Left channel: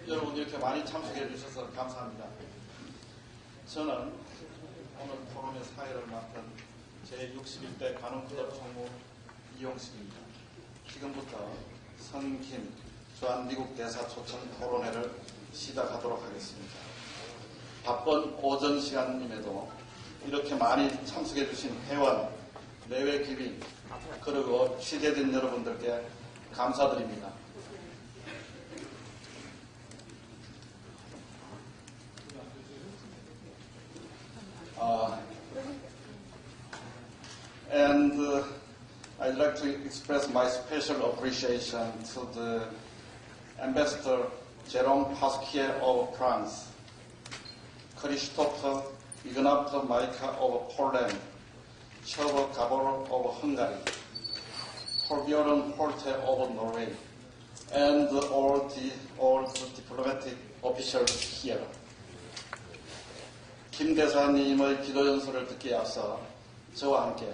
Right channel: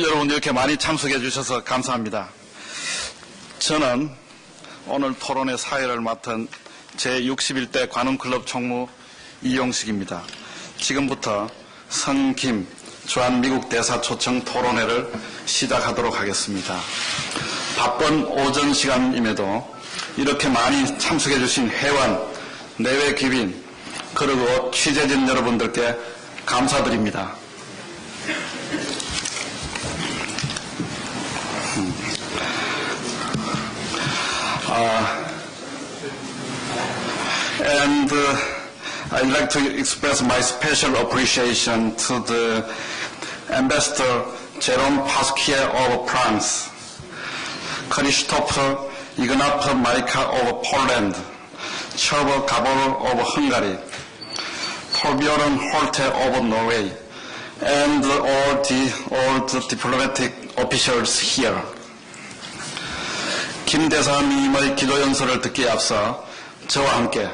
여러분 이렇게 많이 참석해 주셔서 감사합니다. 저는 오늘 토론의 사회를 맡은 제61대 관훈클럽 총무 이용식입니다. 지금부터 성김 주한 미국 대사 초청 토론회를 시작하도록 하겠습니다. 바쁜 오전 시간임에도 이렇게 많이 참석해 주신 회원, 내외 귀빈, 그리고 취재진 여러분들께 감사드립니다. I'd like to express my special appreciation to the Ambassador Jérôme Pasquier of France, Krzysztof Ignat Majka of Poland, Csaba Gábor of Hungary, Torbjörn Holte of Norway, and all the diplomatic officials here. 김 대사님의 기도 연설을 듣기에 앞서 저와 함께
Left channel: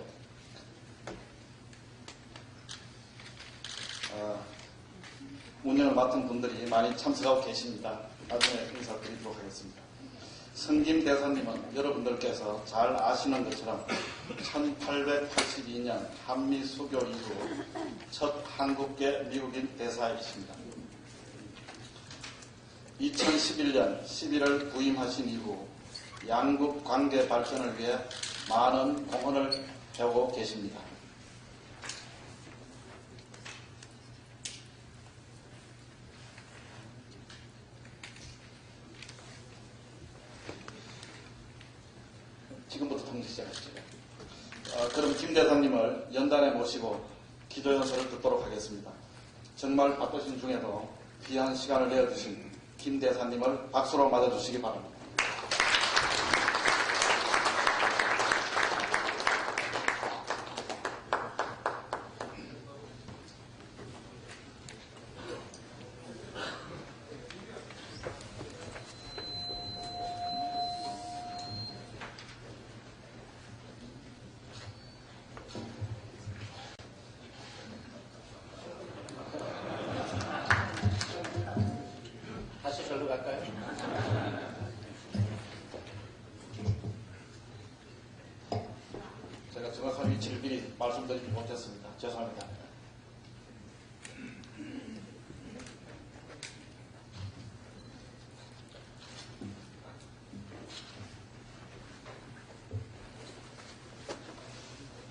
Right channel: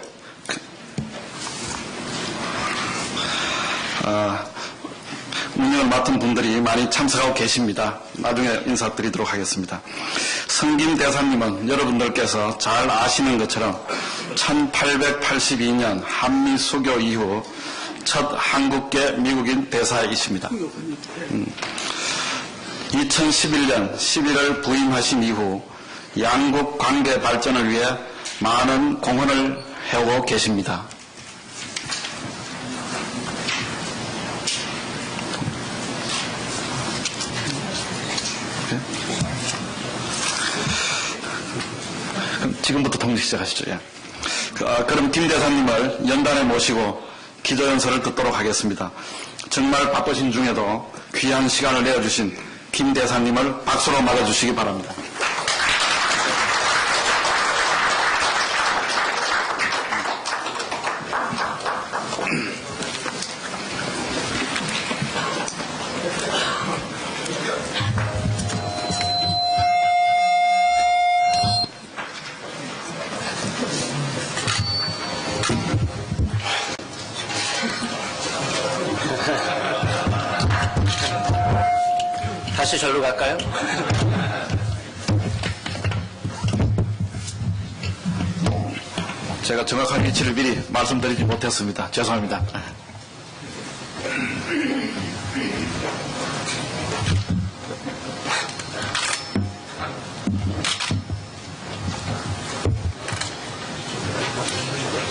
운영을 맡은 분들이 많이 참석하고 계십니다. 나중에 인사드리도록 하겠습니다. 성김 대사님은 여러분들께서 잘 아시는 것처럼 1882년 한미 수교 이후 첫 한국계 미국인 대사이십니다. 2011년 11월 부임하신 이후 양국 관계 발전을 위해 많은 공헌을 해오고 계십니다. 지금부터 통역 시작하시죠. 예. 그럼 김 대사님을 연단에 모시고 기도연설을 듣도록 하겠습니다. 정말 바쁘신 중에도 귀한 시간을 내어주신 김 대사님을 박수로 맞아주시기 바랍니다. 다시 절로 갈까요? 제가 정확한 위치를 미리 말씀드리지 못했습니다. 죄송합니다.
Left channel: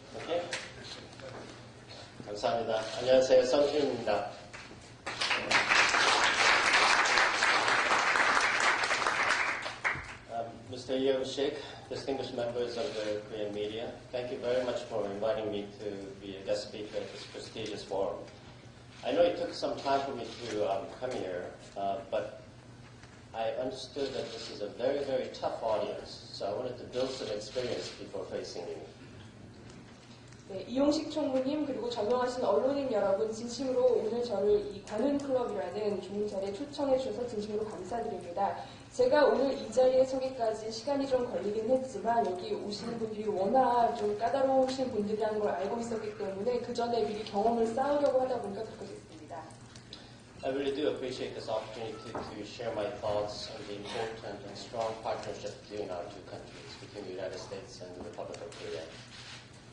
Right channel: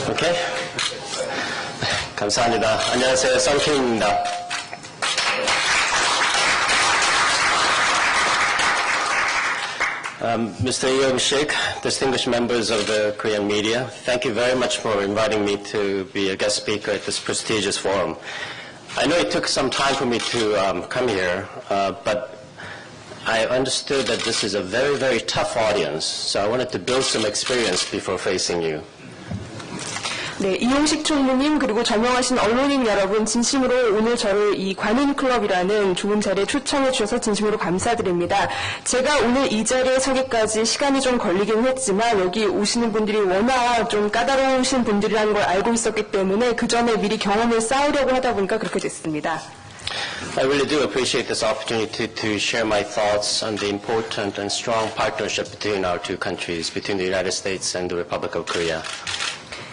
오케이. 감사합니다. 안녕하세요. 성킴입니다. Mr. Yong-shik, distinguished members of the Korean media, thank you very much for inviting me to be a guest speaker at this prestigious forum. I know it took some time for me to come here, but I understood that this is a very, very tough audience, so I wanted to build some experience before facing you. 네, 이용식 총무님 그리고 전명하신 언론인 여러분 진심으로 오늘 저를 이 관훈클럽이라는 좋은 자리에 초청해 주셔서 진심으로 감사드립니다. 제가 오늘 이 자리에 서기까지 시간이 좀 걸리긴 했지만 여기 오시는 분들이 워낙 좀 까다로우신 분들이라는 걸 알고 있었기 때문에 그 전에 미리 경험을 쌓으려고 하다 보니까 그렇게 됐습니다. I really do appreciate this opportunity to share my thoughts on the important and strong partnership between our two countries, between the United States and the Republic of Korea.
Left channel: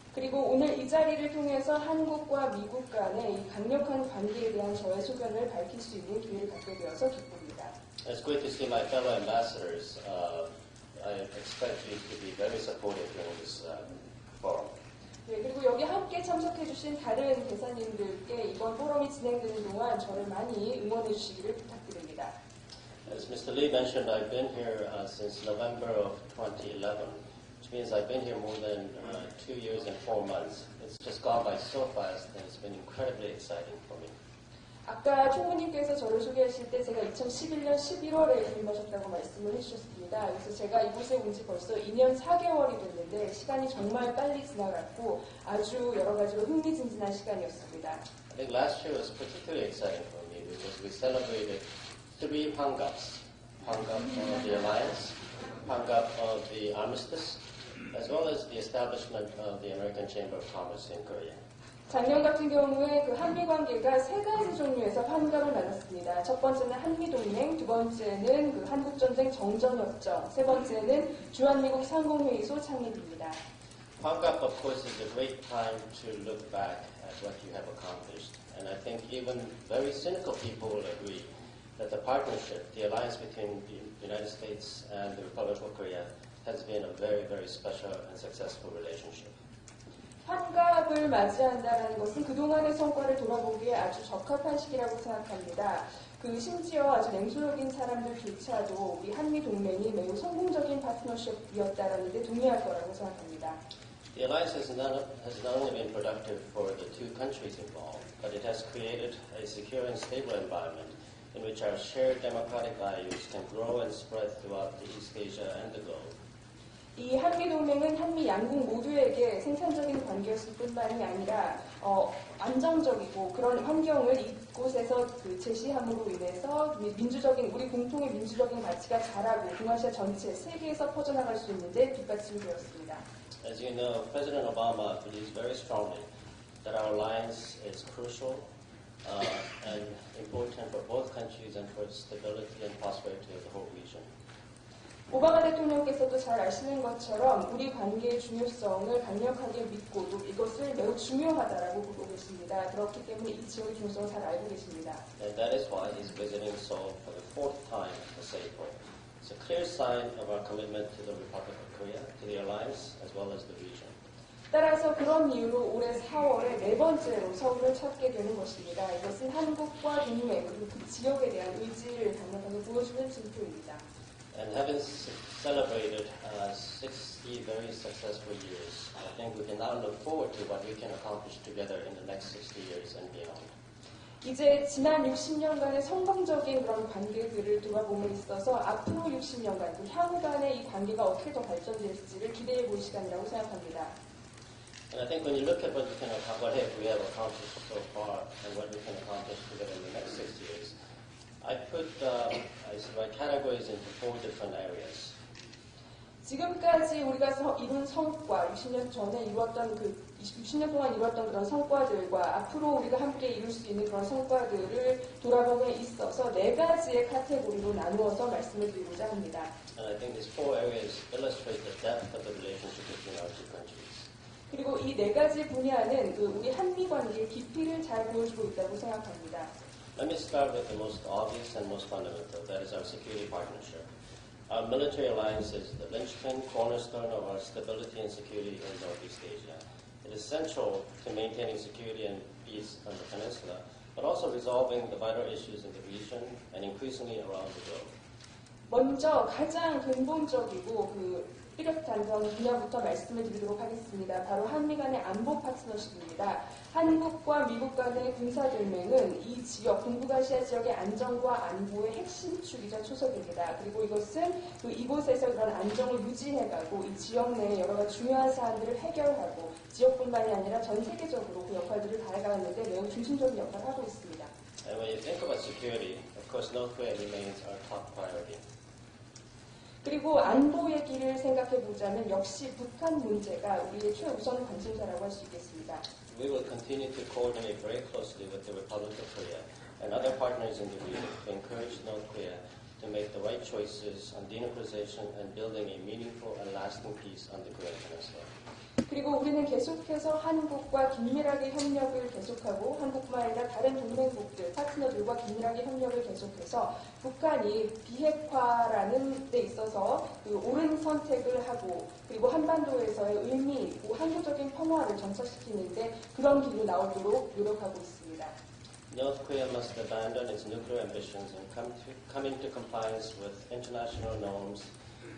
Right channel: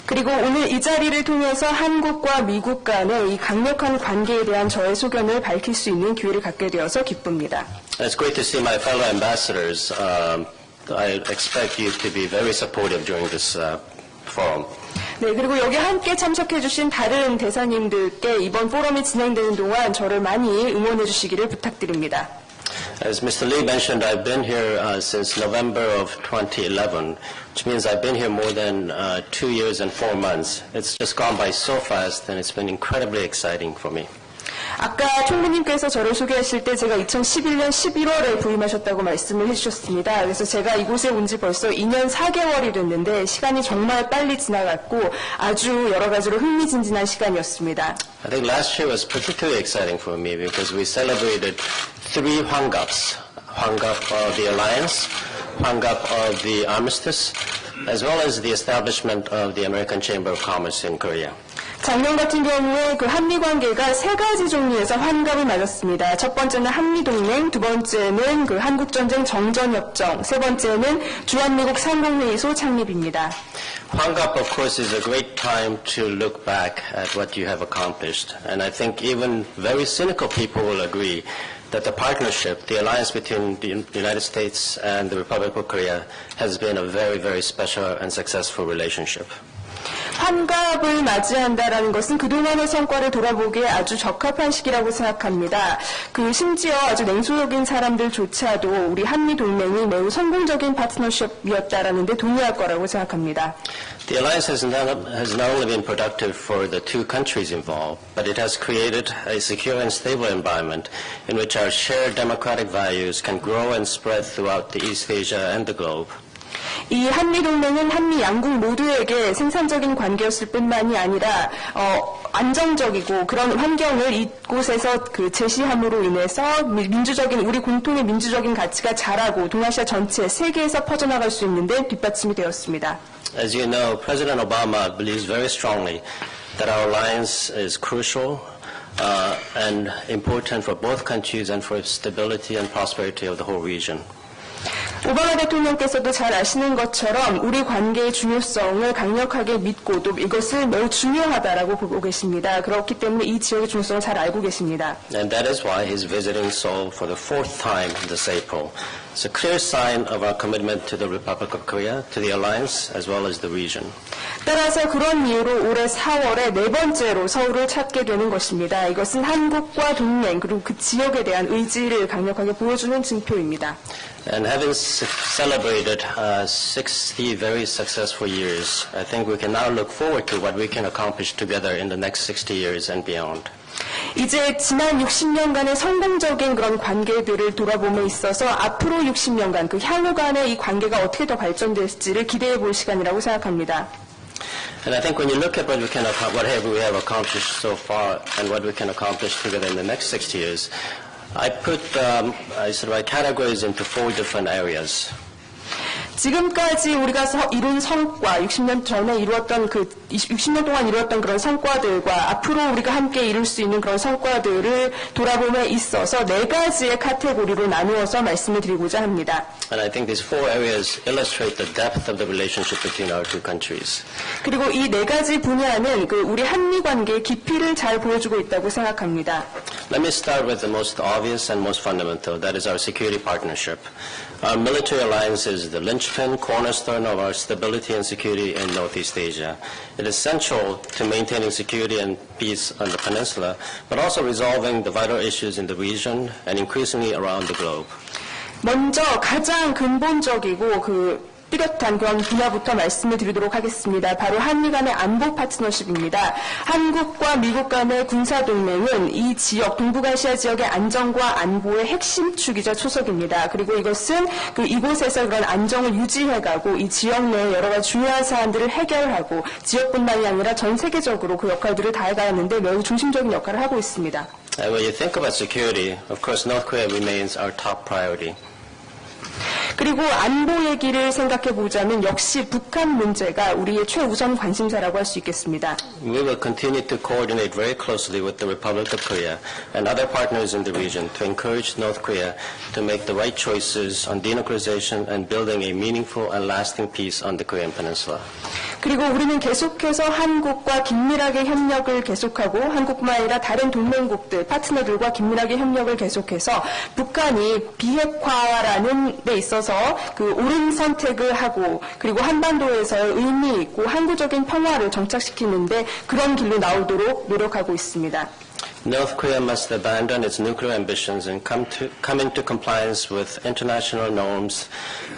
그리고 오늘 이 자리를 통해서 한국과 미국 간의 이 강력한 관계에 대한 저의 소견을 밝힐 수 있는 기회를 갖게 되어서 기쁩니다. It's great to see my fellow ambassadors. I expect you to be very supportive during this forum. 네, 그리고 여기 함께 참석해 주신 다른 대사님들께 이번 포럼이 진행되는 동안 저를 많이 응원해 주시기를 부탁드립니다. As Mr. Lee mentioned, I've been here since November of 2011, which means I've been here more than 2 years and 4 months. It's just gone by so fast, and it's been incredibly exciting for me. 아까 총무님께서 저를 소개하실 때 제가 2011년 11월에 부임하셨다고 말씀을 해주셨습니다. 그래서 제가 이곳에 온 지 벌써 2년 4개월이 됐는데 시간이 정말 빨리 지나갔고 아주 여러 가지로 흥미진진한 시간이었습니다. I think last year was particularly exciting for me because we celebrated 3 Hwangaps. Hwangap of the Alliance, Hwangap of the Armistice, as well as the establishment of the American Chamber of Commerce in Korea. 작년 같은 경우에 그 한미 관계가 세 가지 종류에서 환갑을 맞았습니다. 첫 번째는 한미 동맹, 두 번째는 그 한국 전쟁 정전 협정, 세 번째는 주한미국 상공회의소 창립입니다. Hwangap, of course, is a great time to look back at what you have accomplished. And I think even very cynical people will agree that the partnership, the alliance between the United States and the Republic of Korea has been a very, very special and successful relationship. 환갑을 맞이한다라는 것은 그동안의 성과를 돌아보기에 아주 적합한 시기라고 생각합니다. 그 심지어 아주 냉소적인 사람들조차도 우리 한미 동맹이 매우 성공적인 파트너십이었다라는 데 동의할 거라고 생각합니다. The alliance has not only been productive for the two countries involved, but it has created a secure and stable environment in which our shared democratic values can grow and spread throughout the East Asia and the globe. 이 한미 동맹은 한미 양국 모두에게 생산적인 관계였을 뿐만이 아니라 안정적이고 그런 환경을 이곳에서 그 제시함으로 인해서 민주적인 우리 공통의 민주적인 가치가 자라고 동아시아 전체 세계에서 퍼져나갈 수 있는데 뒷받침이 되었습니다. As you know, President Obama believes very strongly that our alliance is crucial and important for both countries and for stability and prosperity of the whole region. 오바마 대통령께서도 잘 아시는 것처럼 우리 관계의 중요성을 강력하게 믿고 또 이것을 매우 중요하다라고 보고 계십니다. 그렇기 때문에 이 지역의 중요성을 잘 알고 계십니다. And that is why he's visiting Seoul for the fourth time this April. It's a clear sign of our commitment to the Republic of Korea, to the alliance, as well as the region. 따라서 그런 이유로 올해 4월에 네 번째로 서울을 찾게 되는 것입니다. 이것은 한국과 동맹 그리고 그 지역에 대한 의지를 강력하게 보여주는 증표입니다. And having celebrated 60 very successful years, I think we can now look forward to what we can accomplish together in the next 60 years and beyond. 이제 지난 60년간의 성공적인 그런 관계들을 돌아봄에 있어서 앞으로 60년간 그 향후 간의 이 관계가 어떻게 더 발전될지를 기대해 볼 시간이라고 생각합니다. And I think when you look at what we have accomplished so far and what we can accomplish together in the next 60 years, I categorize into four different areas. 지금까지 우리가 이룬 성과, 60년 전에 이루었던 60년 동안 이루었던 그런 성과들과 앞으로 우리가 함께 이룰 수 있는 그런 성과들을 돌아봄에 있어서 네 가지의 카테고리로 나누어서 말씀을 드리고자 합니다. And I think these four areas illustrate the depth of the relationship between our two countries. 그리고 이 네 가지 분야는 우리 한미 관계의 깊이를 잘 보여주고 있다고 생각합니다. Let me start with the most obvious and most fundamental, that is our security partnership. Our military alliance is the linchpin, cornerstone of our stability and security in Northeast Asia. It is central to maintaining security and peace on the peninsula, but also resolving the vital issues in the region and increasingly around the globe. 먼저 가장 근본적이고 뚜렷한 그런 분야부터 말씀을 드리도록 하겠습니다. 바로 한미 간의 안보 파트너십입니다. 한국과 미국 간의 군사동맹은 이 지역, 동북아시아 지역의 안정과 안보의 핵심 축이자 초석입니다. 그리고 이것은 이곳에서 그런 안정을 유지해가고 이 지역 내의 여러 가지 중요한 사안들을 해결하고 지역뿐만이 아니라 전 세계적으로 그 역할들을 다해가는데 매우 중심적인 역할을 하고 있습니다. When you think about security, of course, North Korea remains our top priority. 그리고 안보 얘기를 생각해 보자면 역시 북한 문제가 우리의 최우선 관심사라고 할 수 있겠습니다. We will continue to coordinate very closely with the Republic of Korea and other partners in the region to encourage North Korea to make the right choices on denuclearization and building a meaningful and lasting peace on the Korean Peninsula. 그리고 우리는 계속해서 한국과 긴밀하게 협력을 계속하고 한국뿐만 아니라 다른 동맹국들, 파트너들과 긴밀하게 협력을 계속해서 북한이 비핵화라는 데 있어서 옳은 선택을 하고 그리고 한반도에서 의미 있고 항구적인 평화를 정착시키는데 그런 길로 나오도록 노력하고 있습니다. North Korea must abandon its nuclear ambitions and come into compliance with international norms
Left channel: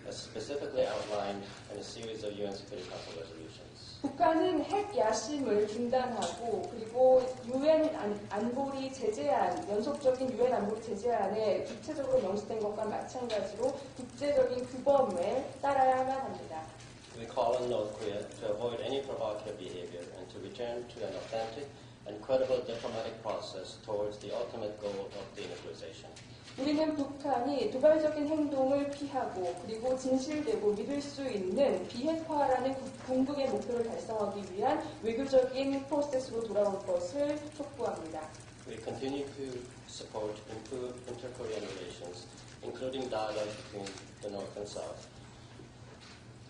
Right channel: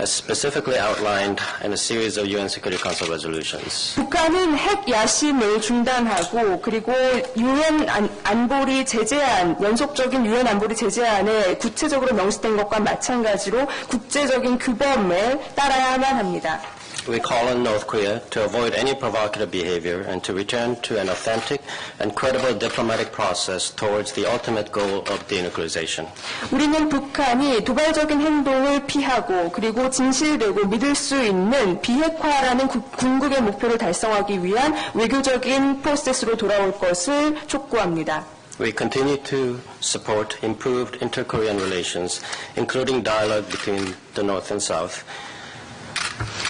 as specifically outlined in a series of UN Security Council resolutions. 북한은 핵 야심을 중단하고 그리고 유엔 안보리 제재안, 연속적인 유엔 안보리 제재안에 구체적으로 명시된 것과 마찬가지로 국제적인 규범을 따라야만 합니다. We call on North Korea to avoid any provocative behavior and to return to an authentic and credible diplomatic process towards the ultimate goal of denuclearization. 우리는 북한이 도발적인 행동을 피하고 그리고 진실되고 믿을 수 있는 비핵화라는 궁극의 목표를 달성하기 위한 외교적인 프로세스로 돌아올 것을 촉구합니다. We continue to support improved inter-Korean relations, including dialogue between the North and South.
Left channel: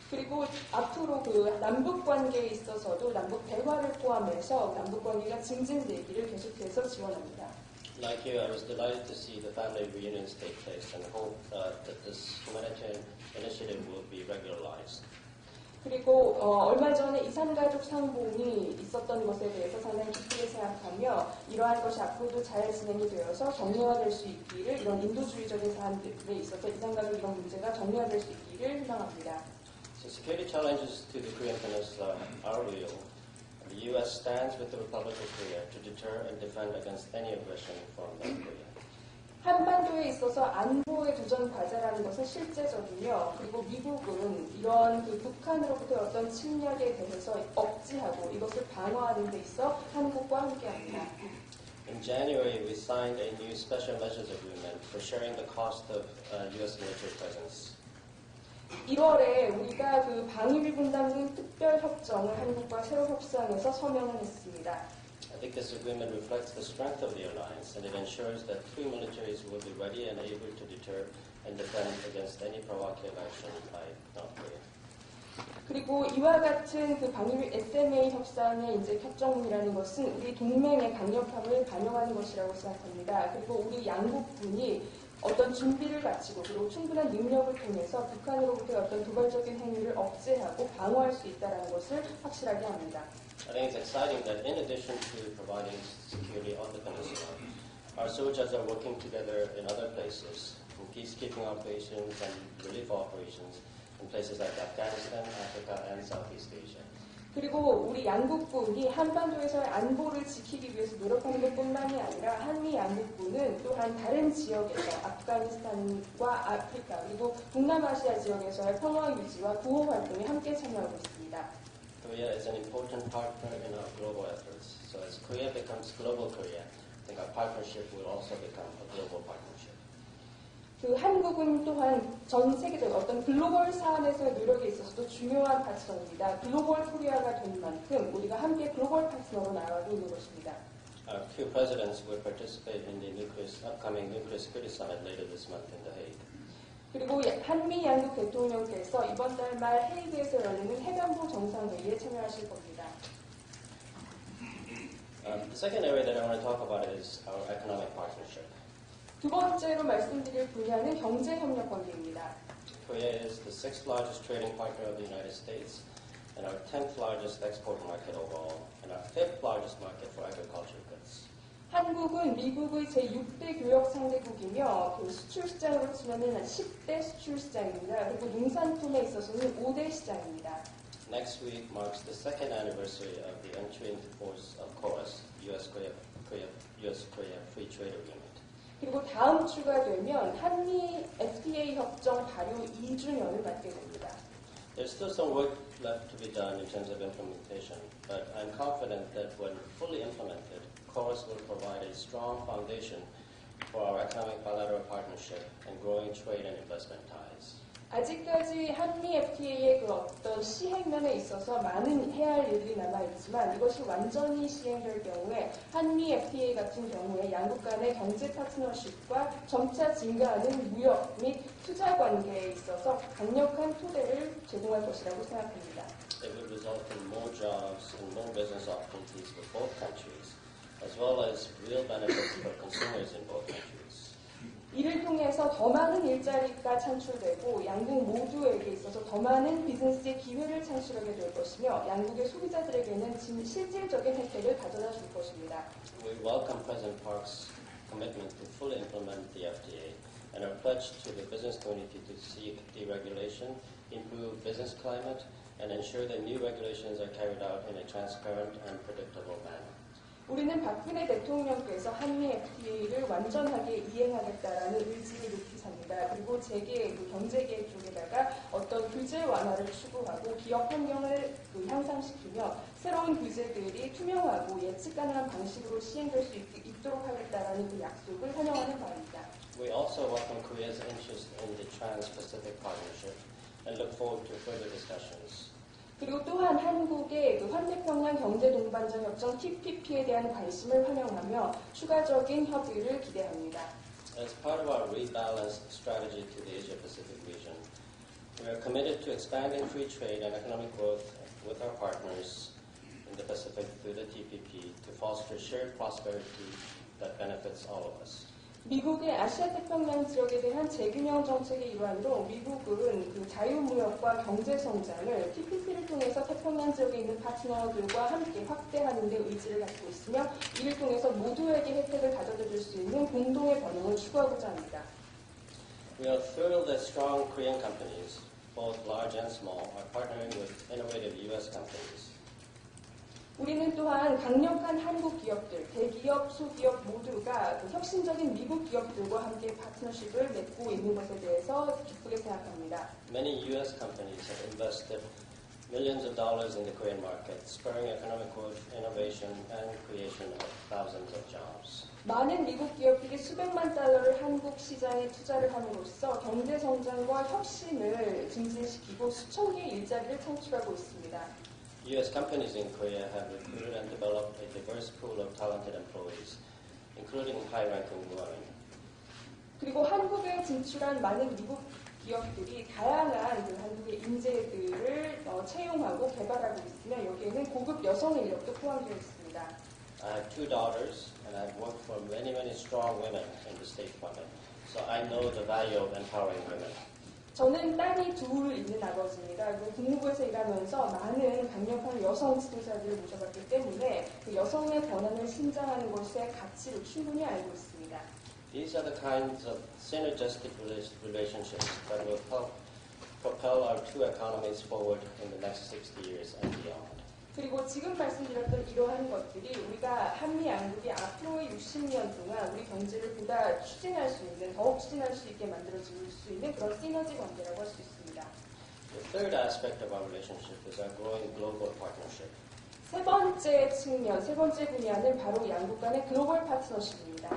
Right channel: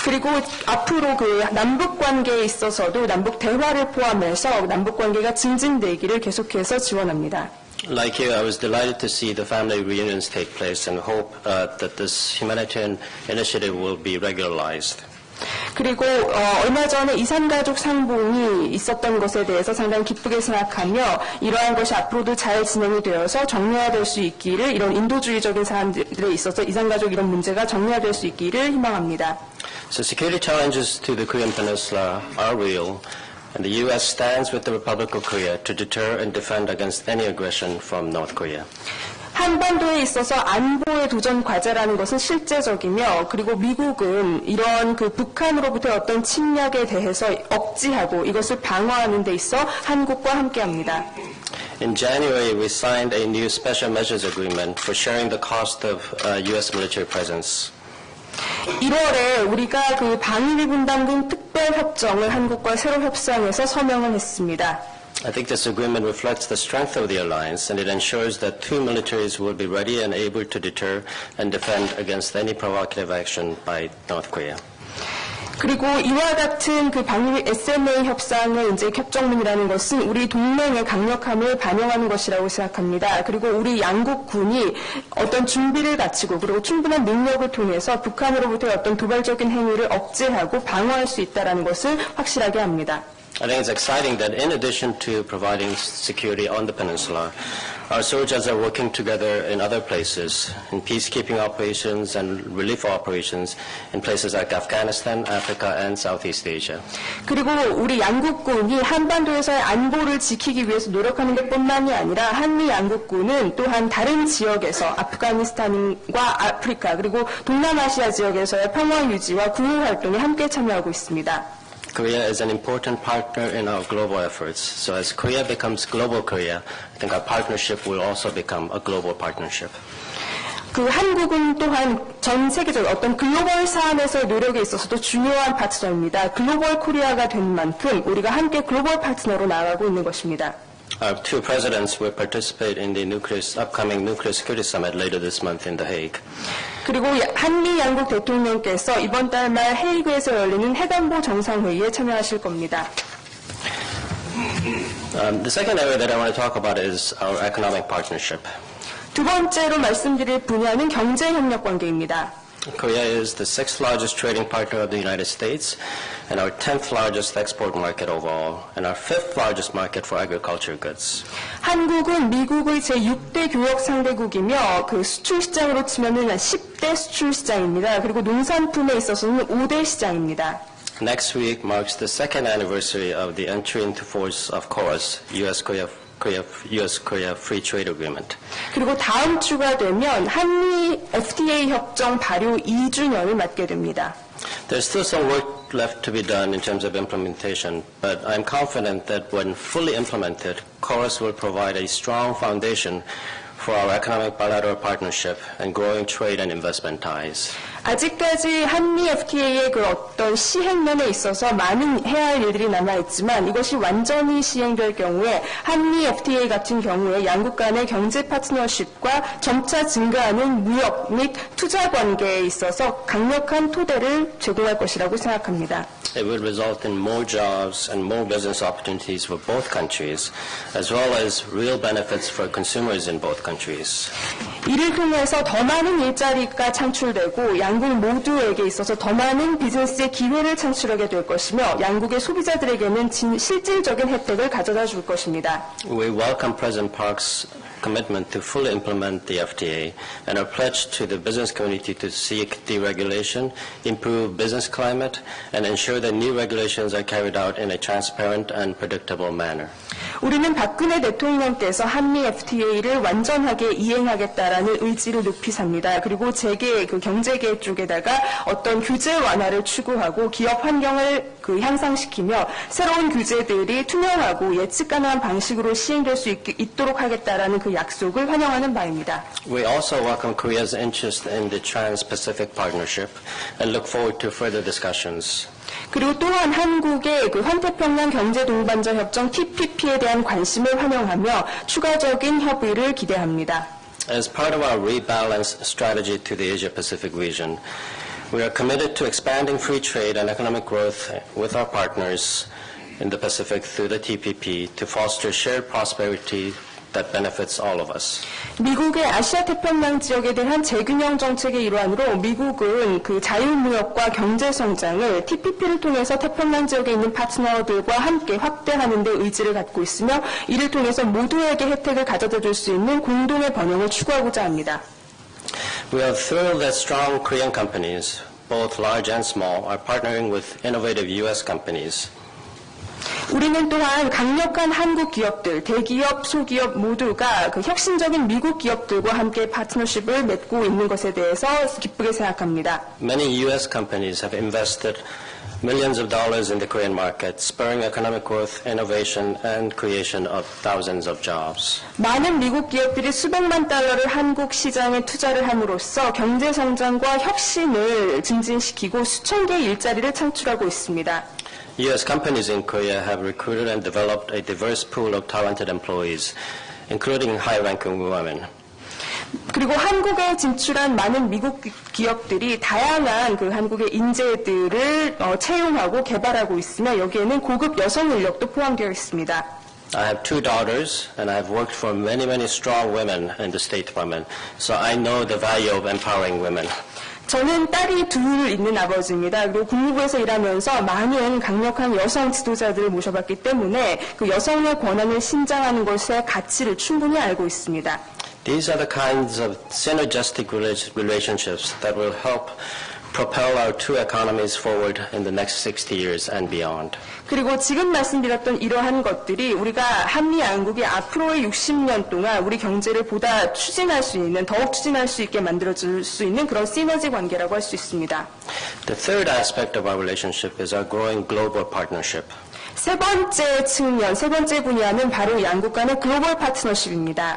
그리고 앞으로 그 남북 관계에 있어서도 남북 대화를 포함해서 남북 관계가 증진되기를 계속해서 지원합니다. Like you, I was delighted to see the family reunions take place and hope that this humanitarian initiative will be regularized. 그리고 얼마 전에 이산가족 상봉이 있었던 것에 대해서 상당히 기쁘게 생각하며 이러한 것이 앞으로도 잘 진행이 되어서 정리화될 수 있기를 이런 인도주의적인 사안들에 있어서 이산가족 이런 문제가 정리화될 수 있기를 희망합니다. So security challenges to the Korean Peninsula are real, and the U.S. stands with the Republic of Korea to deter and defend against any aggression from North Korea. 한반도에 있어서 안보의 도전 과제라는 것은 실제적이며 그리고 미국은 이런 그 북한으로부터의 어떤 침략에 대해서 억지하고 이것을 방어하는 데 있어 한국과 함께합니다. In January, we signed a new special measures agreement for sharing the cost of U.S. military presence. 1월에 우리가 그 방위비 분담금 특별 협정을 한국과 새로 협상해서 서명을 했습니다. I think this agreement reflects the strength of the alliance, and it ensures that two militaries will be ready and able to deter and defend against any provocative action by North Korea. 그리고 이와 같은 그 방위 SMA 협상의 이제 협정문이라는 것은 우리 동맹의 강력함을 반영하는 것이라고 생각합니다. 그리고 우리 양국 군이 어떤 준비를 갖추고 그리고 충분한 능력을 통해서 북한으로부터의 어떤 도발적인 행위를 억제하고 방어할 수 있다는 것을 확실하게 합니다. I think it's exciting that in addition to providing security on the peninsula, our soldiers are working together in other places, in peacekeeping operations and relief operations in places like Afghanistan, Africa, and Southeast Asia. 그리고 우리 양국군이 한반도에서의 안보를 지키기 위해서 노력하는 것뿐만이 아니라 한미 양국군은 또한 다른 지역에서 아프가니스탄과 아프리카 그리고 동남아시아 지역에서의 평화 유지와 구호 활동에 함께 참여하고 있습니다. Korea is an important partner in our global efforts. So as Korea becomes global Korea, I think our partnership will also become a global partnership. 그 한국은 또한 전 세계적 어떤 글로벌 사안에서의 노력에 있어서도 중요한 파트너입니다. 글로벌 코리아가 된 만큼 우리가 함께 글로벌 파트너로 나아가고 있는 것입니다. Our two presidents will participate in the upcoming nuclear security summit later this month in The Hague. 그리고 한미 양국 대통령께서 이번 달 말 헤이그에서 열리는 핵안보 정상회의에 참여하실 겁니다. The second area that I want to talk about is our economic partnership. 두 번째로 말씀드릴 분야는 경제협력 관계입니다. Korea is the sixth largest trading partner of the United States and our 10th largest export market overall and our 5th largest market for agriculture goods. 한국은 미국의 제6대 교역 상대국이며 그 수출 시장으로 치면은 10대 수출 시장입니다. 그리고 농산품에 있어서는 5대 시장입니다. Next week marks the second anniversary of the entry into force of KORUS, U.S.-Korea Free Trade Agreement. 그리고 다음 주가 되면 한미 FTA 협정 발효 2주년을 맞게 됩니다. There's still some work left to be done in terms of implementation, but I'm confident that when fully implemented, KORUS will provide a strong foundation for our economic bilateral partnership and growing trade and investment ties. 아직까지 한미 FTA의 그 어떤 시행면에 있어서 많은 해야 할 일들이 남아있지만 이것이 완전히 시행될 경우에 한미 FTA 같은 경우에 양국 간의 경제 파트너십과 점차 증가하는 무역 및 투자 관계에 있어서 강력한 토대를 제공할 것이라고 생각합니다. It will result in more jobs and more business opportunities for both countries, as well as real benefits for consumers in both countries. 이를 통해서 더 많은 일자리가 창출되고 양국 모두에게 있어서 더 많은 비즈니스의 기회를 창출하게 될 것이며 양국의 소비자들에게는 실질적인 혜택을 가져다 줄 것입니다. We welcome President Park's commitment to fully implement the FTA and our pledge to the business community to seek deregulation, improve business climate, and ensure that new regulations are carried out in a transparent and predictable manner. 우리는 박근혜 대통령께서 한미 FTA를 완전하게 이행하겠다라는 의지를 높이 삽니다. 그리고 재계 경제계 쪽에다가 어떤 규제 완화를 추구하고 기업 환경을 향상시키며 새로운 규제들이 투명하고 예측 가능한 방식으로 시행될 수 있도록 하겠다라는 그 약속을 환영하는 바입니다. We also welcome Korea's interest in the Trans-Pacific Partnership and look forward to further discussions. 그리고 또한 한국의 그 환태평양 경제동반자 협정 TPP에 대한 관심을 환영하며 추가적인 협의를 기대합니다. As part of our rebalanced strategy to the Asia-Pacific region, we are committed to expanding free trade and economic growth with our partners in the Pacific through the TPP to foster shared prosperity that benefits all of us. 미국의 아시아 태평양 지역에 대한 재균형 정책의 일환으로 미국은 그 자유무역과 경제 성장을 TPP를 통해서 태평양 지역에 있는 파트너들과 함께 확대하는 데 의지를 갖고 있으며 이를 통해서 모두에게 혜택을 가져다 줄 수 있는 공동의 번영을 추구하고자 합니다. We are thrilled that strong Korean companies, both large and small, are partnering with innovative U.S. companies. 우리는 또한 강력한 한국 기업들, 대기업, 소기업 모두가 그 혁신적인 미국 기업들과 함께 파트너십을 맺고 있는 것에 대해서 기쁘게 생각합니다. Many U.S. companies have invested millions of dollars in the Korean market, spurring economic growth, innovation, and creation of thousands of jobs. 많은 미국 기업들이 수백만 달러를 한국 시장에 투자를 함으로써 경제 성장과 혁신을 증진시키고 수천 개의 일자리를 창출하고 있습니다. U.S. companies in Korea have recruited and developed a diverse pool of talented employees, including high-ranking women. 그리고 한국에 진출한 많은 미국 기업들이 다양한 그 한국의 인재들을 채용하고 개발하고 있으며 여기에는 고급 여성 인력도 포함되어 있습니다. I have two daughters, and I have worked for many, many strong women in the State Department, so I know the value of empowering women. 저는 딸이 둘 있는 아버지입니다. 그리고 국무부에서 일하면서 많은 강력한 여성 지도자들을 모셔봤기 때문에 그 여성의 권한을 신장하는 것의 가치를 충분히 알고 있습니다. These are the kinds of synergistic relationships that will help propel our two economies forward in the next 60 years and beyond. 그리고 지금 말씀드렸던 이러한 것들이 우리가 한미 양국이 앞으로의 60년 동안 우리 경제를 보다 추진할 수 있는, 더욱 추진할 수 있게 만들어줄 수 있는 그런 시너지 관계라고 할 수 있습니다. The third aspect of our relationship is our growing global partnership. 세 번째 측면, 세 번째 분야는 바로 양국 간의 글로벌 파트너십입니다.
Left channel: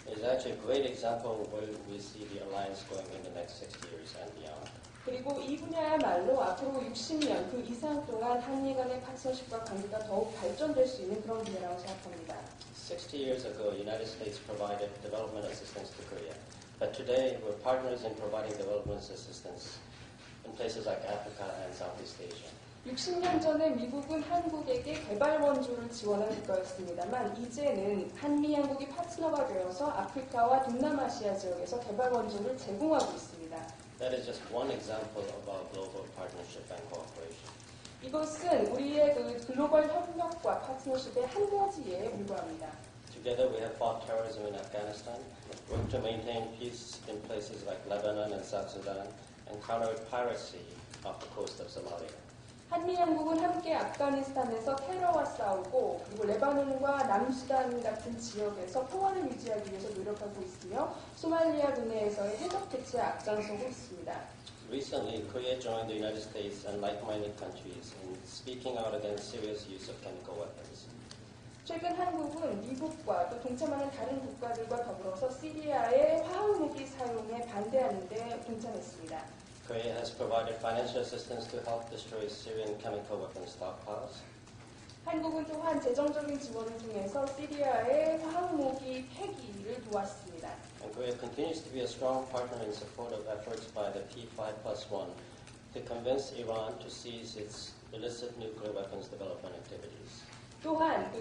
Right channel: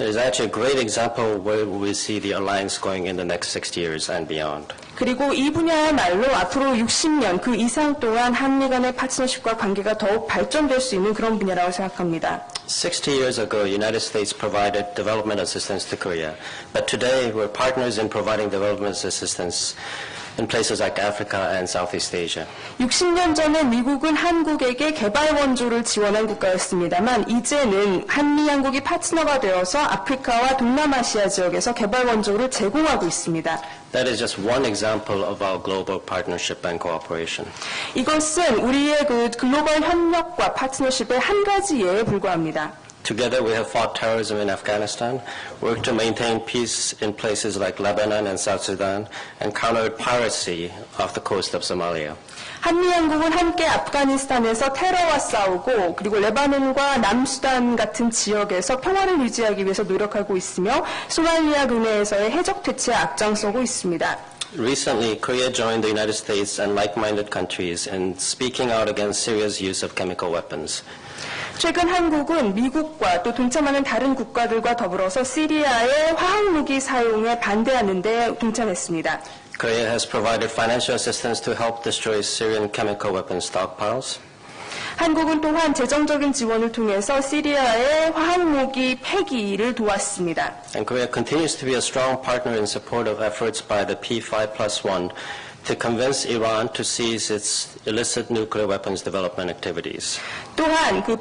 It is actually a great example where we see the alliance going in the next 60 years and beyond. 그리고 이 분야야말로 앞으로 60년 그 이상 동안 한미 간의 파트너십과 관계가 더욱 발전될 수 있는 그런 분야라고 생각합니다. 60 years ago, the United States provided development assistance to Korea, but today we're partners in providing development assistance in places like Africa and Southeast Asia. 60년 전에 미국은 한국에게 개발 원조를 지원한 국가였습니다만 이제는 한미 양국이 파트너가 되어서 아프리카와 동남아시아 지역에서 개발 원조를 제공하고 있습니다. That is just one example of our global partnership and cooperation. 이것은 우리의 그 글로벌 협력과 파트너십의 한 가지 예에 불과합니다. Together we have fought terrorism in Afghanistan, worked to maintain peace in places like Lebanon and South Sudan, and countered piracy off the coast of Somalia. 한미 양국은 함께 아프가니스탄에서 테러와 싸우고 그리고 레바논과 남수단 같은 지역에서 평화를 유지하기 위해서 노력하고 있으며 소말리아 근해에서의 해적 퇴치에 앞장서고 있습니다. Recently, Korea joined the United States and like-minded countries in speaking out against Syria's use of chemical weapons. 최근 한국은 미국과 또 동참하는 다른 국가들과 더불어서 시리아의 화학무기 사용에 반대하는 데 동참했습니다. Korea has provided financial assistance to help destroy Syrian chemical weapon stockpiles. 한국은 또한 재정적인 지원을 통해서 시리아의 화학무기 폐기를 도왔습니다. And Korea continues to be a strong partner in support of efforts by the P5+1 to convince Iran to cease its illicit nuclear weapons development activities. 또한 그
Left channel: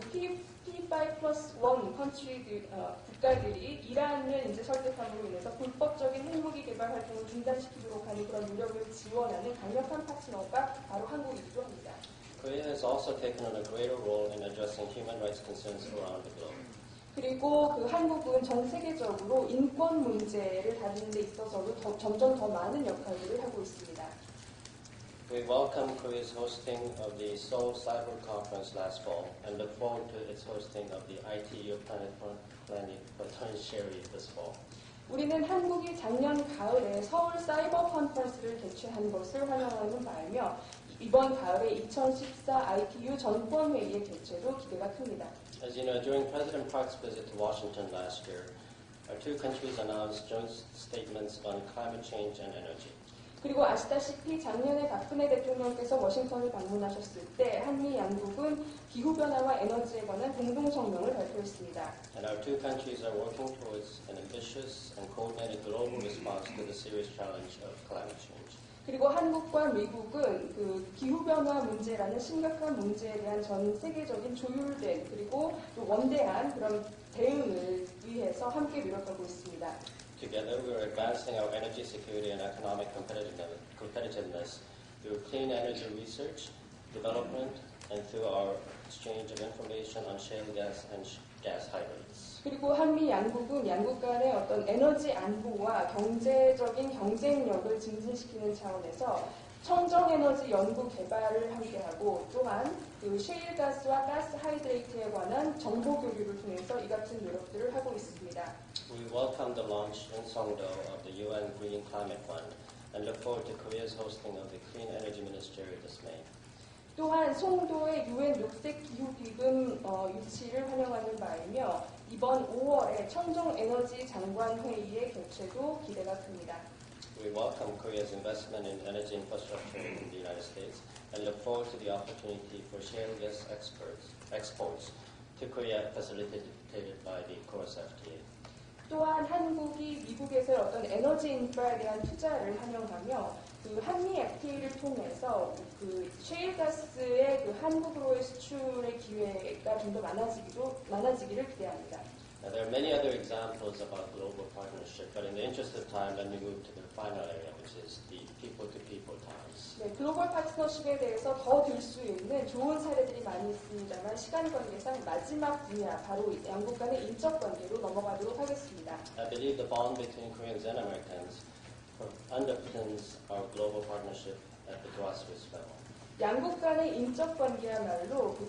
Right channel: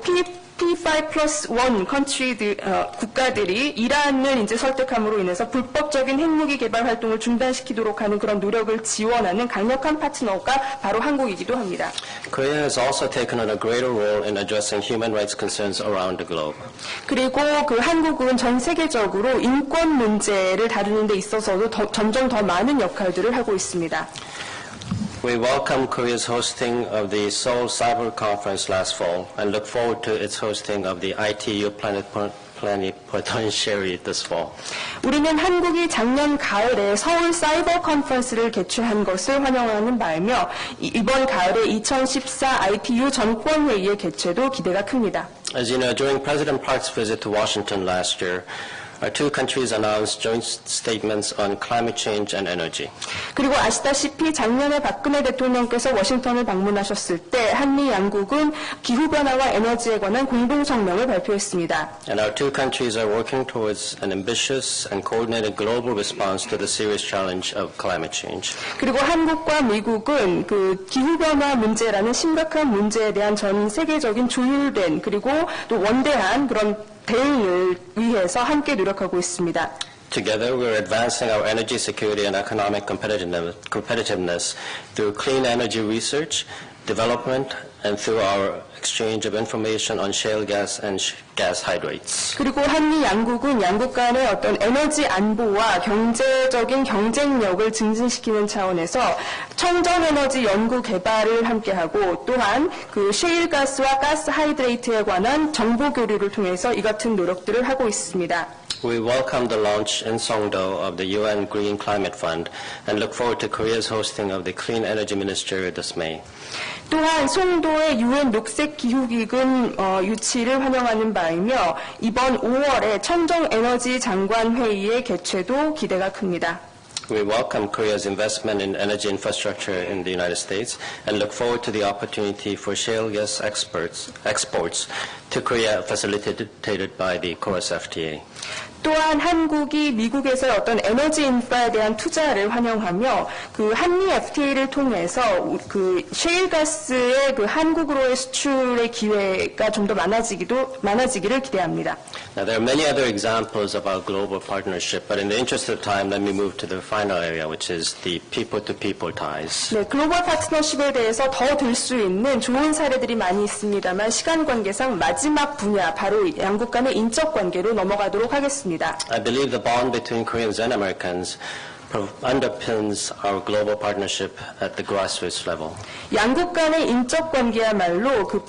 P5+1 국가들이 이란을 이제 설득함으로 인해서 불법적인 핵무기 개발 활동을 중단시키도록 하는 그런 노력을 지원하는 강력한 파트너가 바로 한국이기도 합니다. Korea has also taken on a greater role in addressing human rights concerns around the globe. 그리고 그 한국은 전 세계적으로 인권 문제를 다루는 데 있어서도 점점 더 많은 역할들을 하고 있습니다. We welcome Korea's hosting of the Seoul Cyber Conference last fall and look forward to its hosting of the ITU Plenipotentiary this fall. 우리는 한국이 작년 가을에 서울 사이버 컨퍼런스를 개최한 것을 환영하는 바이며 이번 가을에 2014 ITU 전권회의의 개최도 기대가 큽니다. As you know, during President Park's visit to Washington last year, our two countries announced joint statements on climate change and energy. 그리고 아시다시피 작년에 박근혜 대통령께서 워싱턴을 방문하셨을 때 한미 양국은 기후변화와 에너지에 관한 공동성명을 발표했습니다. And our two countries are working towards an ambitious and coordinated global response to the serious challenge of climate change. 그리고 한국과 미국은 그 기후변화 문제라는 심각한 문제에 대한 전 세계적인 조율된 그리고 또 원대한 그런 대응을 위해서 함께 노력하고 있습니다. Together, we are advancing our energy security and economic competitiveness through clean energy research, development, and through our exchange of information on shale gas and gas hydrates. 그리고 한미 양국은 양국 간의 어떤 에너지 안보와 경제적인 경쟁력을 증진시키는 차원에서 청정 에너지 연구 개발을 함께하고 또한 그 셰일 가스와 가스 하이드레이트에 관한 정보 교류를 통해서 이 같은 노력들을 하고 있습니다. We welcome the launch in Songdo of the UN Green Climate Fund and look forward to Korea's hosting of the Clean Energy Ministerial this May. 또한 송도의 UN 녹색기후기금 유치를 환영하는 바이며 이번 5월에 청정에너지 장관 회의의 개최도 기대가 큽니다. We welcome Korea's investment in energy infrastructure in the United States and look forward to the opportunity for shale gas exports to Korea facilitated by the KORUS FTA. 또한 한국이 미국에서의 어떤 에너지 인프라에 대한 투자를 환영하며 그 한미 FTA를 통해서 그 셰일 가스의 그 한국으로의 수출의 기회가 좀 더 많아지기를 기대합니다. Now, there are many other examples of our global partnership, but in the interest of time, let me move to the final area, which is the people-to-people ties. 네, 글로벌 파트너십에 대해서 더 들 수 있는 좋은 사례들이 많이 있습니다만 시간 관계상 마지막 분야, 바로 양국 간의 인적 관계로 넘어가도록 하겠습니다. I believe the bond between Koreans and Americans underpins our global partnership at the grassroots level. 양국 간의 인적 관계야말로 그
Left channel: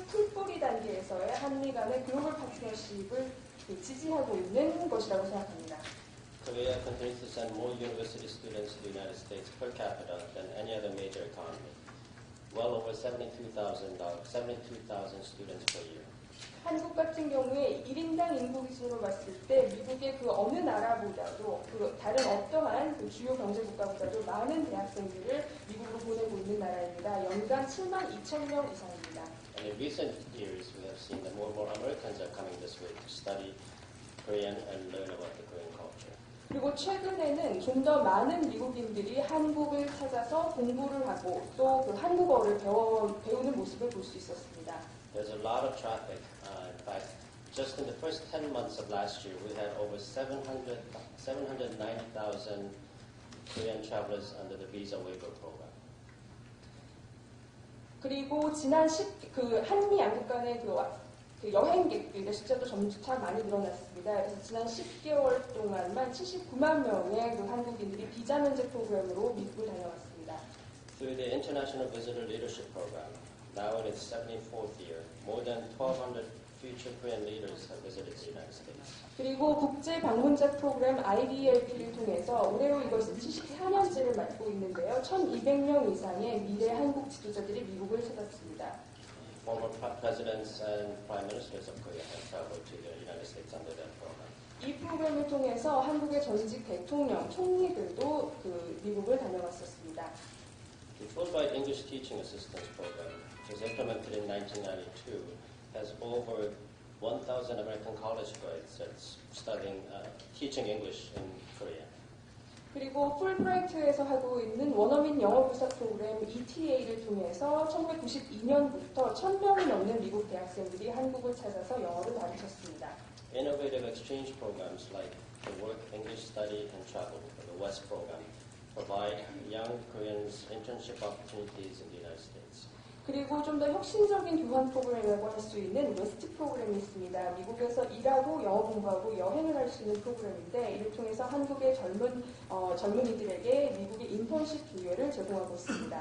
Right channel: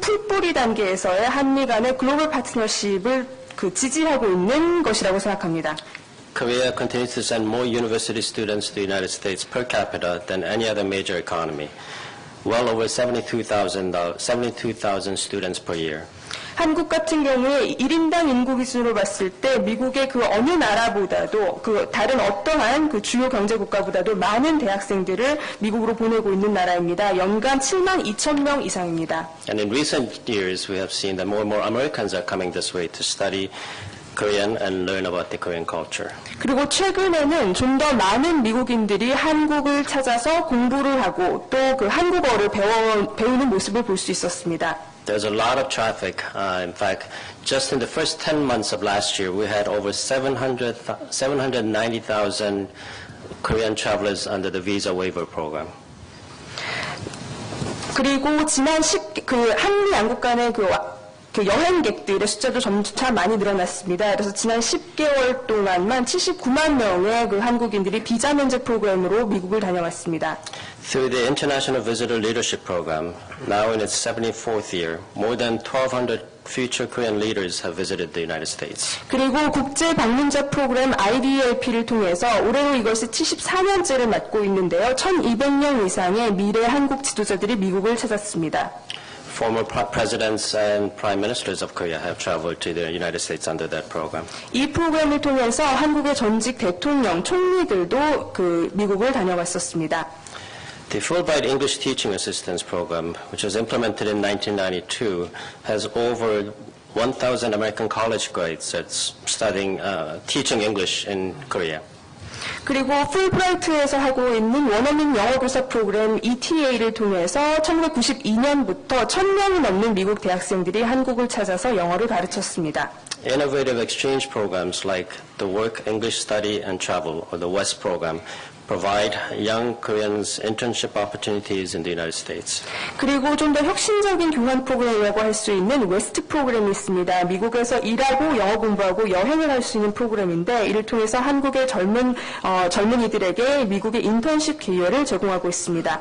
풀뿌리 단계에서의 한미 간의 글로벌 파트너십을 그 지지하고 있는 것이라고 생각합니다. Korea continues to send more university students to the United States per capita than any other major economy, well over 72,000 students per year. 한국 같은 경우에 1인당 인구 기준으로 봤을 때 미국의 그 어느 나라보다도 그 다른 어떠한 그 주요 경제 국가보다도 많은 대학생들을 미국으로 보내고 있는 나라입니다. 연간 72,000명 이상입니다. And in recent years, we have seen that more and more Americans are coming this way to study Korean and learn about the Korean culture. 그리고 최근에는 좀 더 많은 미국인들이 한국을 찾아서 공부를 하고 또 그 한국어를 배우는 모습을 볼 수 있었습니다. There's a lot of traffic. In fact, just in the first 10 months of last year, we had over 790,000 Korean travelers under the visa waiver program. 그리고 지난 한미 양국 간의 그 여행객들의 숫자도 점차 많이 늘어났습니다. 그래서 지난 10개월 동안만 79만 명의 그 한국인들이 비자 면제 프로그램으로 미국을 다녀왔습니다. Through the International Visitor Leadership Program, now in its 74th year, more than 1,200 future Korean leaders have visited the United States. 그리고 국제 방문자 프로그램 IDLP를 통해서 올해로 이것이 74년째를 맞고 있는데요. 1,200명 이상의 미래 한국 지도자들이 미국을 찾았습니다. Former presidents and prime ministers of Korea have traveled to the United States under that program. 이 프로그램을 통해서 한국의 전직 대통령, 총리들도 그 미국을 다녀왔었습니다. The Fulbright English Teaching Assistance Program, which was implemented in 1992, has over 1,000 American college graduates studying, teaching English in Korea. 그리고 풀브라이트에서 하고 있는 원어민 영어교사 프로그램 ETA를 통해서 1992년부터 1,000명이 넘는 미국 대학생들이 한국을 찾아서 영어를 가르쳤습니다. Innovative exchange programs like the Work English Study and Travel, or the WEST program, provide young Koreans internship opportunities in the United States. 그리고 좀 더 혁신적인 교환 프로그램이라고 할 수 있는 웨스트 프로그램이 있습니다. 미국에서 일하고 영어 공부하고 여행을 할 수 있는 프로그램인데 이를 통해서 한국의 젊은이들에게 미국의 인턴십 기회를 제공하고 있습니다.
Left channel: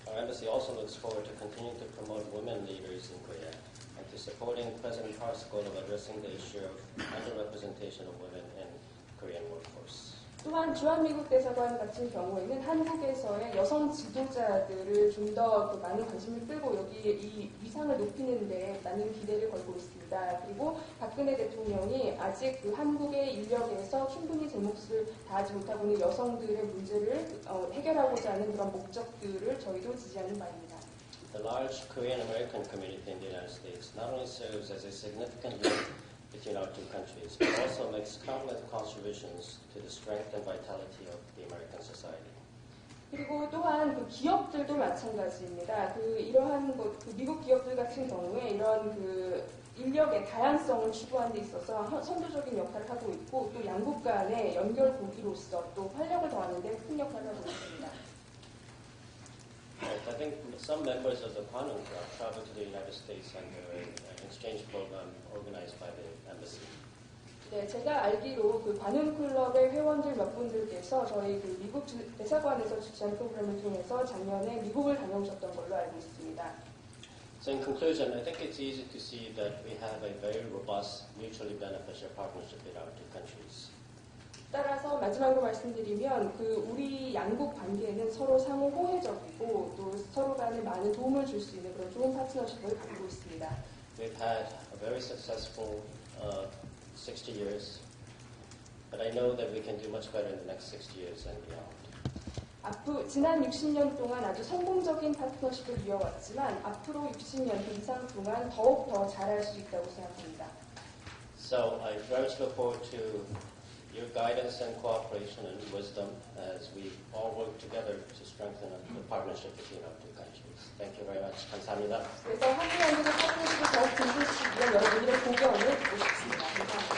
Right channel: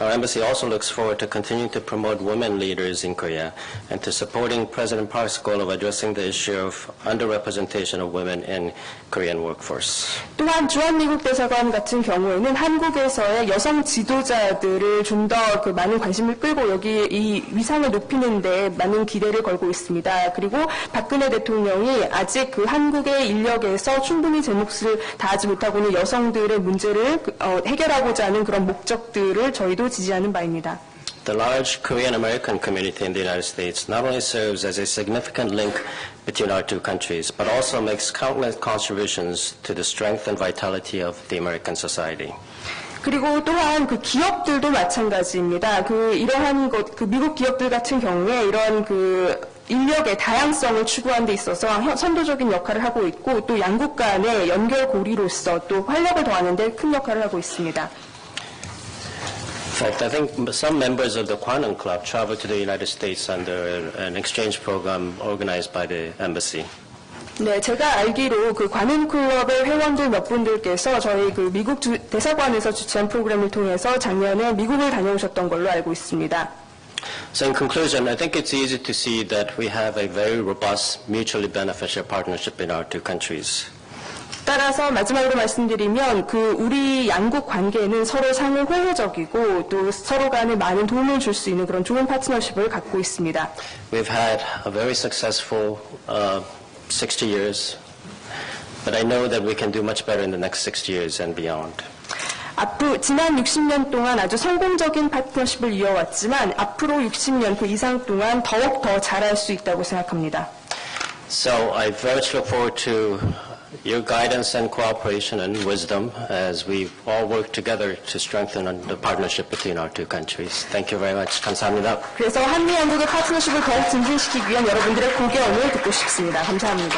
Our embassy also looks forward to continuing to promote women leaders in Korea and to supporting President Park's goal of addressing the issue of underrepresentation of women in Korean workforce. 또한 주한미국 대사관 같은 경우에는 한국에서의 여성 지도자들을 좀 더 많은 관심을 끌고 여기 이 위상을 높이는 데 많은 기대를 걸고 있습니다. 그리고 박근혜 대통령이 아직 그 한국의 인력에서 충분히 제 몫을 다하지 못하고 있는 여성들의 문제를 해결하고자 하는 그런 목적들을 저희도 지지하는 바입니다. The large Korean American community in the United States not only serves as a significant link between our two countries, but also makes countless contributions to the strength and vitality of the American society. 그리고 또한 그 기업들도 마찬가지입니다. 이러한 미국 기업들 같은 경우에 이런 인력의 다양성을 추구하는 데 있어서 선도적인 역할을 하고 있고 또 양국 간의 연결고리로서 또 활력을 더하는 데 큰 역할을 하고 있습니다. In fact, I think some members of the Kwanung Club traveled to the United States under an exchange program organized by the embassy. 네, 제가 알기로 관훈클럽의 회원들 몇 분들께서 저희 미국 대사관에서 주최한 프로그램을 통해서 작년에 미국을 다녀오셨던 걸로 알고 있습니다. So in conclusion, I think it's easy to see that we have a very robust, mutually beneficial partnership in our two countries. 따라서 마지막으로 말씀드리면 우리 양국 관계는 서로 상호 호혜적이고 또 서로 간에 많은 도움을 줄 수 있는 그런 좋은 파트너십을 갖고 있습니다. We've had a very successful 60 years, but I know that we can do much better in the next 60 years and beyond. 지난 60년 동안 아주 성공적인 파트너십을 이어왔지만 앞으로 60년 그 이상 동안 더욱 더 잘할 수 있다고 생각합니다. So I very much look forward to your guidance and cooperation and wisdom as we all work together to strengthen the partnership between our two countries. Thank you very much. 감사합니다. 그래서 한미 양국의 파트너십을 더욱 증진시키기 위한 여러분들의 고견을 듣고 싶습니다. 감사합니다.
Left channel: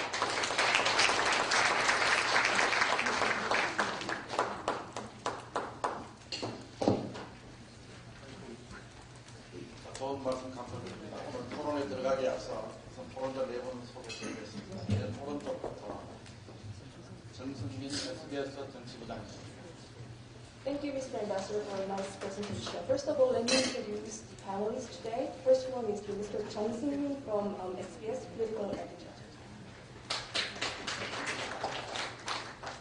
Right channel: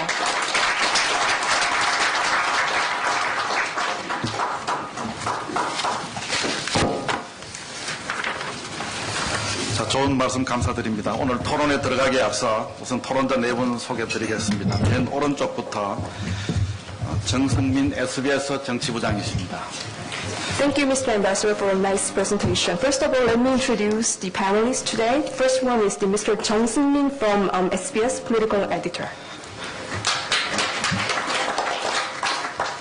자, 좋은 말씀 감사드립니다. 오늘 토론에 들어가기에 앞서 우선 토론자 네 분 소개드리겠습니다. 맨 오른쪽부터 정승민 SBS 정치부장이십니다. Thank you, Mr. Ambassador, for a nice presentation. First of all, let me introduce the panelists today. The first one is Mr. Jung Seung-min from SBS Political Editor.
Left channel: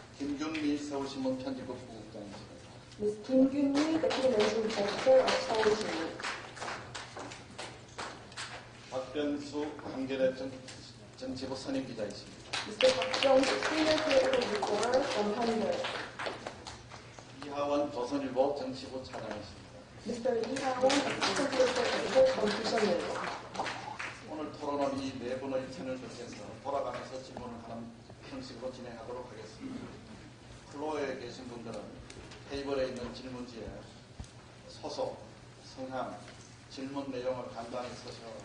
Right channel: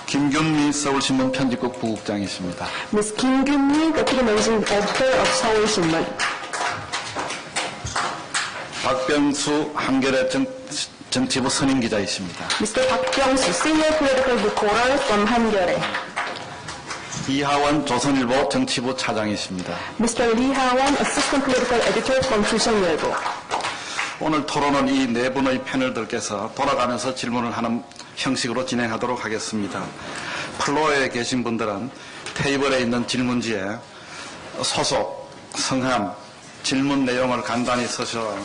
김균미 서울신문 편집국 부국장이십니다. Ms. Kim Gyun-mi, Deputy Managing Editor of Seoul Shinmun. 박병수 한겨레 정치부 선임기자이십니다. Mr. Park Byung-soo, Senior Political Reporter from Hangyeore. 이하원 조선일보 정치부 차장이십니다. Mr. Lee Ha-won, Assistant Political Editor from 조선일보. 오늘 토론은 이 네 분의 패널들께서 돌아가면서 질문을 하는 형식으로 진행하도록 하겠습니다. 플로어에 계신 분들은 테이블에 있는 질문지에 소속, 성함, 질문 내용을 간단히 써서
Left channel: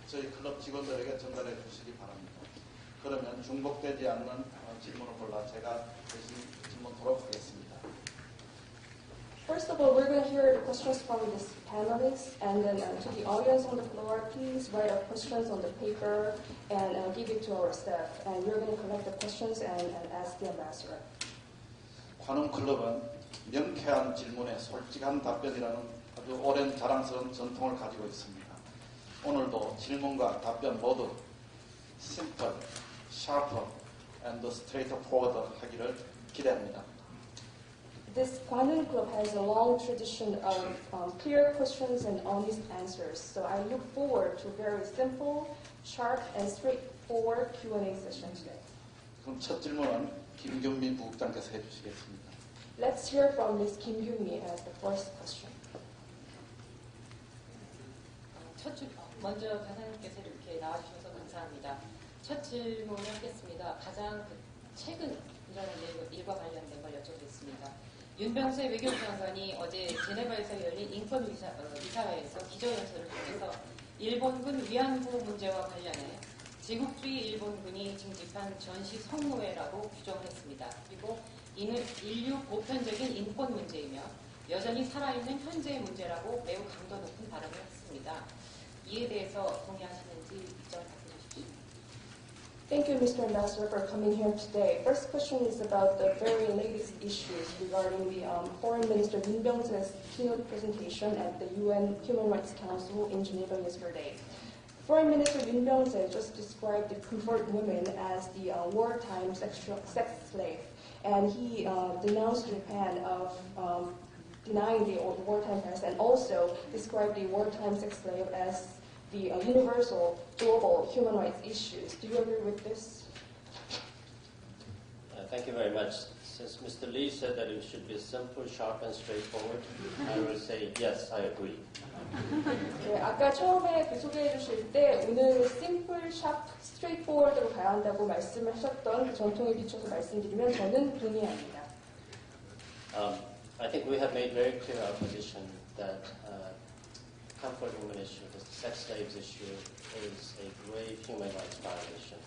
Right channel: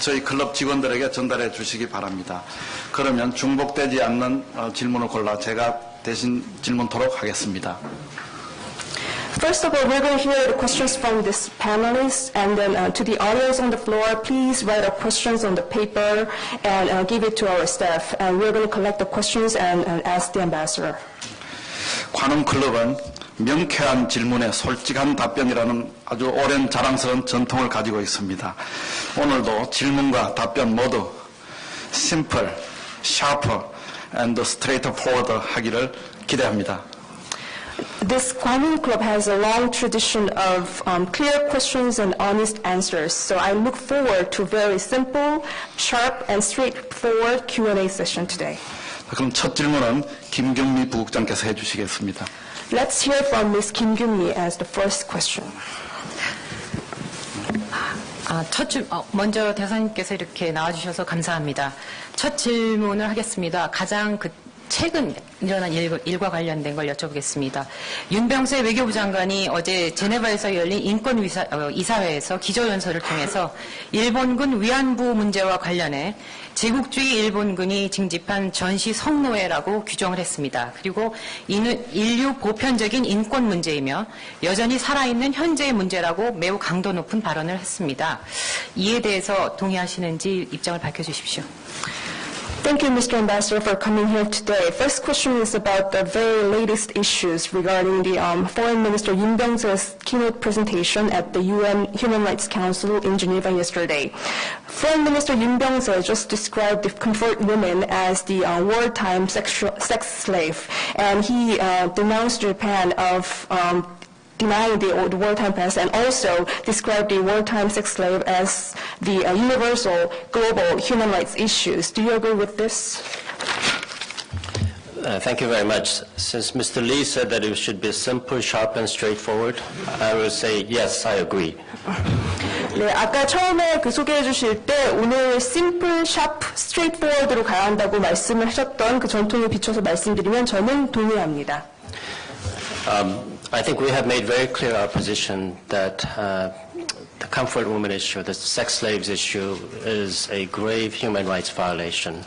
저희 클럽 직원들에게 전달해 주시기 바랍니다. 그러면 중복되지 않는 질문을 골라 제가 대신 질문토록 하겠습니다. First of all, we're going to hear the questions from this panelists, and then to the audience on the floor, please write our questions on the paper and give it to our staff. And we're going to collect the questions and ask the ambassador. 관훈클럽은 명쾌한 질문에 솔직한 답변이라는 아주 오랜 자랑스러운 전통을 가지고 있습니다. 오늘도 질문과 답변 모두 simple, sharp, and straightforward 하기를 기대합니다. This Kwanun Club has a long tradition of clear questions and honest answers, so I look forward to very simple, sharp, and straightforward Q&A session today. 그럼 첫 질문은 김경미 부국장께서 해주시겠습니다. Let's hear from Ms. Kim Gyun-mi as the first question. 먼저 대사님께서 이렇게 나와주셔서 감사합니다. 첫 질문을 하겠습니다. 가장 최근 일어난 일과 관련된 걸 여쭤보겠습니다. 윤병세 외교부 장관이 어제 제네바에서 열린 인권이사회에서 기조연설을 통해서 일본군 위안부 문제와 관련해 제국주의 일본군이 징집한 전시 성노예라고 규정을 했습니다. 그리고 이는 인류 보편적인 인권 문제이며 여전히 살아있는 현재의 문제라고 매우 강도 높은 발언을 했습니다. 이에 대해서 동의하시는지 입장을 밝혀주십시오. Thank you, Mr. Ambassador, for coming here today. First question is about the very latest issues regarding the Foreign Minister Yoon Byung-se's keynote presentation at the UN Human Rights Council in Geneva yesterday. Foreign Minister Yoon Byung-se just described the comfort women as the wartime sex slave, and he denounced Japan of denying the wartime past, and also described the wartime sex slave as the universal global human rights issues. Do you agree with this? Thank you very much. Since Mr. Lee said that it should be simple, sharp, and straightforward, I will say yes, I agree. 네, 아까 처음에 소개해 주실 때 오늘 simple, sharp, straightforward로 가야 한다고 말씀을 하셨던 그 전통에 비춰서 말씀드리면 저는 동의합니다. I think we have made very clear our position that the comfort woman issue, the sex slaves issue, is a grave human rights violation.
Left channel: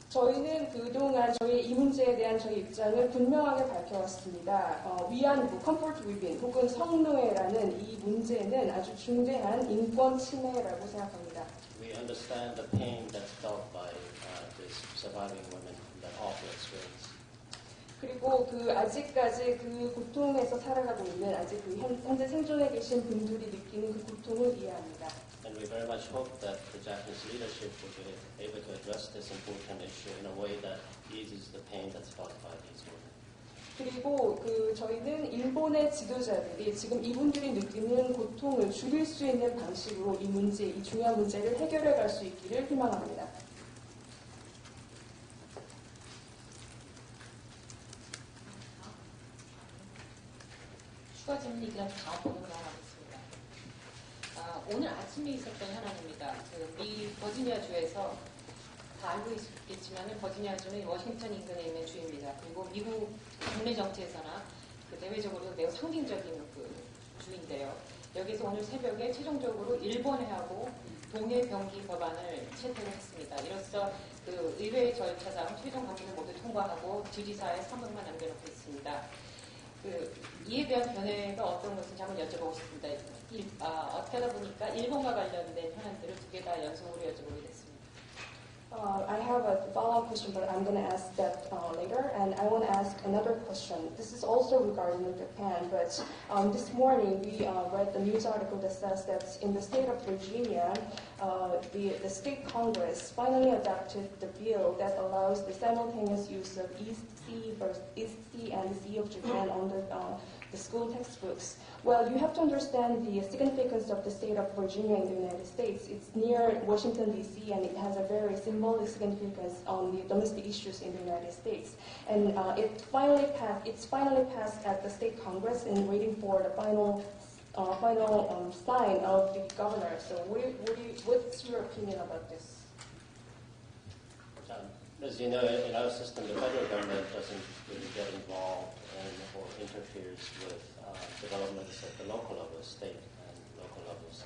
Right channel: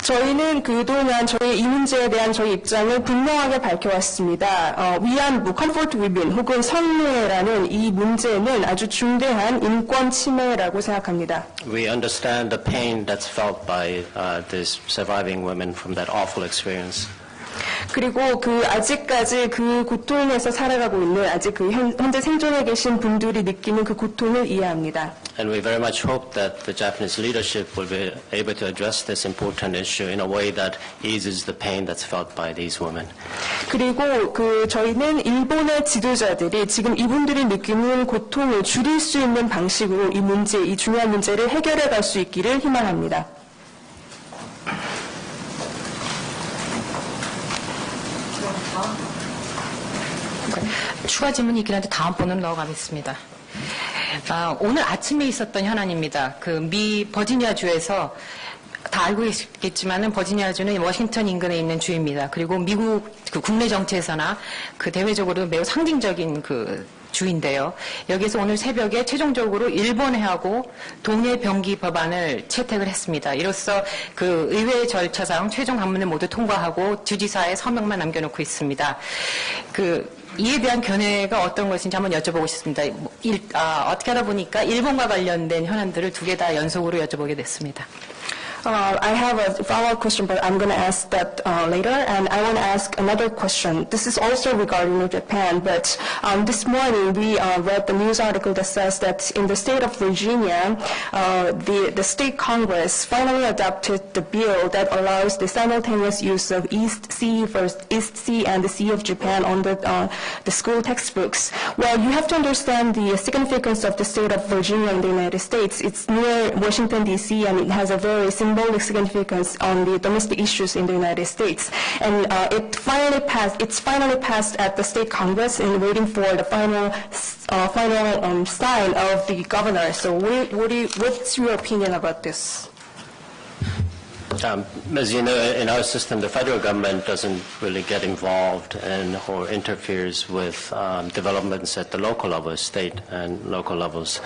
저희는 그동안 저희 이 문제에 대한 저희 입장을 분명하게 밝혀왔습니다. 위안부, comfort women 혹은 성노예라는 이 문제는 아주 중대한 인권 침해라고 생각합니다. We understand the pain that's felt by these surviving women from that awful experience. 그리고 아직까지 그 고통에서 살아가고 있는 아직 현재 생존해 계신 분들이 느끼는 그 고통을 이해합니다. And we very much hope that the Japanese leadership will be able to address this important issue in a way that eases the pain that's felt by these women. 그리고 저희는 일본의 지도자들이 지금 이분들이 느끼는 고통을 줄일 수 있는 방식으로 이 중요한 문제를 해결해 갈 수 있기를 희망합니다. 추가 질문이 있긴 한데 다음 번으로 넘어가겠습니다. 오늘 아침에 있었던 현안입니다. 미 버지니아주에서 다 알고 계시겠지만은 버지니아주는 워싱턴 인근에 있는 주입니다. 그리고 미국 국내 정치에서나 대외적으로 매우 상징적인 주인데요. 여기서 오늘 새벽에 최종적으로 일본해하고 동해 병기 법안을 채택을 했습니다. 이로써 의회 절차상 최종 방문을 모두 통과하고 주지사의 서명만 남겨놓고 있습니다. 이에 대한 견해가 어떤 것인지 한번 여쭤보고 싶습니다. 어떻게 하다 보니까 일본과 관련된 현안들을 두 개 다 연속으로 여쭤보게 됐습니다. I have a follow-up question, but I'm going to ask that later. And I want to ask another question. This is also regarding Japan, but this morning we read the news article that says that in the state of Virginia, the state Congress finally adopted the bill that allows the simultaneous use of East Sea and the Sea of Japan on the school textbooks. Well, you have to understand the significance of the state of Virginia in the United States. It's near Washington, D.C., and it has a very symbolic significance on the domestic issues in the United States. And it's finally passed at the state Congress and waiting for the final sign of the governor. So what's your opinion about this? As you know, in our system, the federal government doesn't really get involved in or interferes with developments at the local level, state and local levels.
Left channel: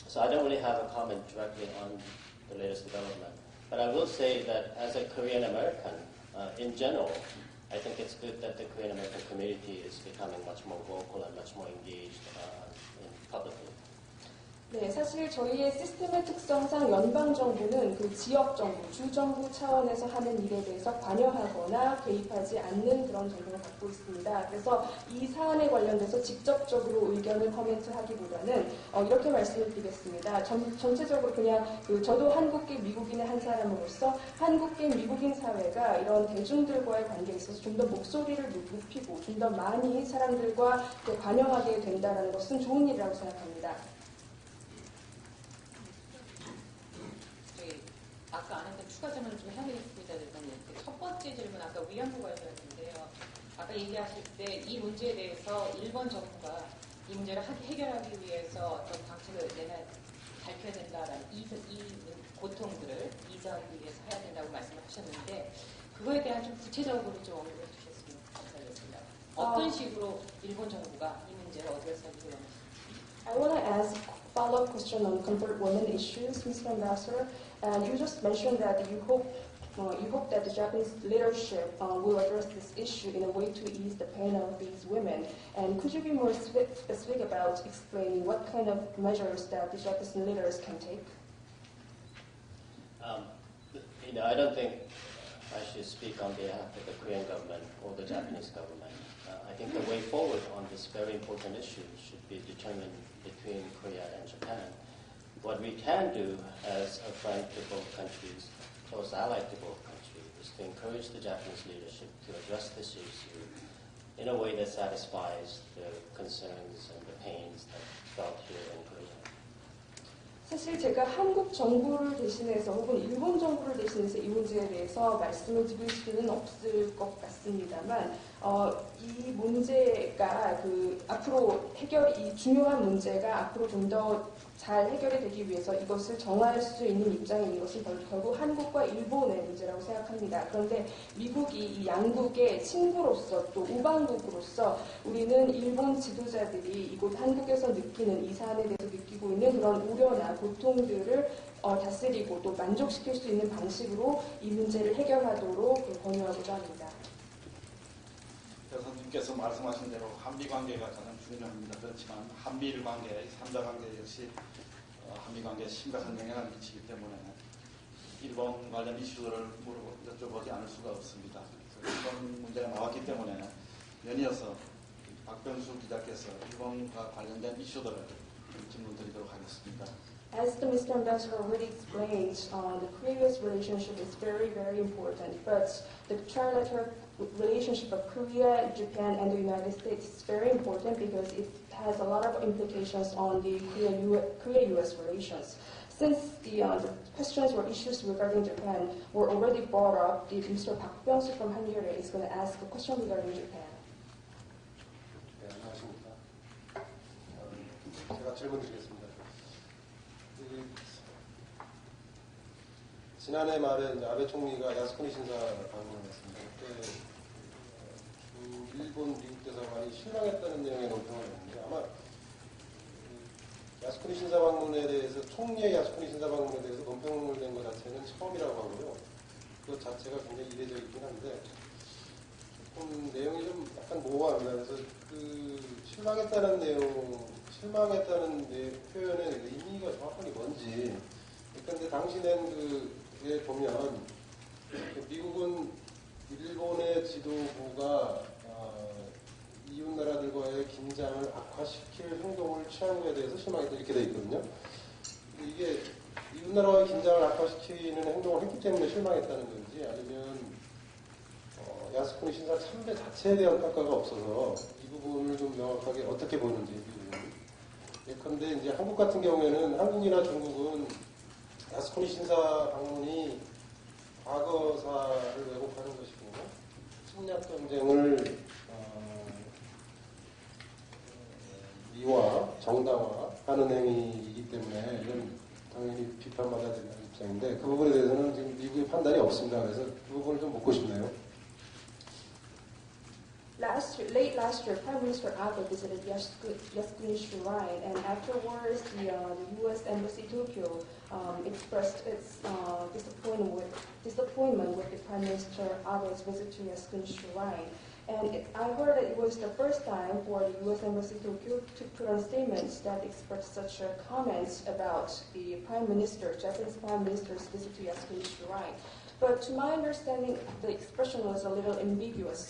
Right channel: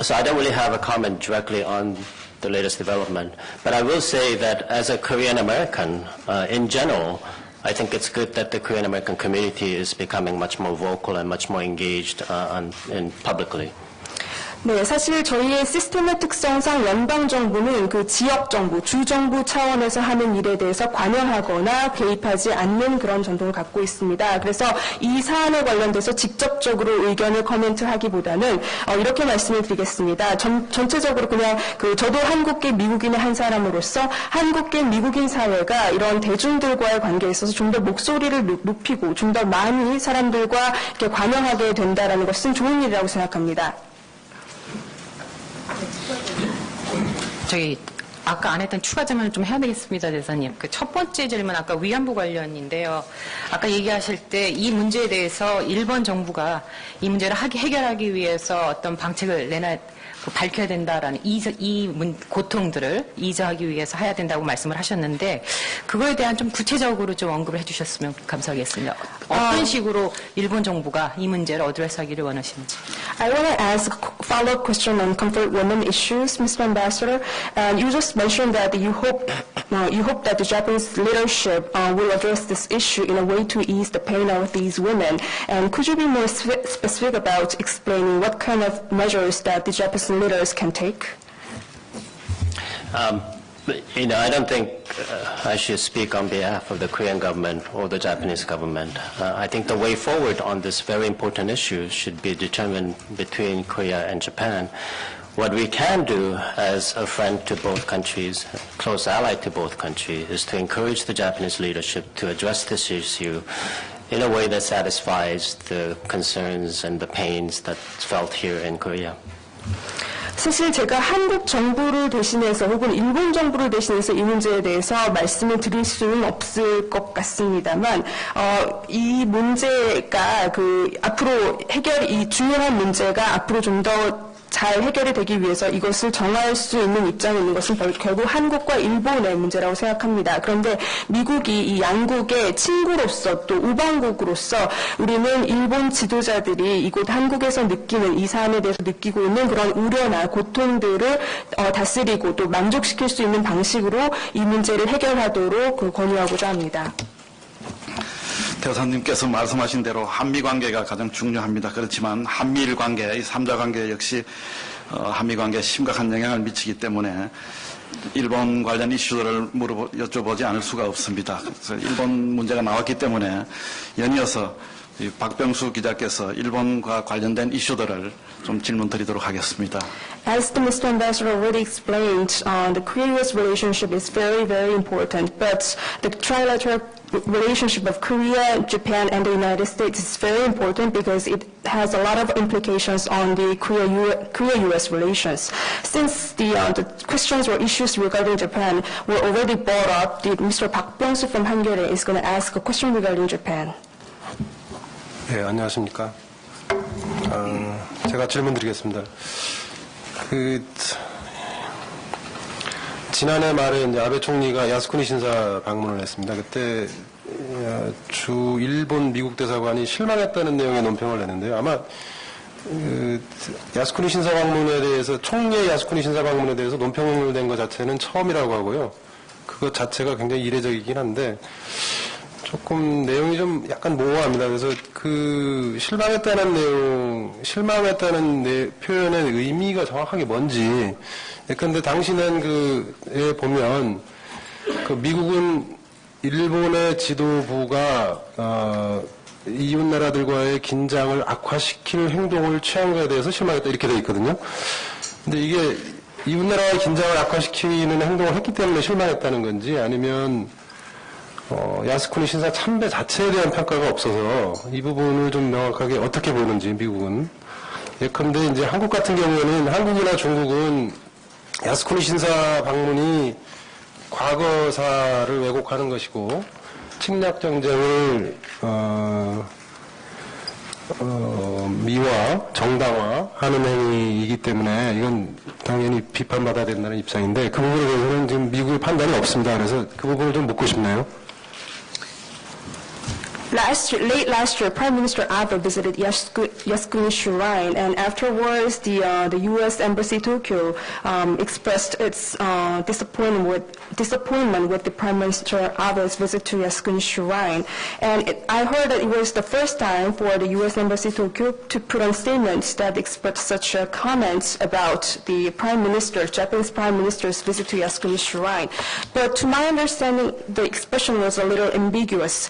So I don't really have a comment directly on the latest development. But I will say that as a Korean American, in general, I think it's good that the Korean American community is becoming much more vocal and much more engaged publicly. 네, 사실 저희의 시스템의 특성상 연방정부는 지역정부, 주정부 차원에서 하는 일에 대해서 관여하거나 개입하지 않는 그런 전통을 갖고 있습니다. 그래서 이 사안에 관련돼서 직접적으로 의견을 코멘트하기보다는 이렇게 말씀을 드리겠습니다. 전체적으로 그냥 저도 한국계 미국인의 한 사람으로서 한국계 미국인 사회가 이런 대중들과의 관계에 있어서 좀 더 목소리를 높이고 좀 더 많이 사람들과 이렇게 관여하게 된다는 것은 좋은 일이라고 생각합니다. 아까 안 했던 추가 질문을 좀 해야 되겠습니다, 대사님. 그 첫 번째 질문 아까 위안부 관련인데요. 아까 얘기하실 때 이 문제에 대해서 일본 정부가 이 문제를 해결하기 위해서 어떤 방책을 밝혀야 된다라는 고통들을 이저하기 위해서 해야 된다고 말씀을 하셨는데 그거에 대한 좀 구체적으로 좀 언급을 해주셨으면 감사하겠습니다. 어떤 식으로 일본 정부가 이 문제를 어드레스하기를 원하시는지. I want to ask a follow-up question on comfort women issues, Mr. Ambassador. You just mentioned that you hope that the Japanese leadership will address this issue in a way to ease the pain of these women. And could you be more specific about explaining what kind of measures that the Japanese leaders can take? I don't think I should speak on behalf of the Korean government or the Japanese government. I think the way forward on this very important issue should be determined between Korea and Japan. What we can do as a friend to both countries, close ally to both countries, is to encourage the Japanese leadership to address this issue in a way that satisfies the concerns and the pains that's felt here in Korea. 사실 제가 한국 정부를 대신해서 혹은 일본 정부를 대신해서 이 문제에 대해서 말씀을 드릴 수는 없을 것 같습니다만 이 문제가 앞으로 이 중요한 문제가 앞으로 좀 더 잘 해결이 되기 위해서 이것을 정할 수 있는 입장에 있는 것은 결국 한국과 일본의 문제라고 생각합니다. 그런데 미국이 이 양국의 친구로서 또 우방국으로서 우리는 일본 지도자들이 이곳 한국에서 느끼는 이 사안에 대해서 느끼고 있는 그런 우려나 고통들을 다스리고 또 만족시킬 수 있는 방식으로 이 문제를 해결하도록 권유하고자 합니다. 대사님께서 말씀하신 대로 한미관계가 가장 중요합니다. 그렇지만 한미일 관계, 이 3자 관계 역시 한미관계에 심각한 영향을 미치기 때문에 일본 관련 이슈들을 여쭤보지 않을 수가 없습니다. 그래서 일본 문제가 나왔기 때문에 연이어서 박병수 기자께서 일본과 관련된 이슈들을 좀 질문 드리도록 하겠습니다. As the Mr. Ambassador already explained, the Korea-US relationship is very, very important, but the trilateral relationship of Korea, Japan, and the United States is very important because it has a lot of implications on the Korea-US relations. Since the questions or issues regarding Japan were already brought up, Mr. Park Byung-soo from Hangare is going to ask a question regarding Japan. 네, 안녕하십니까. 제가 질문 드리겠습니다. 지난해 말에 이제 아베 총리가 야스쿠니 신사 방문을 했습니다. 그때 일본 미국 대사관이 실망했다는 내용의 논평을 냈는데요. 아마 야스쿠니 신사 방문에 대해서 총리의 야스쿠니 신사 방문에 대해서 논평을 낸 것 자체는 처음이라고 하고요. 그것 자체가 굉장히 이례적이긴 한데 조금 내용이 좀 약간 모호합니다. 그래서 실망했다는 표현의 의미가 정확하게 뭔지. 그런데 당시는 보면 미국은 일본의 지도부가 이웃 나라들과의 긴장을 악화시킬 행동을 취한 것에 대해서 실망했다 이렇게 돼 있거든요. 근데 이게 이웃 나라의 긴장을 악화시키는 행동을 했기 때문에 실망했다는 건지 아니면 야스쿠니 신사 참배 자체에 대한 평가가 없어서 이 부분을 좀 명확하게 어떻게 보는지 미국은. 예컨대 이제 한국 같은 경우에는 한국이나 중국은 야스쿠니 신사 방문이 과거사를 왜곡하는 것이고 침략 정쟁을 미화, 정당화하는 행위이기 때문에 이건 당연히 비판받아야 된다는 입장인데 그 부분에 대해서는 지금 미국의 판단이 없습니다. 그래서 그 부분을 좀 묻고 싶네요. Late last year, Prime Minister Abe visited Yasukuni Shrine, and afterwards, the U.S. Embassy Tokyo expressed its disappointment with the Prime Minister Abe's visit to Yasukuni Shrine. And I heard that it was the first time for the U.S. Embassy Tokyo to put on statements that expressed such comments about the Japanese Prime Minister's visit to Yasukuni Shrine. But to my understanding, the expression was a little ambiguous.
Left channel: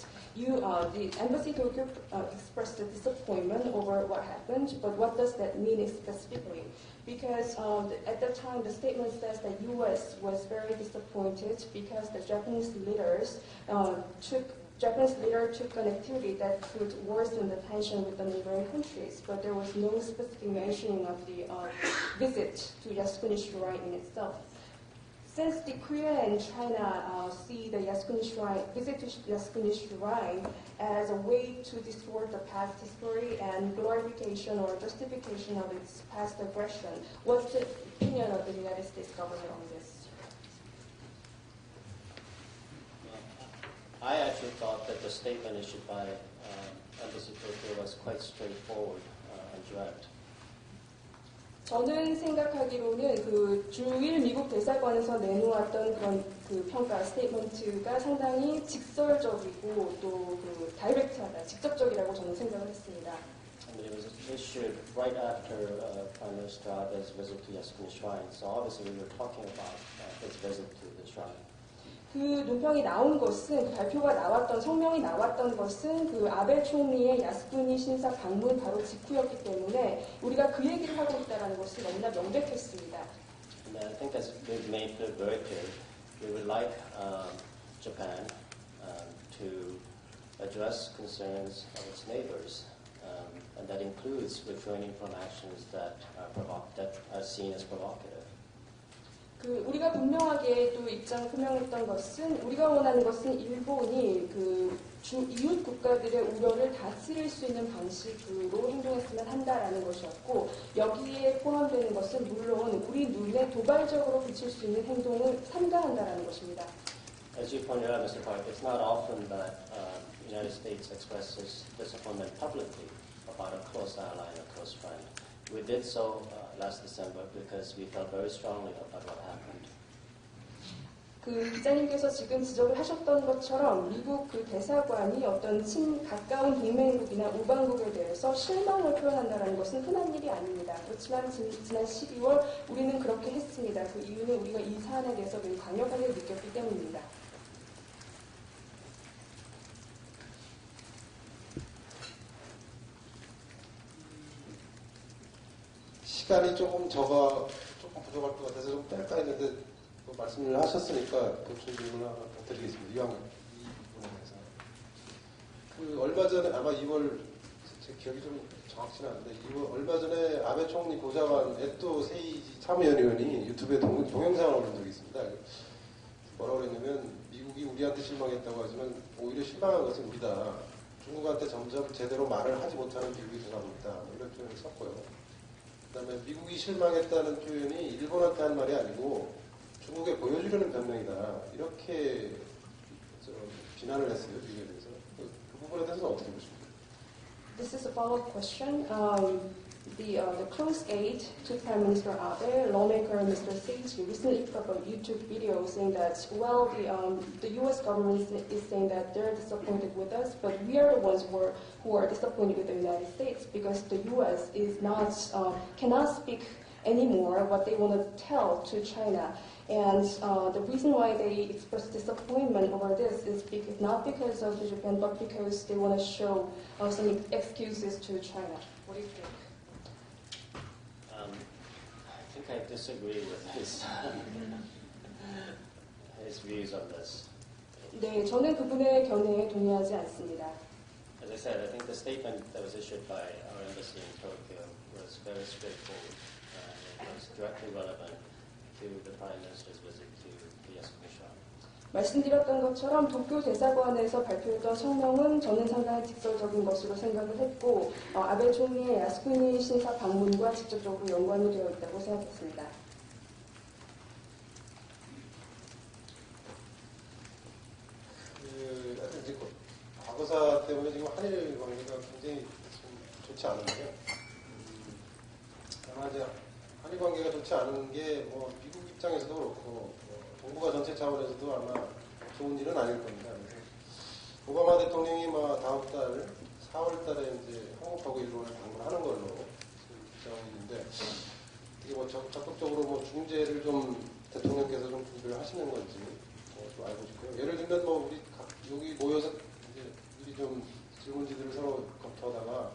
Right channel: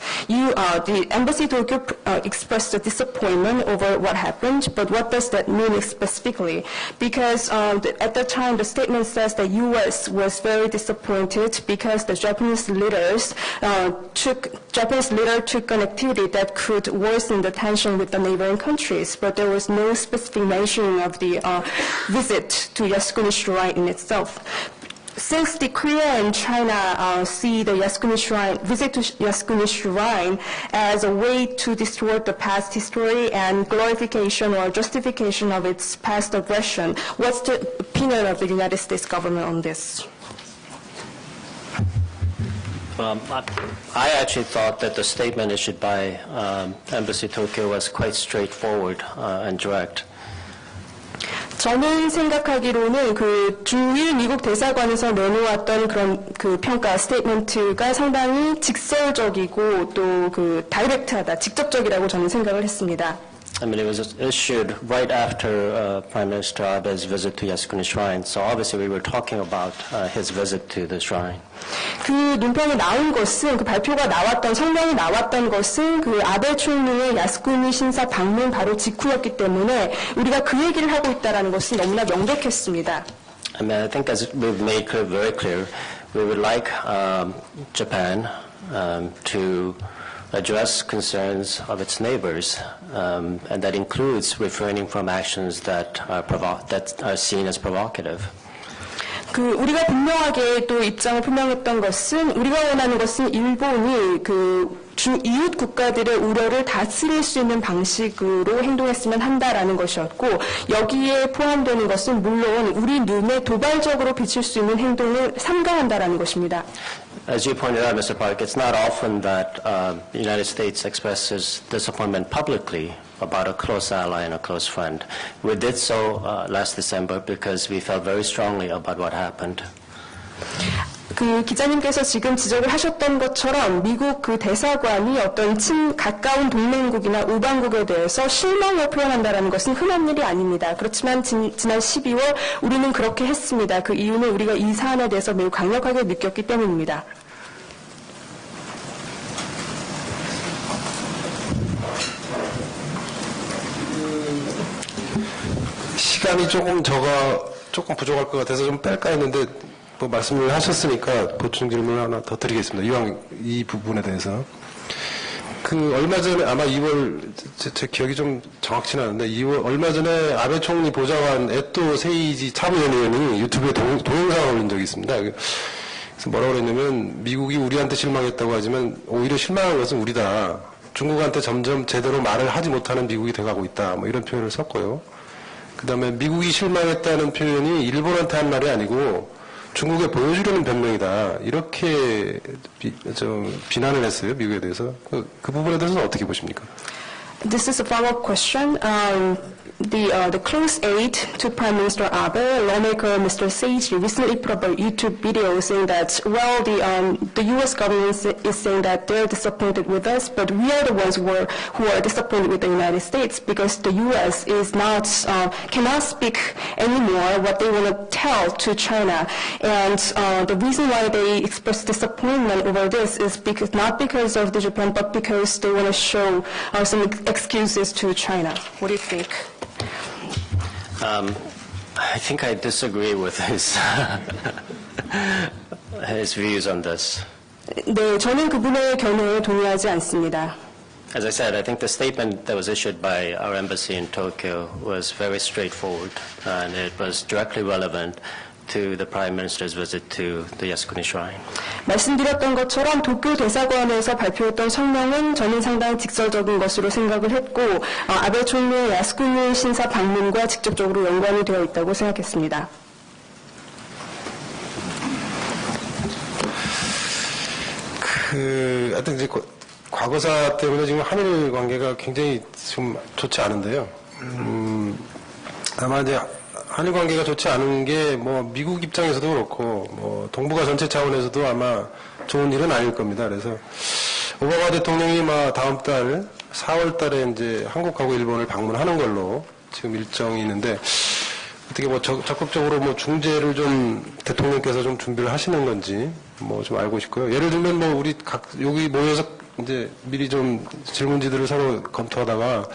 The Embassy Tokyo expressed a disappointment over what happened, but what does that mean specifically? Because at that time, the statement says the U.S. was very disappointed because the Japanese leader took an activity that could worsen the tension with the neighboring countries, but there was no specific mentioning of the visit to Yasukuni Shrine in itself. since the Korea and China see the Yasukuni Shrine, visit to Yasukuni Shrine as a way to distort the past history and glorification or justification of its past aggression, what's the opinion of the United States government on this? I actually thought that the statement issued by Embassy Tokyo was quite straightforward and direct. 저는 생각하기로는 그 주일 미국 대사관에서 내놓았던 그런 그 평가 스테이트먼트가 상당히 직설적이고 또 그 다이렉트하다, 직접적이라고 저는 생각을 했습니다. I mean, it was issued right after Prime Minister Abe's visit to Yasukuni Shrine, so obviously we were talking about his visit to the shrine. 그 논평이 나온 것은, 그 발표가 나왔던, 성명이 나왔던 것은 그 아베 총리의 야스쿠니 신사 방문 바로 직후였기 때문에 우리가 그 얘기를 하고 있다는 것은 너무나 명백했습니다. I mean, I think as we've made clear, very clear, we would like Japan to address concerns of its neighbors, and that includes refraining from actions that are seen as provocative. 그 우리가 분명하게 또 입장을 표명했던 것은 우리가 원하는 것은 일본이 그 이웃 국가들의 우려를 다스릴 수 있는 방식으로 행동했으면 한다라는 것이었고 여기에 포함되는 것은 물론 우리 눈에 도발적으로 비칠 수 있는 행동을 삼가한다라는 것입니다. As you pointed out, Mr. Park, it's not often that the United States expresses disappointment publicly about a close ally and a close friend. We did so last December because we felt very strongly about what happened. 그 기자님께서 지금 지적을 하셨던 것처럼 미국 그 대사관이 어떤 가까운 동맹국이나 우방국에 대해서 실망을 표현한다는 것은 흔한 일이 아닙니다. 그렇지만 지난 12월 우리는 그렇게 했습니다. 그 이유는 우리가 이 사안에 대해서 매우 강력하게 느꼈기 때문입니다. 시간이 조금 부족할 것 같아서 좀 뺄까 했는데 뭐 말씀을 하셨으니까 보충 질문을 하나 더 드리겠습니다. 이왕 이 부분에 대해서. 그 얼마 전에 아마 2월 제 기억이 좀 정확치는 않은데 2월 얼마 전에 아베 총리 보좌관 에토 세이지 차부연의원이 유튜브에 동영상을 올린 적이 있습니다. 그래서 뭐라고 그랬냐면 미국이 우리한테 실망했다고 하지만 오히려 실망한 것은 우리다. 중국한테 점점 제대로 말을 하지 못하는 미국이 돼가고 있다. 뭐 이런 표현을 썼고요. 그다음에 미국이 실망했다는 표현이 일본한테 한 말이 아니고 중국에 보여주려는 변명이다. 이렇게 비난을 했어요. 미국에 대해서. 그 부분에 대해서는 어떻게 보십니까? This is a follow-up question. The close aide to Prime Minister Abe, lawmaker Mr. Seiji, recently put up a YouTube video saying that, well, the U.S. government is saying that they're disappointed with us, but we are the ones who are disappointed with the United States because the U.S. is not cannot speak anymore what they want to tell to China, and the reason why they express disappointment over this is not because of the Japan, but because they want to show some excuses to China. What do you think? I think I disagree with his views on this. 네, 저는 그분의 견해에 동의하지 않습니다. As I said, I think the statement that was issued by our embassy in Tokyo was very straightforward, and it was directly relevant to the Prime Minister's visit to the Yasukuni Shrine. 말씀드렸던 것처럼 도쿄 대사관에서 발표했던 성명은 저는 상당히 직설적인 것으로 생각을 했고 아베 총리의 야스쿠니 신사 방문과 직접적으로 연관이 되어 있다고 생각했습니다. 하여튼 이제 과거사 때문에 지금 한일 관계가 굉장히 좀 좋지 않은데요. 아마 이제 한일 관계가 좋지 않은 게 뭐 미국 입장에서도 그렇고 뭐 동북아 전체 차원에서도 아마 좋은 일은 아닐 겁니다. 그래서 오바마 대통령이 다음 달 4월 달에 이제 한국하고 일본을 방문하는 걸로 지금 일정이 있는데 어떻게 뭐 적극적으로 뭐 중재를 좀 대통령께서 좀 준비를 하시는 건지 뭐 좀 알고 싶고요. 예를 들면 뭐 우리 여기 모여서 이제 미리 좀 질문지들을 서로 검토하다가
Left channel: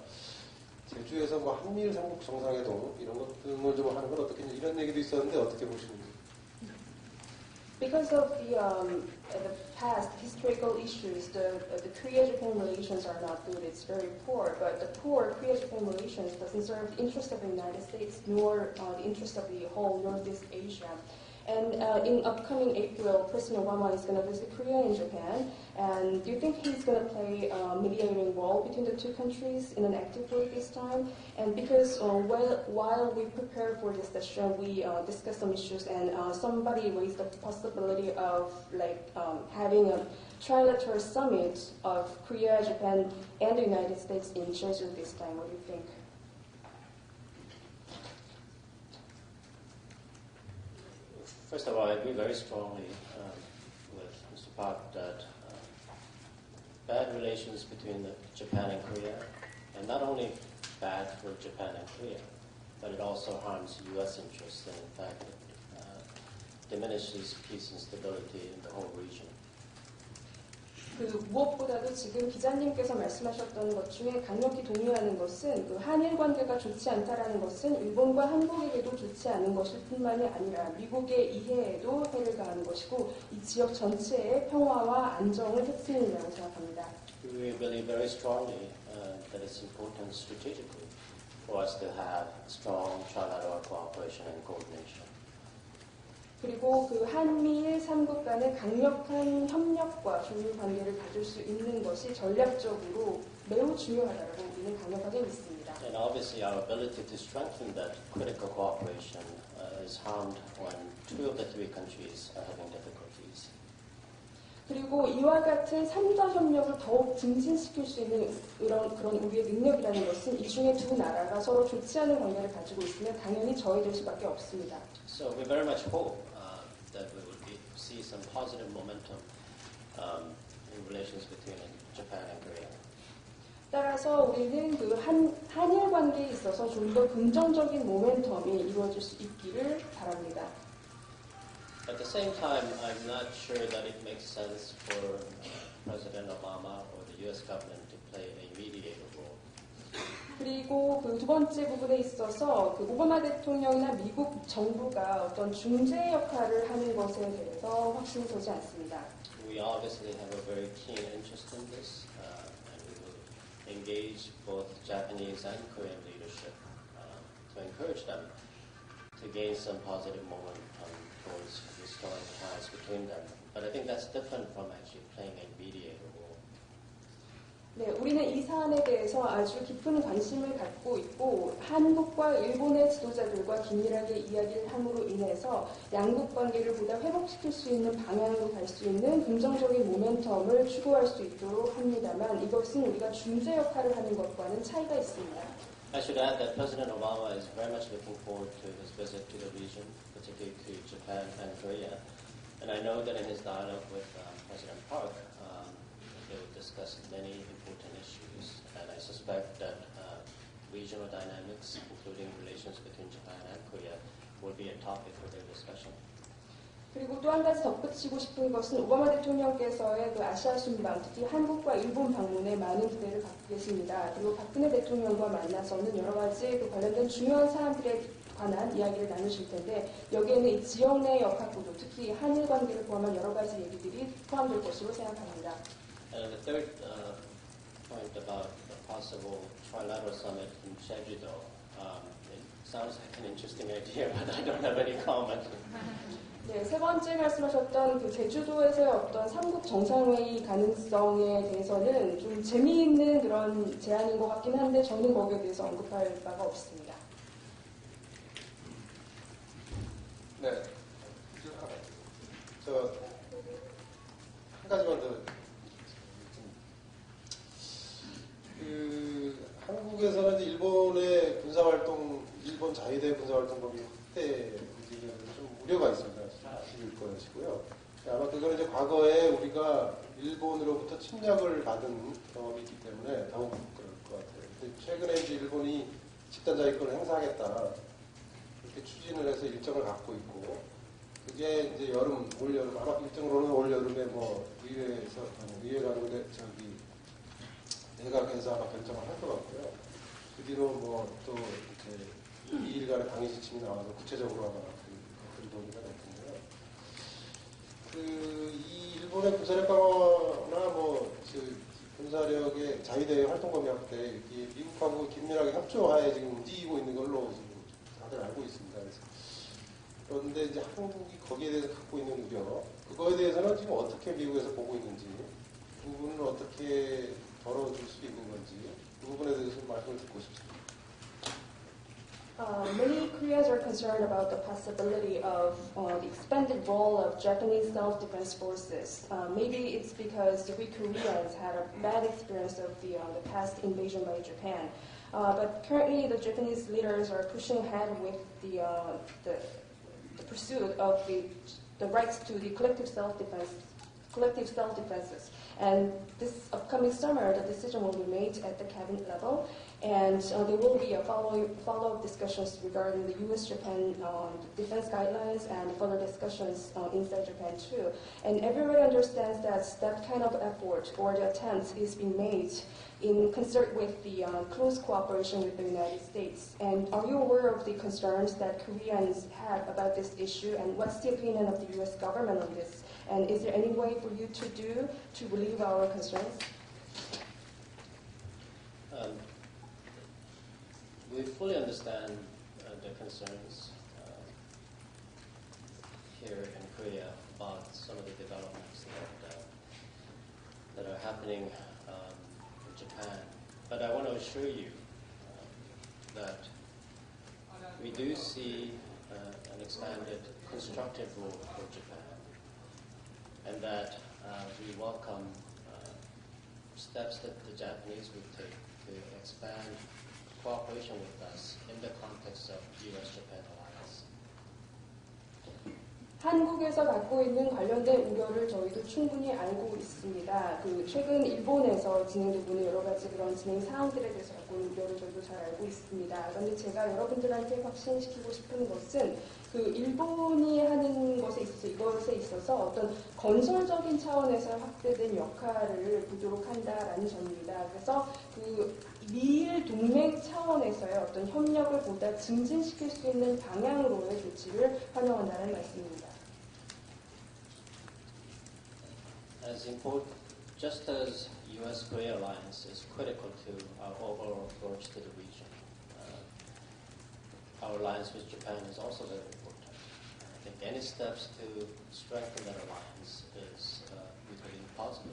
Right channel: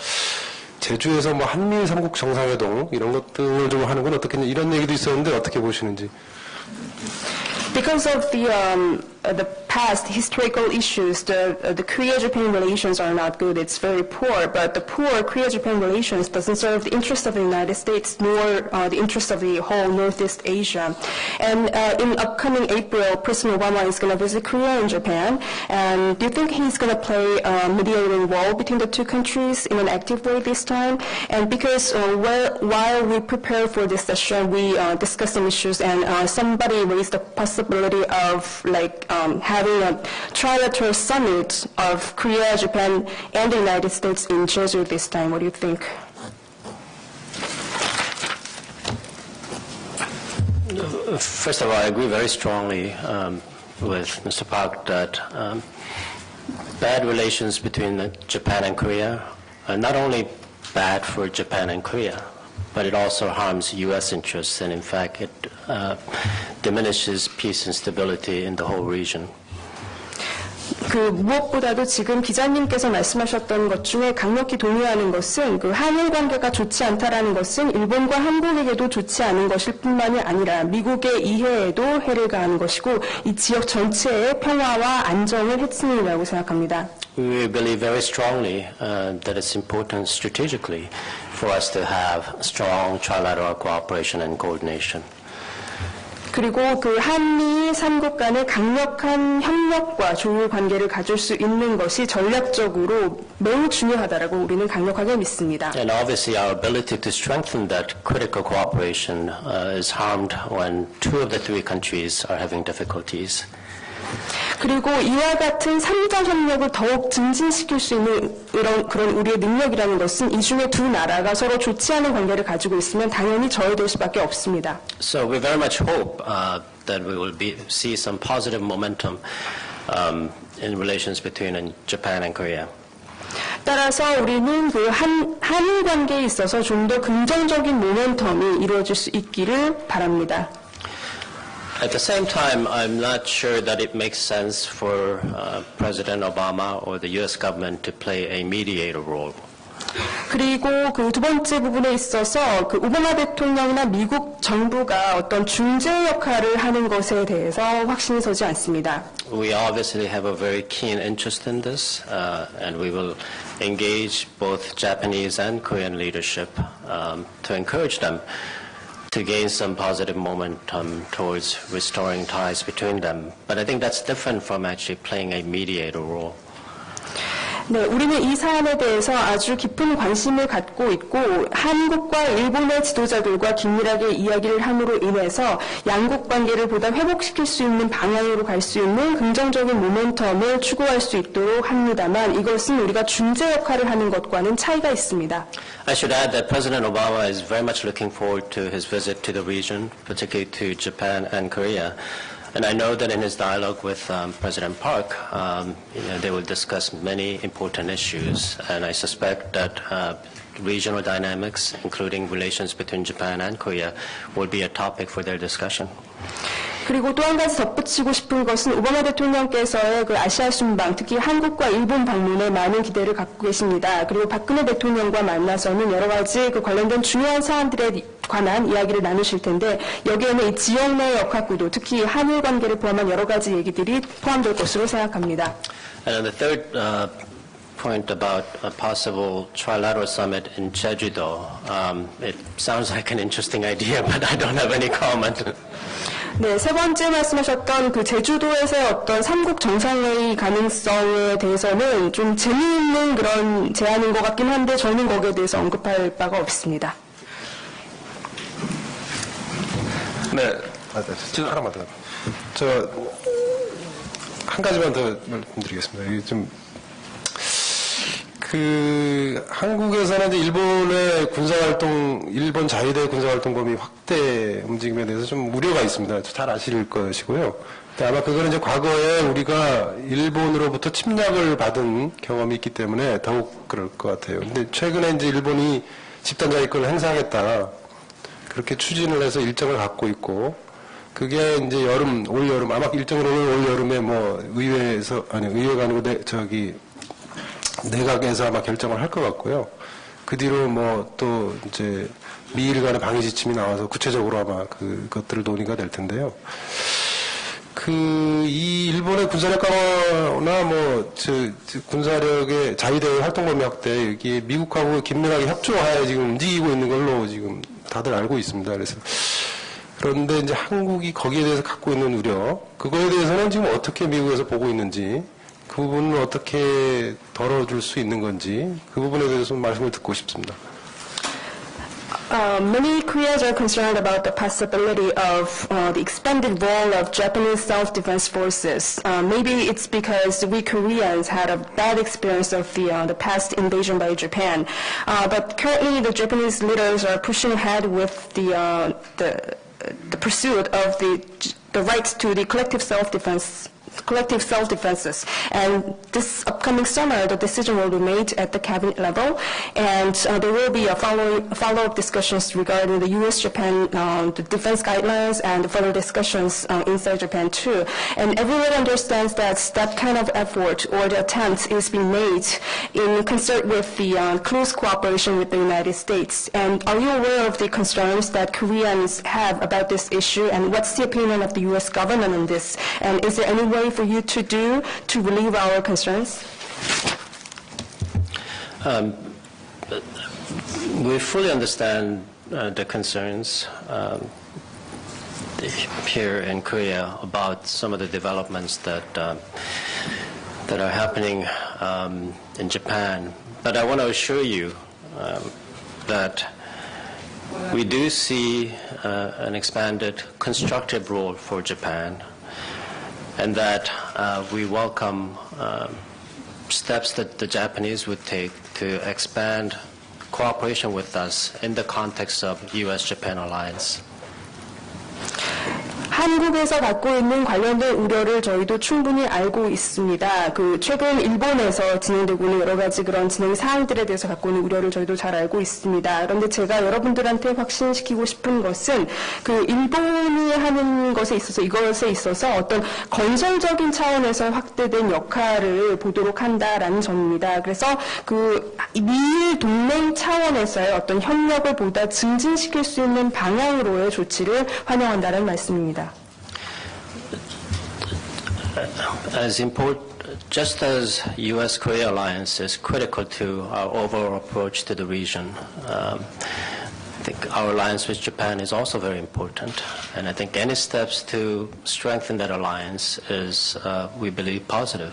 제주에서 뭐 한미 삼국 정상회동 이런 것들을 좀 하는 건 어떻겠냐 이런 얘기도 있었는데 어떻게 보시는지. Because of the the past historical issues, the Korea-Japan relations are not good. It's very poor, but the poor Korea-Japan relations doesn't serve the interest of the United States nor the interest of the whole Northeast Asia. And in upcoming April, President Obama is going to visit Korea and Japan. And do you think he's going to play a mediating role between the two countries in an active way this time? And because while we prepare for this session, we discussed some issues, and somebody raised the possibility of having a trilateral summit of Korea, Japan, and the United States in Jeju this time. What do you think? First of all, I agree very strongly with Mr. Park that bad relations between Japan and Korea are not only bad for Japan and Korea, but it also harms U.S. interests, and in fact, it diminishes peace and stability in the whole region. 무엇보다도 지금 기자님께서 말씀하셨던 것 중에 강력히 동의하는 것은 한일 관계가 좋지 않다라는 것은 일본과 한국에게도 좋지 않은 것일 뿐만이 아니라 미국의 이해에도 해를 가하는 것이고 이 지역 전체의 평화와 안정을 해치는 일이라고 생각합니다. We believe very strongly that it's important strategically for us to have strong trilateral cooperation and coordination. 그리고 한미 3국 간의 강력한 협력과 조율 관계를 가질 수 있는 것이 전략적으로 매우 중요하다라고 우리는 강력하게 믿습니다. And obviously our ability to strengthen that critical cooperation is harmed when two of the three countries are having difficulties. 그리고 이와 같은 3자 협력을 더욱 증진시킬 수 있는 그런 우리의 능력이라는 것은 이 중에 두 나라가 서로 좋지 않은 관계를 가지고 있으면 당연히 저해될 수밖에 없습니다. So we very much hope that we will see some positive momentum in relations between Japan and Korea. 따라서 우리는 한일 관계에 있어서 좀 더 긍정적인 모멘텀이 이루어질 수 있기를 바랍니다. At the same time, I'm not sure that it makes sense for President Obama or the U.S. government to play a mediator role. 그리고 두 번째 부분에 있어서 오바마 대통령이나 미국 정부가 어떤 중재 역할을 하는 것에 대해서 확신이 서지 않습니다. We obviously have a very keen interest in this, and we will engage both Japanese and Korean leadership to encourage them to gain some positive momentum towards restoring ties between them. But I think that's different from actually playing a mediator role. 네, 우리는 이 사안에 대해서 아주 깊은 관심을 갖고 있고 한국과 일본의 지도자들과 긴밀하게 이야기를 함으로 인해서 양국 관계를 보다 회복시킬 수 있는 방향으로 갈 수 있는 긍정적인 모멘텀을 추구할 수 있도록 합니다만 이것은 우리가 중재 역할을 하는 것과는 차이가 있습니다. I should add that President Obama is very much looking forward to his visit to the region, particularly to Japan and Korea. And I know that in his dialogue with President Park, they will discuss many important issues. And I suspect that regional dynamics, including relations between Japan and Korea, will be a topic for their discussion. 그리고 또 한 가지 덧붙이고 싶은 것은 오바마 대통령께서의 아시아 순방, 특히 한국과 일본 방문에 많은 기대를 갖고 계십니다. 그리고 박근혜 대통령과 만나서는 여러 가지 관련된 중요한 사안들에 관한 이야기를 나누실 텐데 여기에는 이 지역 내 역학구도, 특히 한일 관계를 포함한 여러 가지 얘기들이 포함될 것으로 생각합니다. And the third point about a possible trilateral summit in Jeju-do, it sounds like an interesting idea, but I don't have any comment. 네, 세 번째 말씀하셨던 제주도에서의 어떤 삼국 정상회의 가능성에 대해서는 좀 재미있는 그런 제안인 것 같긴 한데 저는 거기에 대해서 언급할 바가 없습니다. 네, 지금 하나만 더. 한 가지만 더 말씀드리겠습니다. 이게 좀 한국에서는 이제 일본의 군사활동, 일본 자위대 군사활동 범위 확대 움직임에 대해서 좀 우려가 있습니다. 잘 아실 것이고요. 아마 그거는 이제 과거에 우리가 일본으로부터 침략을 받은 경험이 있기 때문에 더욱 그럴 것 같아요. 근데 최근에 이제 일본이 집단자위권을 행사하겠다. 그렇게 추진을 해서 일정을 갖고 있고, 그게 이제 올 여름, 아마 일정으로는 올 여름에 의회가 아니고 내각에서 아마 결정을 할 것 같고요. 그 뒤로 또 이제 미일 간의 방위 지침이 나와서 구체적으로 아마 그것들을 논의가 될 텐데요. 이 일본의 군사력 강화나 군사력의 자위대 활동 범위 확대, 여기에 미국하고 긴밀하게 협조하에 지금 움직이고 있는 걸로 지금 다들 알고 있습니다. 그런데 이제 한국이 거기에 대해서 갖고 있는 우려, 그거에 대해서는 지금 어떻게 미국에서 보고 있는지, 그 부분을 어떻게 덜어줄 수 있는 건지, 그 부분에 대해서 말씀을 듣고 싶습니다. Many Koreans are concerned about the possibility of the expanded role of Japanese self-defense forces. Maybe it's because we Koreans had a bad experience of the past invasion by Japan. But currently, the Japanese leaders are pushing ahead with the pursuit of the rights to the collective self-defenses. And this upcoming summer, the decision will be made at the cabinet level, and there will be a follow-up discussions regarding the U.S.-Japan the defense guidelines and further discussions inside Japan too. And everyone understands that that kind of effort or the attempt is being made in concert with the close cooperation with the United States. And are you aware of the concerns that Koreans have about this issue, and what's the opinion of the U.S. government on this? And is there any way for you to do to relieve our concerns? We fully understand the concerns here in Korea about some of the developments that are happening in Japan. But I want to assure you that we do see an expanded constructive role for Japan, and that we welcome steps that the Japanese would take to expand cooperation with us in the context of U.S.-Japan alliance. 한국에서 갖고 있는 관련된 우려를 저희도 충분히 알고 있습니다. 최근 일본에서 진행되고 있는 여러 가지 그런 진행 사항들에 대해서 갖고 있는 우려를 저희도 잘 알고 있습니다. 그런데 제가 여러분들한테 확신시키고 싶은 것은 일본이 하는 것에 있어서 이것에 있어서 어떤 건설적인 차원에서 확대된 역할을 보도록 한다라는 점입니다. 그래서 미일 동맹 차원에서의 어떤 협력을 보다 증진시킬 수 있는 방향으로의 조치를 환영한다는 말씀입니다. Just as U.S.-Korea alliance is critical to our overall approach to the region, I think our alliance with Japan is also very important, and I think any steps to strengthen that alliance is, we believe, positive.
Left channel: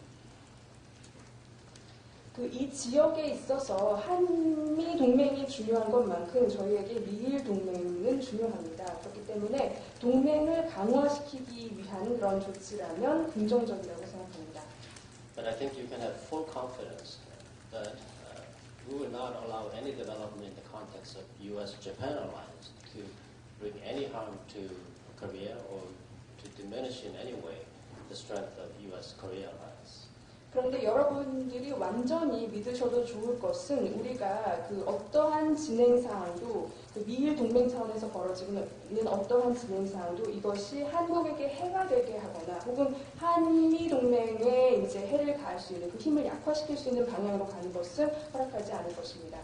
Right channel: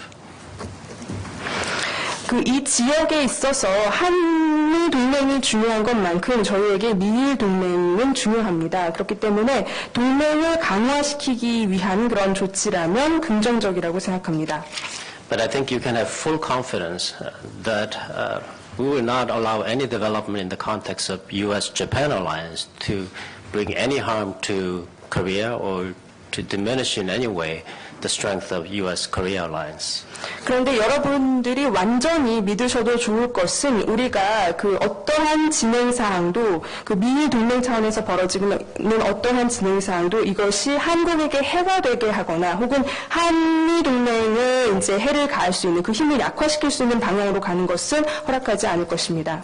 이 지역에 있어서 한미 동맹이 중요한 것만큼 저희에게 미일 동맹은 중요합니다. 그렇기 때문에 동맹을 강화시키기 위한 그런 조치라면 긍정적이라고 생각합니다. But I think you can have full confidence that we will not allow any development in the context of U.S.-Japan alliance to bring any harm to Korea or to diminish in any way the strength of U.S.-Korea alliance. 그런데 여러분들이 완전히 믿으셔도 좋을 것은 우리가 어떠한 진행사항도 미일 동맹 차원에서 벌어지고 있는 어떠한 진행사항도 이것이 한국에게 해가 되게 하거나 혹은 한미 동맹에 이제 해를 가할 수 있는 그 힘을 약화시킬 수 있는 방향으로 가는 것은 허락하지 않을 것입니다.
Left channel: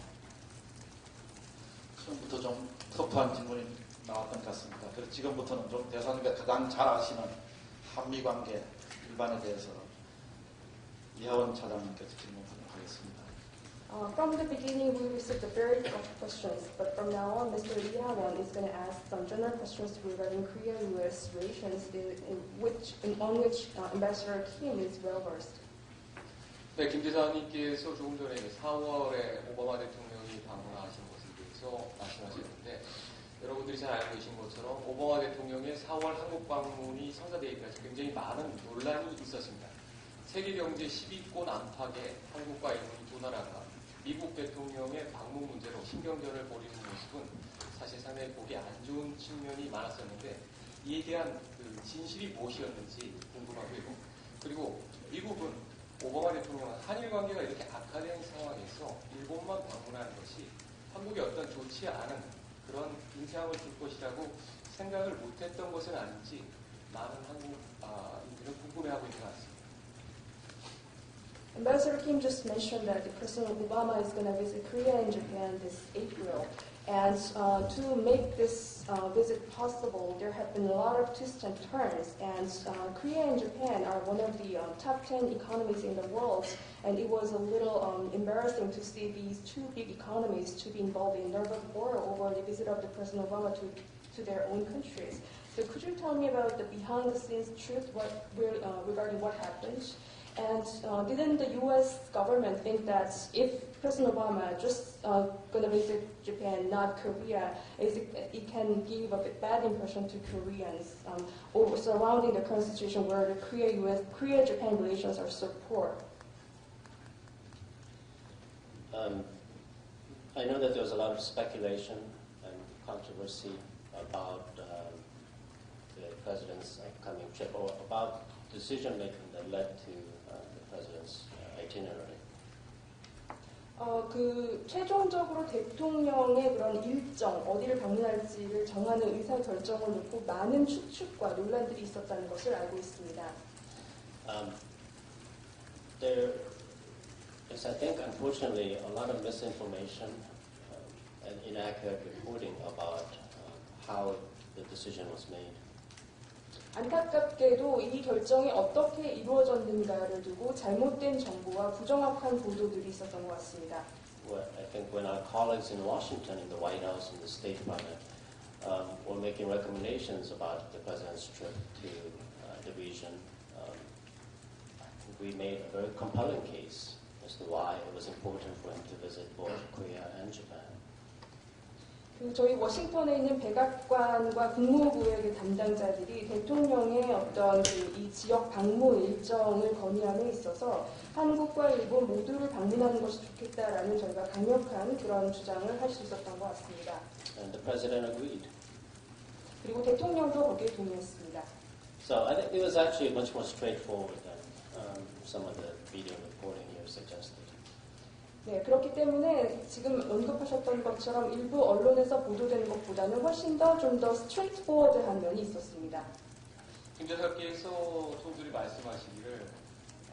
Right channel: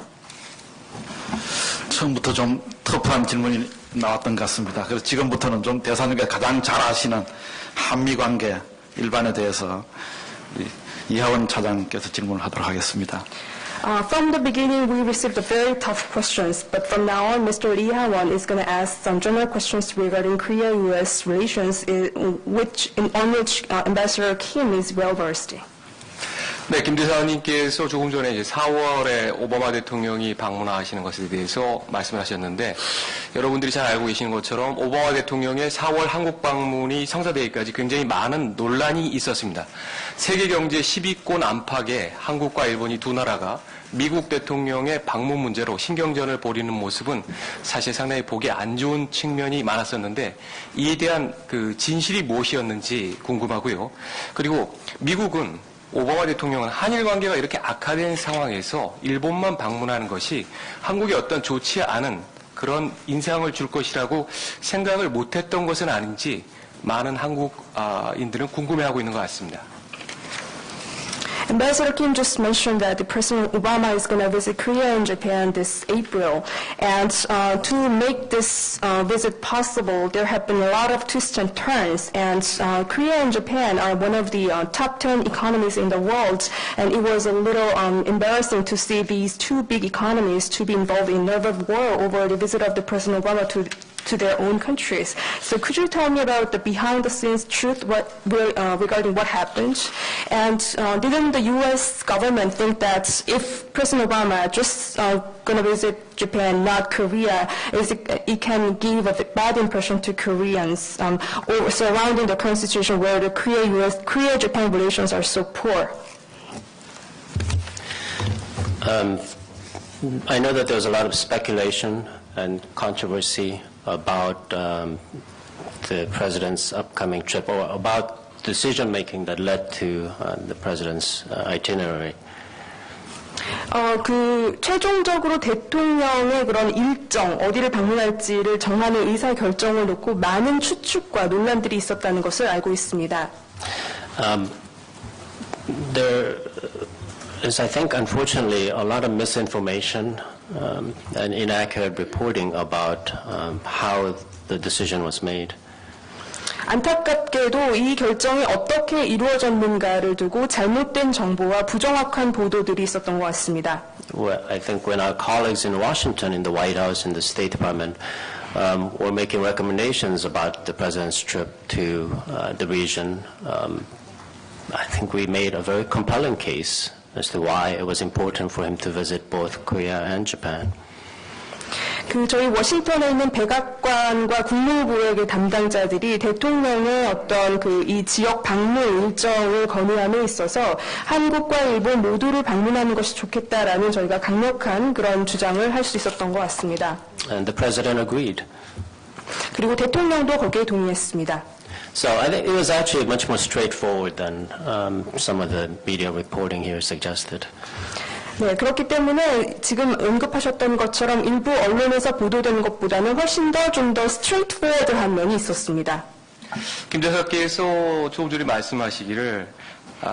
처음부터 좀 터프한 질문이 나왔던 것 같습니다. 그래서 지금부터는 좀 대사님께서 가장 잘 아시는 한미 관계 일반에 대해서 이하원 차장께서 질문을 하도록 하겠습니다. From the beginning, we received very tough questions, but from now on, Mr. Lee Ha-won is going to ask some general questions regarding Korea-U.S. relations, on which Ambassador Kim is well versed. 네, 김 대사님께서 조금 전에 이제 4월에 오바마 대통령이 방문하시는 것에 대해서 말씀을 하셨는데, 여러분들이 잘 알고 계시는 것처럼 오바마 대통령의 4월 한국 방문이 성사되기까지 굉장히 많은 논란이 있었습니다. 세계 경제 10위권 안팎에 한국과 일본이 두 나라가 미국 대통령의 방문 문제로 신경전을 벌이는 모습은 사실 상당히 보기 안 좋은 측면이 많았었는데, 이에 대한 진실이 무엇이었는지 궁금하고요. 그리고 미국은 오바마 대통령은 한일 관계가 이렇게 악화된 상황에서 일본만 방문하는 것이 한국에 어떤 좋지 않은 그런 인상을 줄 것이라고 생각을 못했던 것은 아닌지 많은 한국인들은 궁금해하고 있는 것 같습니다. Ambassador Kim just mentioned that the President Obama is going to visit Korea and Japan this April. And to make this visit possible, there have been a lot of twists and turns. And Korea and Japan are one of the top 10 economies in the world. And it was a little embarrassing to see these two big economies to be involved in nervous war over the visit of the President Obama to their own countries. So could you tell me about the behind-the-scenes truth regarding what happened? And didn't the U.S. government think that if President Obama just going to visit Japan, not Korea, it can give a bad impression to Koreans or surrounding the current situation where the Korea-Japan relations are so poor? I know that there was a lot of speculation and controversy about the president's upcoming trip or about decision-making that led to the president's itinerary. 최종적으로 대통령의 그런 일정, 어디를 방문할지를 정하는 의사 결정을 놓고 많은 추측과 논란들이 있었다는 것을 알고 있습니다. There is, I think, unfortunately, a lot of misinformation and inaccurate reporting about how the decision was made. 안타깝게도 이 결정이 어떻게 이루어졌는가를 두고 잘못된 정보와 부정확한 보도들이 있었던 것 같습니다. Well, I think when our colleagues in Washington, in the White House, in the State Department, were making recommendations about the president's trip to the region, I think we made a very compelling case as to why it was important for him to visit both Korea and Japan. 저희 워싱턴에 있는 백악관과 국무부의 담당자들이 대통령의 어떤 이 지역 방문 일정을 건의함에 있어서 한국과 일본 모두를 방문하는 것이 좋겠다라는 저희가 강력한 그런 주장을 할 수 있었던 것 같습니다. And the president agreed. 그리고 대통령도 거기에 동의했습니다. So I think it was actually much more straightforward than some of the media reporting here suggested. 네, 그렇기 때문에 지금 언급하셨던 것처럼 일부 언론에서 보도되는 것보다는 훨씬 더 좀 더 스트레이트포워드한 면이 있었습니다. 김 대사께서 조금 전에 말씀하시기를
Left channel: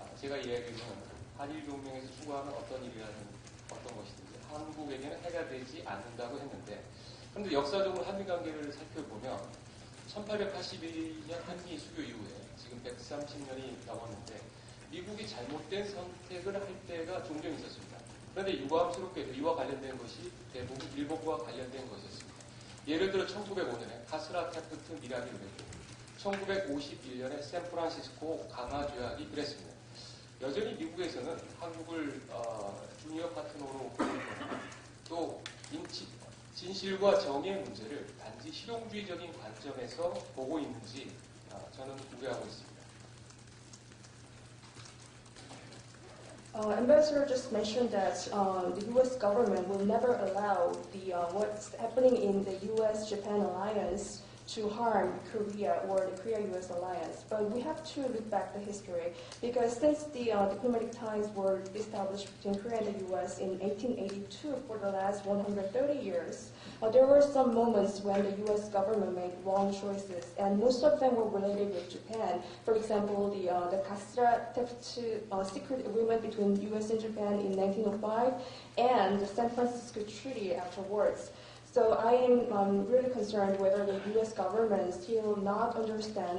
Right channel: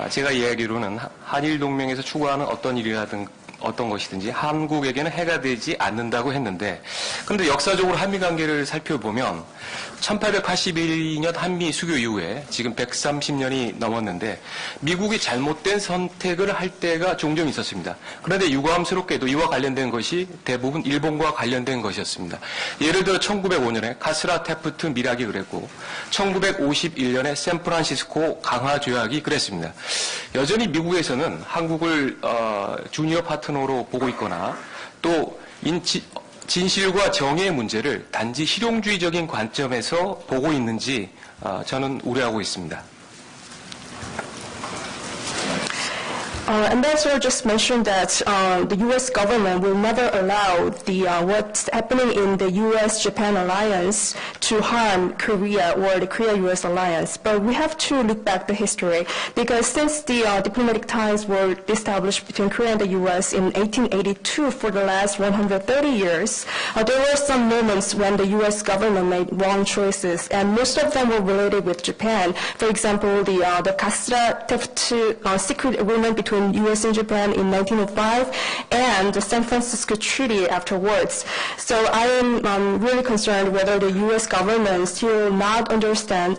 제가 이해하기로는 한일 동맹에서 추구하는 어떤 일이라든 어떤 것이든지 한국에게는 해가 되지 않는다고 했는데 그런데 역사적으로 한미 관계를 살펴보면 1882년 한미 수교 이후에 지금 130년이 넘었는데 미국이 잘못된 선택을 할 때가 종종 있었습니다. 그런데 유감스럽게도 이와 관련된 것이 대부분 일본과 관련된 것이었습니다. 예를 들어 1905년에 카스라 테프트 밀약이 그랬고 1951년에 샌프란시스코 강화 조약이 그랬습니다. 여전히 미국에서는 한국을 주니어 파트너로 보고 있거나 또 진실과 정의의 문제를 단지 실용주의적인 관점에서 보고 있는지 저는 우려하고 있습니다. Ambassador just mentioned that the U.S. government will never allow what's happening in the U.S.-Japan alliance to harm Korea or the Korea-U.S. alliance. But we have to look back the history because since the diplomatic ties were established between Korea and the U.S. in 1882 for the last 130 years, there were some moments when the U.S. government made wrong choices, and most of them were related with Japan. For example, the Kastra-Taft secret agreement between U.S. and Japan in 1905 and the San Francisco Treaty afterwards. So I am really concerned whether the U.S. government still not understand,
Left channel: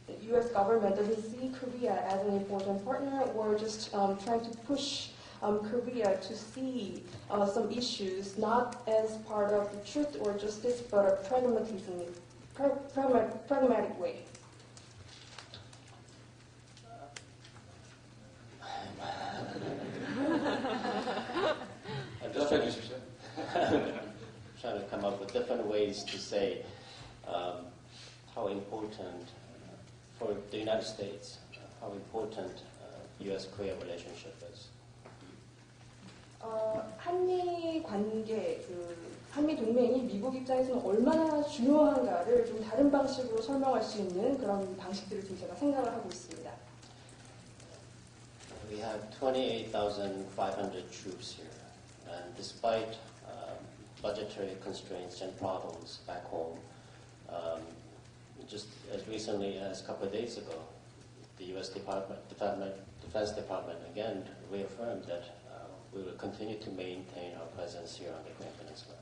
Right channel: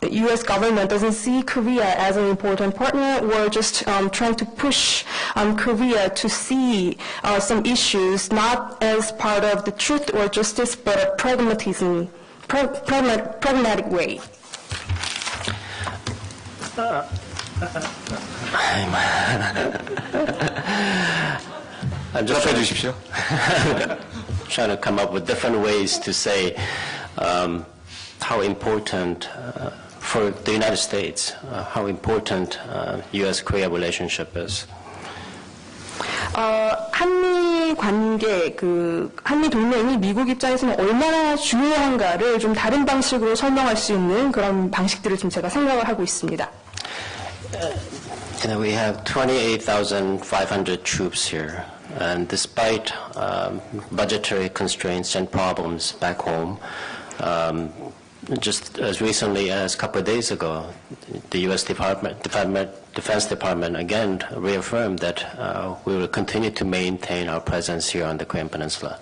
the U.S. government doesn't see Korea as an important partner or just trying to push Korea to see some issues not as part of the truth or justice but a pragmatic way. I'm just trying to come up with different ways to say how important for the United States, how important U.S.-Korea relationship is. 한미 관계, 한미 동맹이 미국 입장에서는 얼마나 중요한가를 좀 다른 방식으로 설명할 수 있는 그런 방식들을 지금 제가 생각을 하고 있습니다. We have 28,500 troops here, and despite budgetary constraints and problems back home, just as recently as a couple of days ago, the U.S. Defense Department again reaffirmed that we will continue to maintain our presence here on the Korean Peninsula.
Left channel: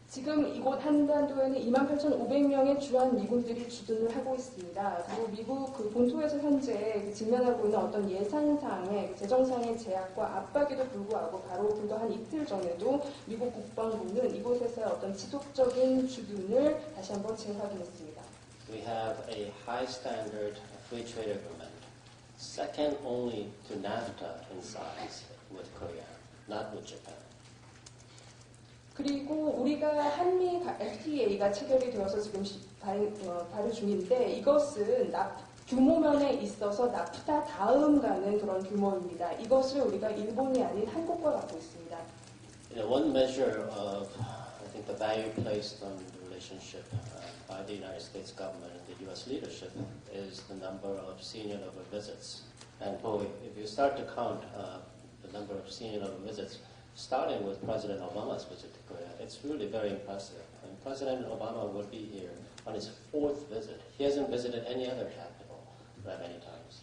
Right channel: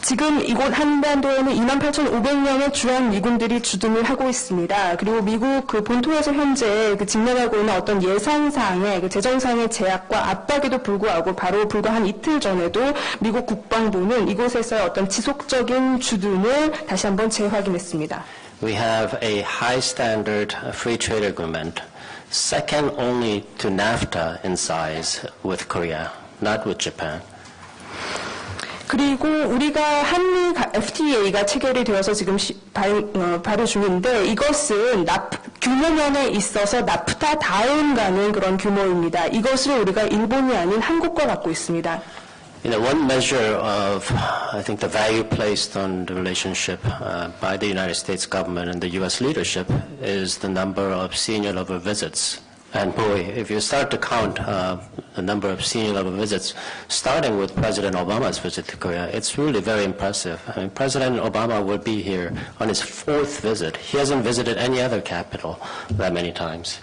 지금 이곳 한반도에는 28,500명의 주한 미군들이 주둔을 하고 있습니다. 그리고 미국 그 본토에서 현재 그 직면하고 있는 어떤 예산상의 그 재정상의 제약과 압박에도 불구하고 바로 불과 한 이틀 전에도 미국 국방부는 이곳에서의 어떤 지속적인 주둔을 다시 한번 재확인했습니다. We have a high standard free trade agreement, second only to NAFTA in size with Korea, not with Japan. 그리고 우리가 한미 FTA가 체결이 되어서 지금 발효 중인데 이것은 규모면에 있어서 나프타 다음 가는 그런 규모입니다. 이것을 우리가 일본이 아닌 한국과 갖고 있습니다. You know, one measure of, I think, the value placed on the relationship by the United States government and the U.S. leadership is the number of senior level visits. And boy, if you start to count the number of senior level visits, starting with President Obama's visit to Korea, it's really very impressive. I mean, President Obama will be here on his 4th visit. He hasn't visited any other capital that many times.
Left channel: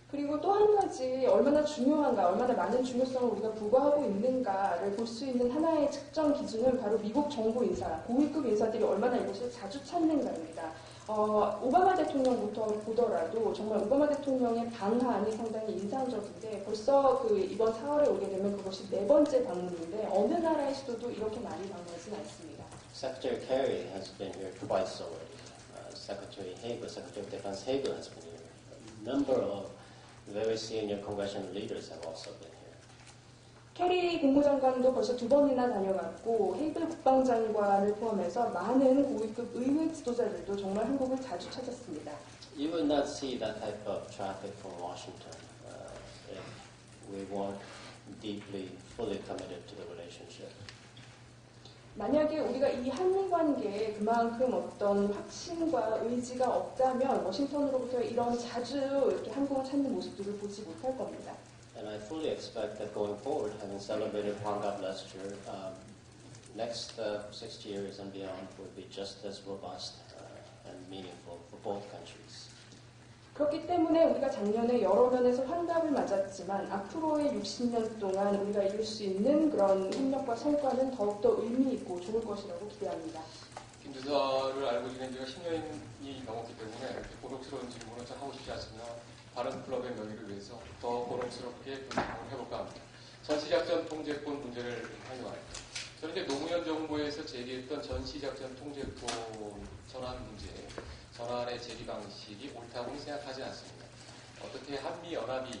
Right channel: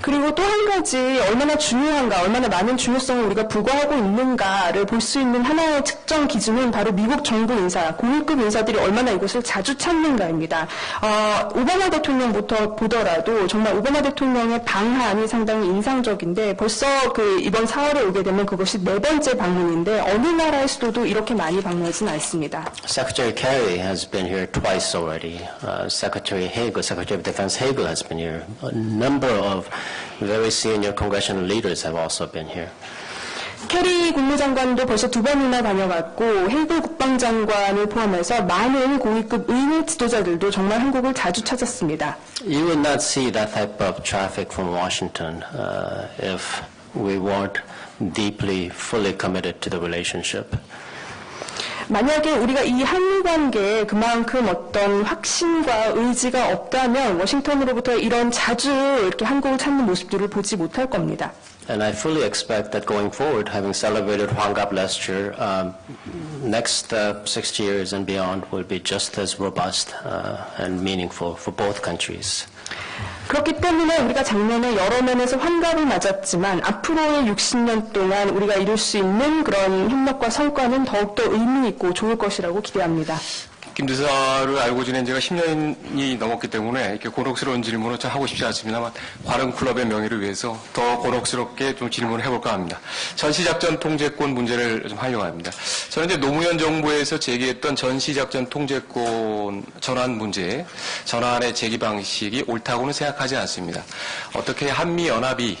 그리고 또 한 가지 얼마나 중요한가, 얼마나 많은 중요성을 우리가 부과하고 있는가를 볼 수 있는 하나의 측정 기준은 바로 미국 정부 인사, 고위급 인사들이 얼마나 이곳을 자주 찾는가입니다. 오바마 대통령부터 보더라도 정말 오바마 대통령의 방한이 상당히 인상적인데 벌써 그 이번 4월에 오게 되면 그것이 4번째 방문인데 어느 나라의 수도도 이렇게 많이 방문하진 않습니다. Secretary Kerry has been here twice already. Secretary Hagel, Secretary of Defense Hagel has been here. A number of very senior congressional leaders have also been here. 캐리 국무장관도 벌써 2번이나 다녀갔고 헤이글 국방장관을 포함해서 많은 고위급 의회 지도자들도 정말 한국을 자주 찾았습니다. You would not see that type of traffic from Washington if we weren't deeply, fully committed to the relationship. 만약에 우리가 이 한미 관계에 그만큼 어떤 확신과 의지가 없다면 워싱턴으로부터 이런 자주 이렇게 한국을 찾는 모습들을 보지 못할 겁니다. And I fully expect that going forward, having celebrated Hwangap last year, next 6 years and beyond will be just as robust and meaningful for both countries. 그렇기 때문에 우리가 작년에 여러 면에서 환갑을 맞았지만 앞으로의 60년 동안 우리가 이룰 수 있는 그런 협력과 성과는 더욱더 의미 있고 좋을 것이라고 기대합니다. 김 대사를 알고 지낸 지가 10년이 넘었기 때문에 이렇게 곤혹스러운 질문을 좀 하고 싶지 않습니다만 관훈클럽의 명예를 위해서 더 곤혹스럽게 좀 질문을 해볼까 합니다. 전시작전 통제권 문제를 좀 하려고 합니다. 저는 이제 노무현 정부에서 제기했던 전시작전 통제권 전환 문제, 전환의 제기 방식이 옳다고는 생각하지 않습니다. 어떻게 한미연합이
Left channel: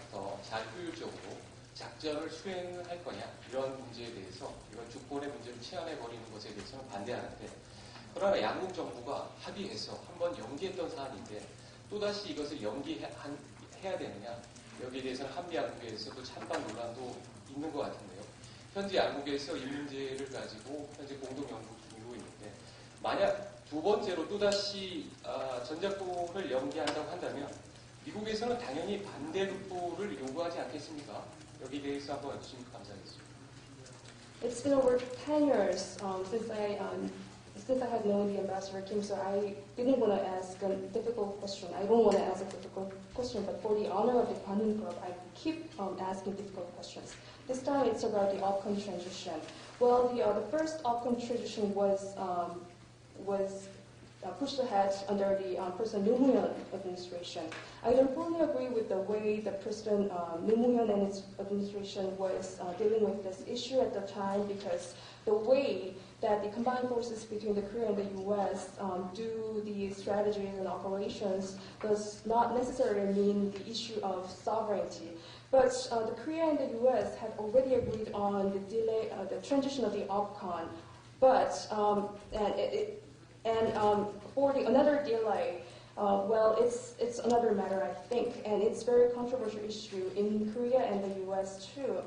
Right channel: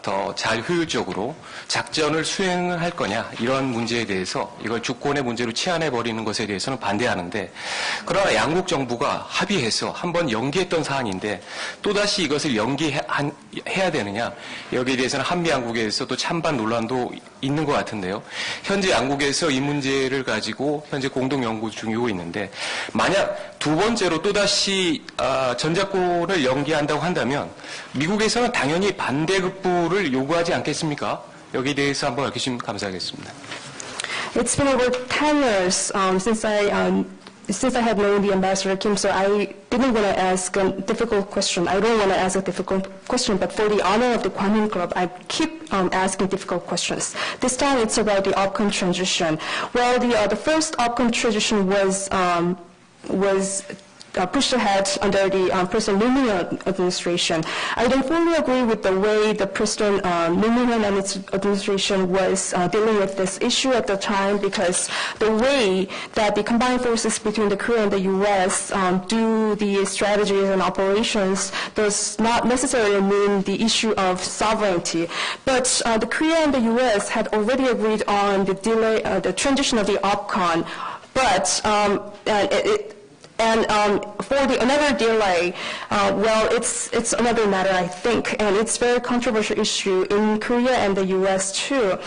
더 잘 효율적으로 작전을 수행을 할 거냐 이런 문제에 대해서 이걸 주권의 문제로 치환해버리는 것에 대해서는 반대하는데 그러나 양국 정부가 합의해서 한번 연기했던 사안인데 또다시 이것을 연기해야 되느냐 여기에 대해서는 한미 양국에서도 찬반 논란도 있는 것 같은데요. 현재 양국에서 이 문제를 가지고 현재 공동 연구 중이고 있는데 만약 두 번째로 또다시 전작권을 연기한다고 한다면 미국에서는 당연히 반대급부를 요구하지 않겠습니까? 여기에 대해서 한번 밝히시면 감사하겠습니다. It's been over 10 years since I have known the Ambassador Kim, so I didn't want to ask a difficult question. I don't want to ask a difficult question, but for the honor of the Kwanun Club, I keep asking difficult questions. This time it's about the OPCOM transition. Well, the first OPCOM transition was pushed ahead under the President Moon Jae-in administration. I don't fully agree with the way the President Moon Jae-in and its administration was dealing with this issue at the time because the way that the combined forces between the Korea and the U.S. Do the strategies and operations does not necessarily mean the issue of sovereignty. But the Korea and the U.S. had already agreed on the delay, the transition of the OPCON, but for another delay, well, it's another matter, I think, and it's a very controversial issue in Korea and the U.S. too.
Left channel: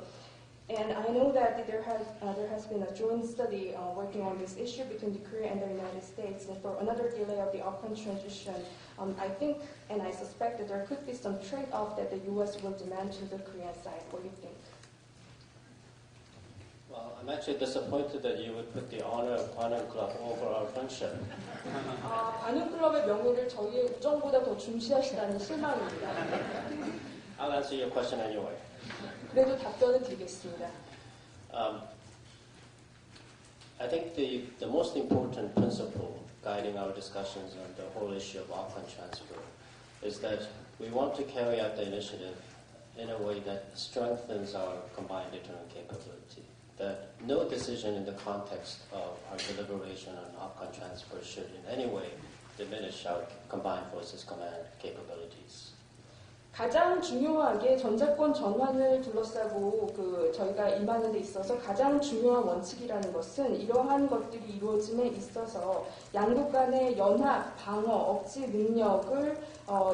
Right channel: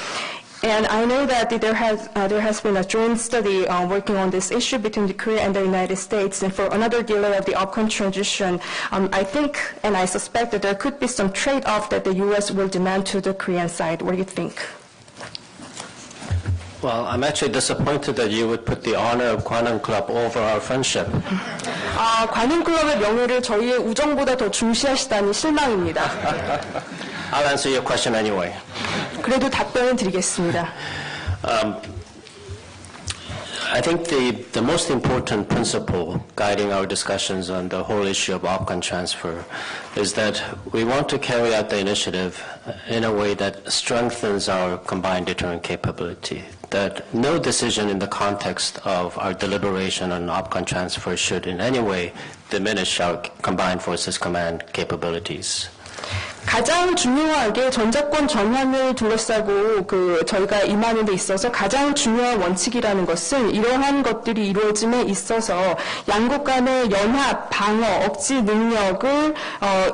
And I know that there has been a joint study working on this issue between the Korea and the United States. And for another delay of the OPCOM transition, I think and I suspect that there could be some trade-off that the U.S. will demand to the Korean side. What do you think? Well, I'm actually disappointed that you would put the honor of Kwanun Club over our friendship. 관훈클럽의 명예를 저희의 우정보다 더 중시하시다니 실망입니다. I'll answer your question anyway. 그래도 답변을 드리겠습니다. I think the most important principle guiding our discussions on the whole issue of opcon transfer is that we want to carry out the initiative in a way that strengthens our combined deterrent capability, that no decision in the context of our deliberation on opcon transfer should in any way diminish our combined forces command capabilities. 가장 중요하게 전작권 전환을 둘러싸고 저희가 임하는 데 있어서 가장 중요한 원칙이라는 것은 이러한 것들이 이루어짐에 있어서 양국 간의 연합, 방어, 억지 능력을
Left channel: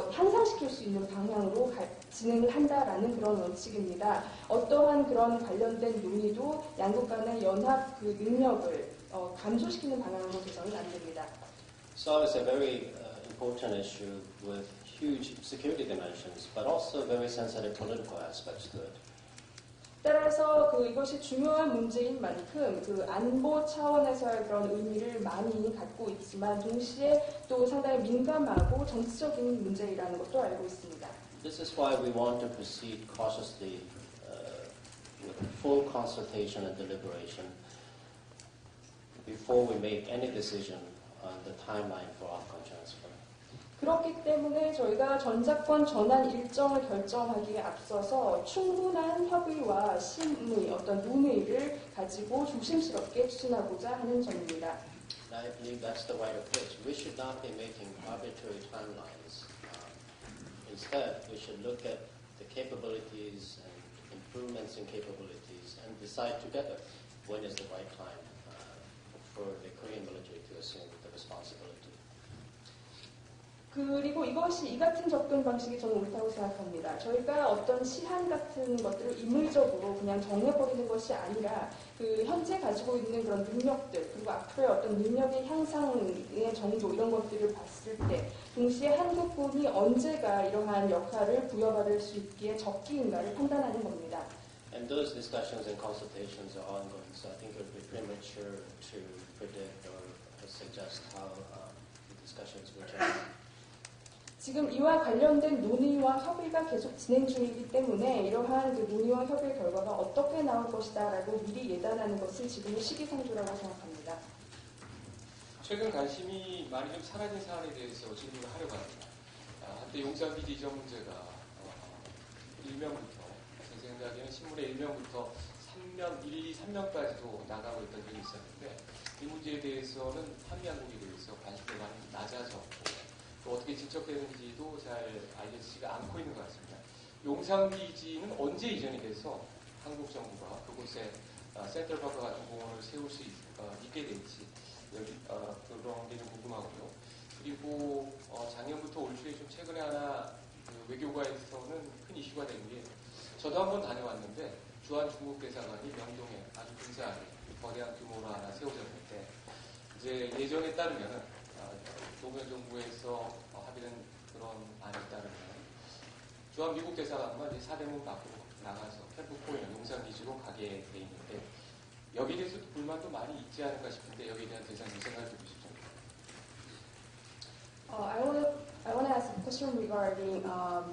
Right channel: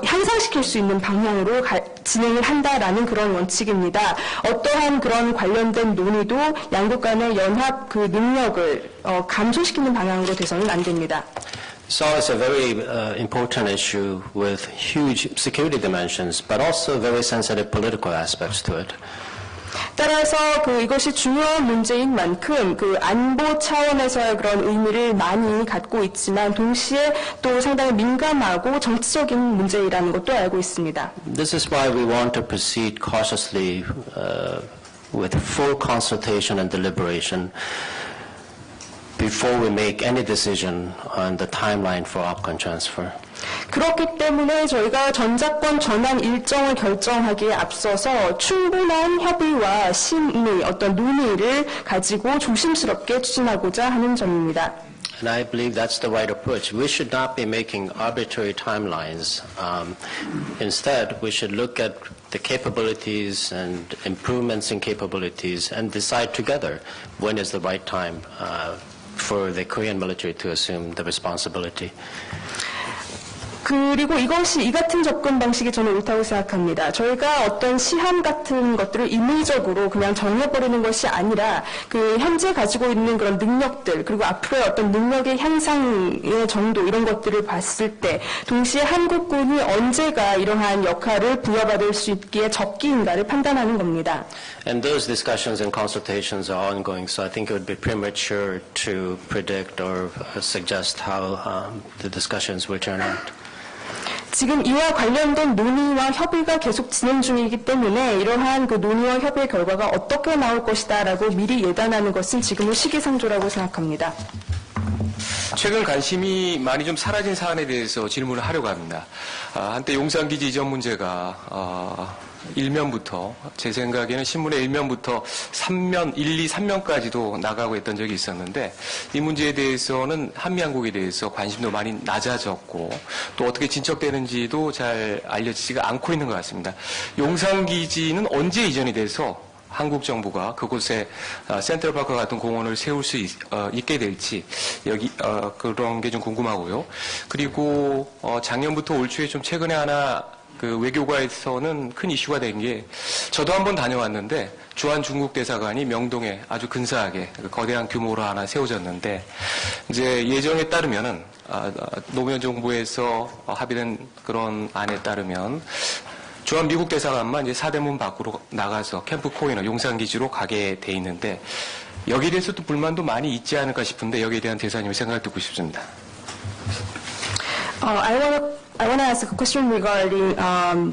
향상시킬 수 있는 방향으로 진행을 한다라는 그런 원칙입니다. 어떠한 그런 관련된 논의도 양국 간의 연합 그 능력을 감소시키는 방향으로 돼서는 안 됩니다. So it's a very important issue with huge security dimensions, but also very sensitive political aspects to it. 따라서 이것이 중요한 문제인 만큼 안보 차원에서의 그런 의미를 많이 갖고 있지만 동시에 또 상당히 민감하고 정치적인 문제이라는 것도 알고 있습니다. This is why we want to proceed cautiously with full consultation and deliberation before we make any decision on the timeline for opcon transfer. 그렇기 때문에 저희가 전작권 전환 일정을 결정하기에 앞서서 충분한 협의와 심의, 어떤 논의를 가지고 조심스럽게 추진하고자 하는 점입니다. And I believe that's the right approach. We should not be making arbitrary timelines. Instead, we should look at the capabilities and improvements in capabilities and decide together when is the right time for the Korean military to assume the responsibility. 그리고 이 같은 접근 방식이 저는 옳다고 생각합니다. 저희가 어떤 시한 같은 것들을 임의적으로 그냥 정해버리는 것이 아니라 현재 가지고 있는 그런 능력들 그리고 앞으로의 어떤 능력의 향상의 정도 이런 것들을 봤을 때 동시에 한국군이 언제가 이러한 역할을 부여받을 수 있기에 적기인가를 판단하는 겁니다. And those discussions and consultations are ongoing, so I think it would be premature to predict or suggest how the discussions will turn out. 지금 이와 관련된 논의와 협의가 계속 진행 중이기 때문에 이러한 논의와 협의의 결과가 어떻게 나올 것이다라고 미리 예단하는 것은 지금은 시기상조라고 생각합니다. 최근 관심이 많이 좀 사라진 사안에 대해서 질문을 하려고 합니다. 한때 용산기지 이전 문제가 일면부터 제 생각에는 신문의 일면부터 3면, 1, 2, 3면까지도 나가고 했던 적이 있었는데 이 문제에 대해서는 한미양국에 대해서 관심도 많이 낮아졌고 또 어떻게 진척되는지도 잘 알려지지가 않고 있는 것 같습니다. 용산기지는 언제 이전이 돼서 한국 정부가 그곳에 센트럴파크 같은 공원을 세울 수 있게 될지 그런 게 좀 궁금하고요. 그리고 작년부터 올 초에 좀 최근에 하나 외교가에서는 큰 이슈가 된 게 저도 한번 다녀왔는데 주한 중국 대사관이 명동에 아주 근사하게 거대한 규모로 하나 세워졌는데 이제 예정에 따르면은 노무현 정부에서 합의된 그런 안에 따르면 주한 미국 대사관만 이제 사대문 밖으로 나가서 캠프 코이너 용산기지로 가게 돼 있는데 여기에 대해서도 불만도 많이 있지 않을까 싶은데 여기에 대한 대사님의 생각을 듣고 싶습니다. I want to ask a question regarding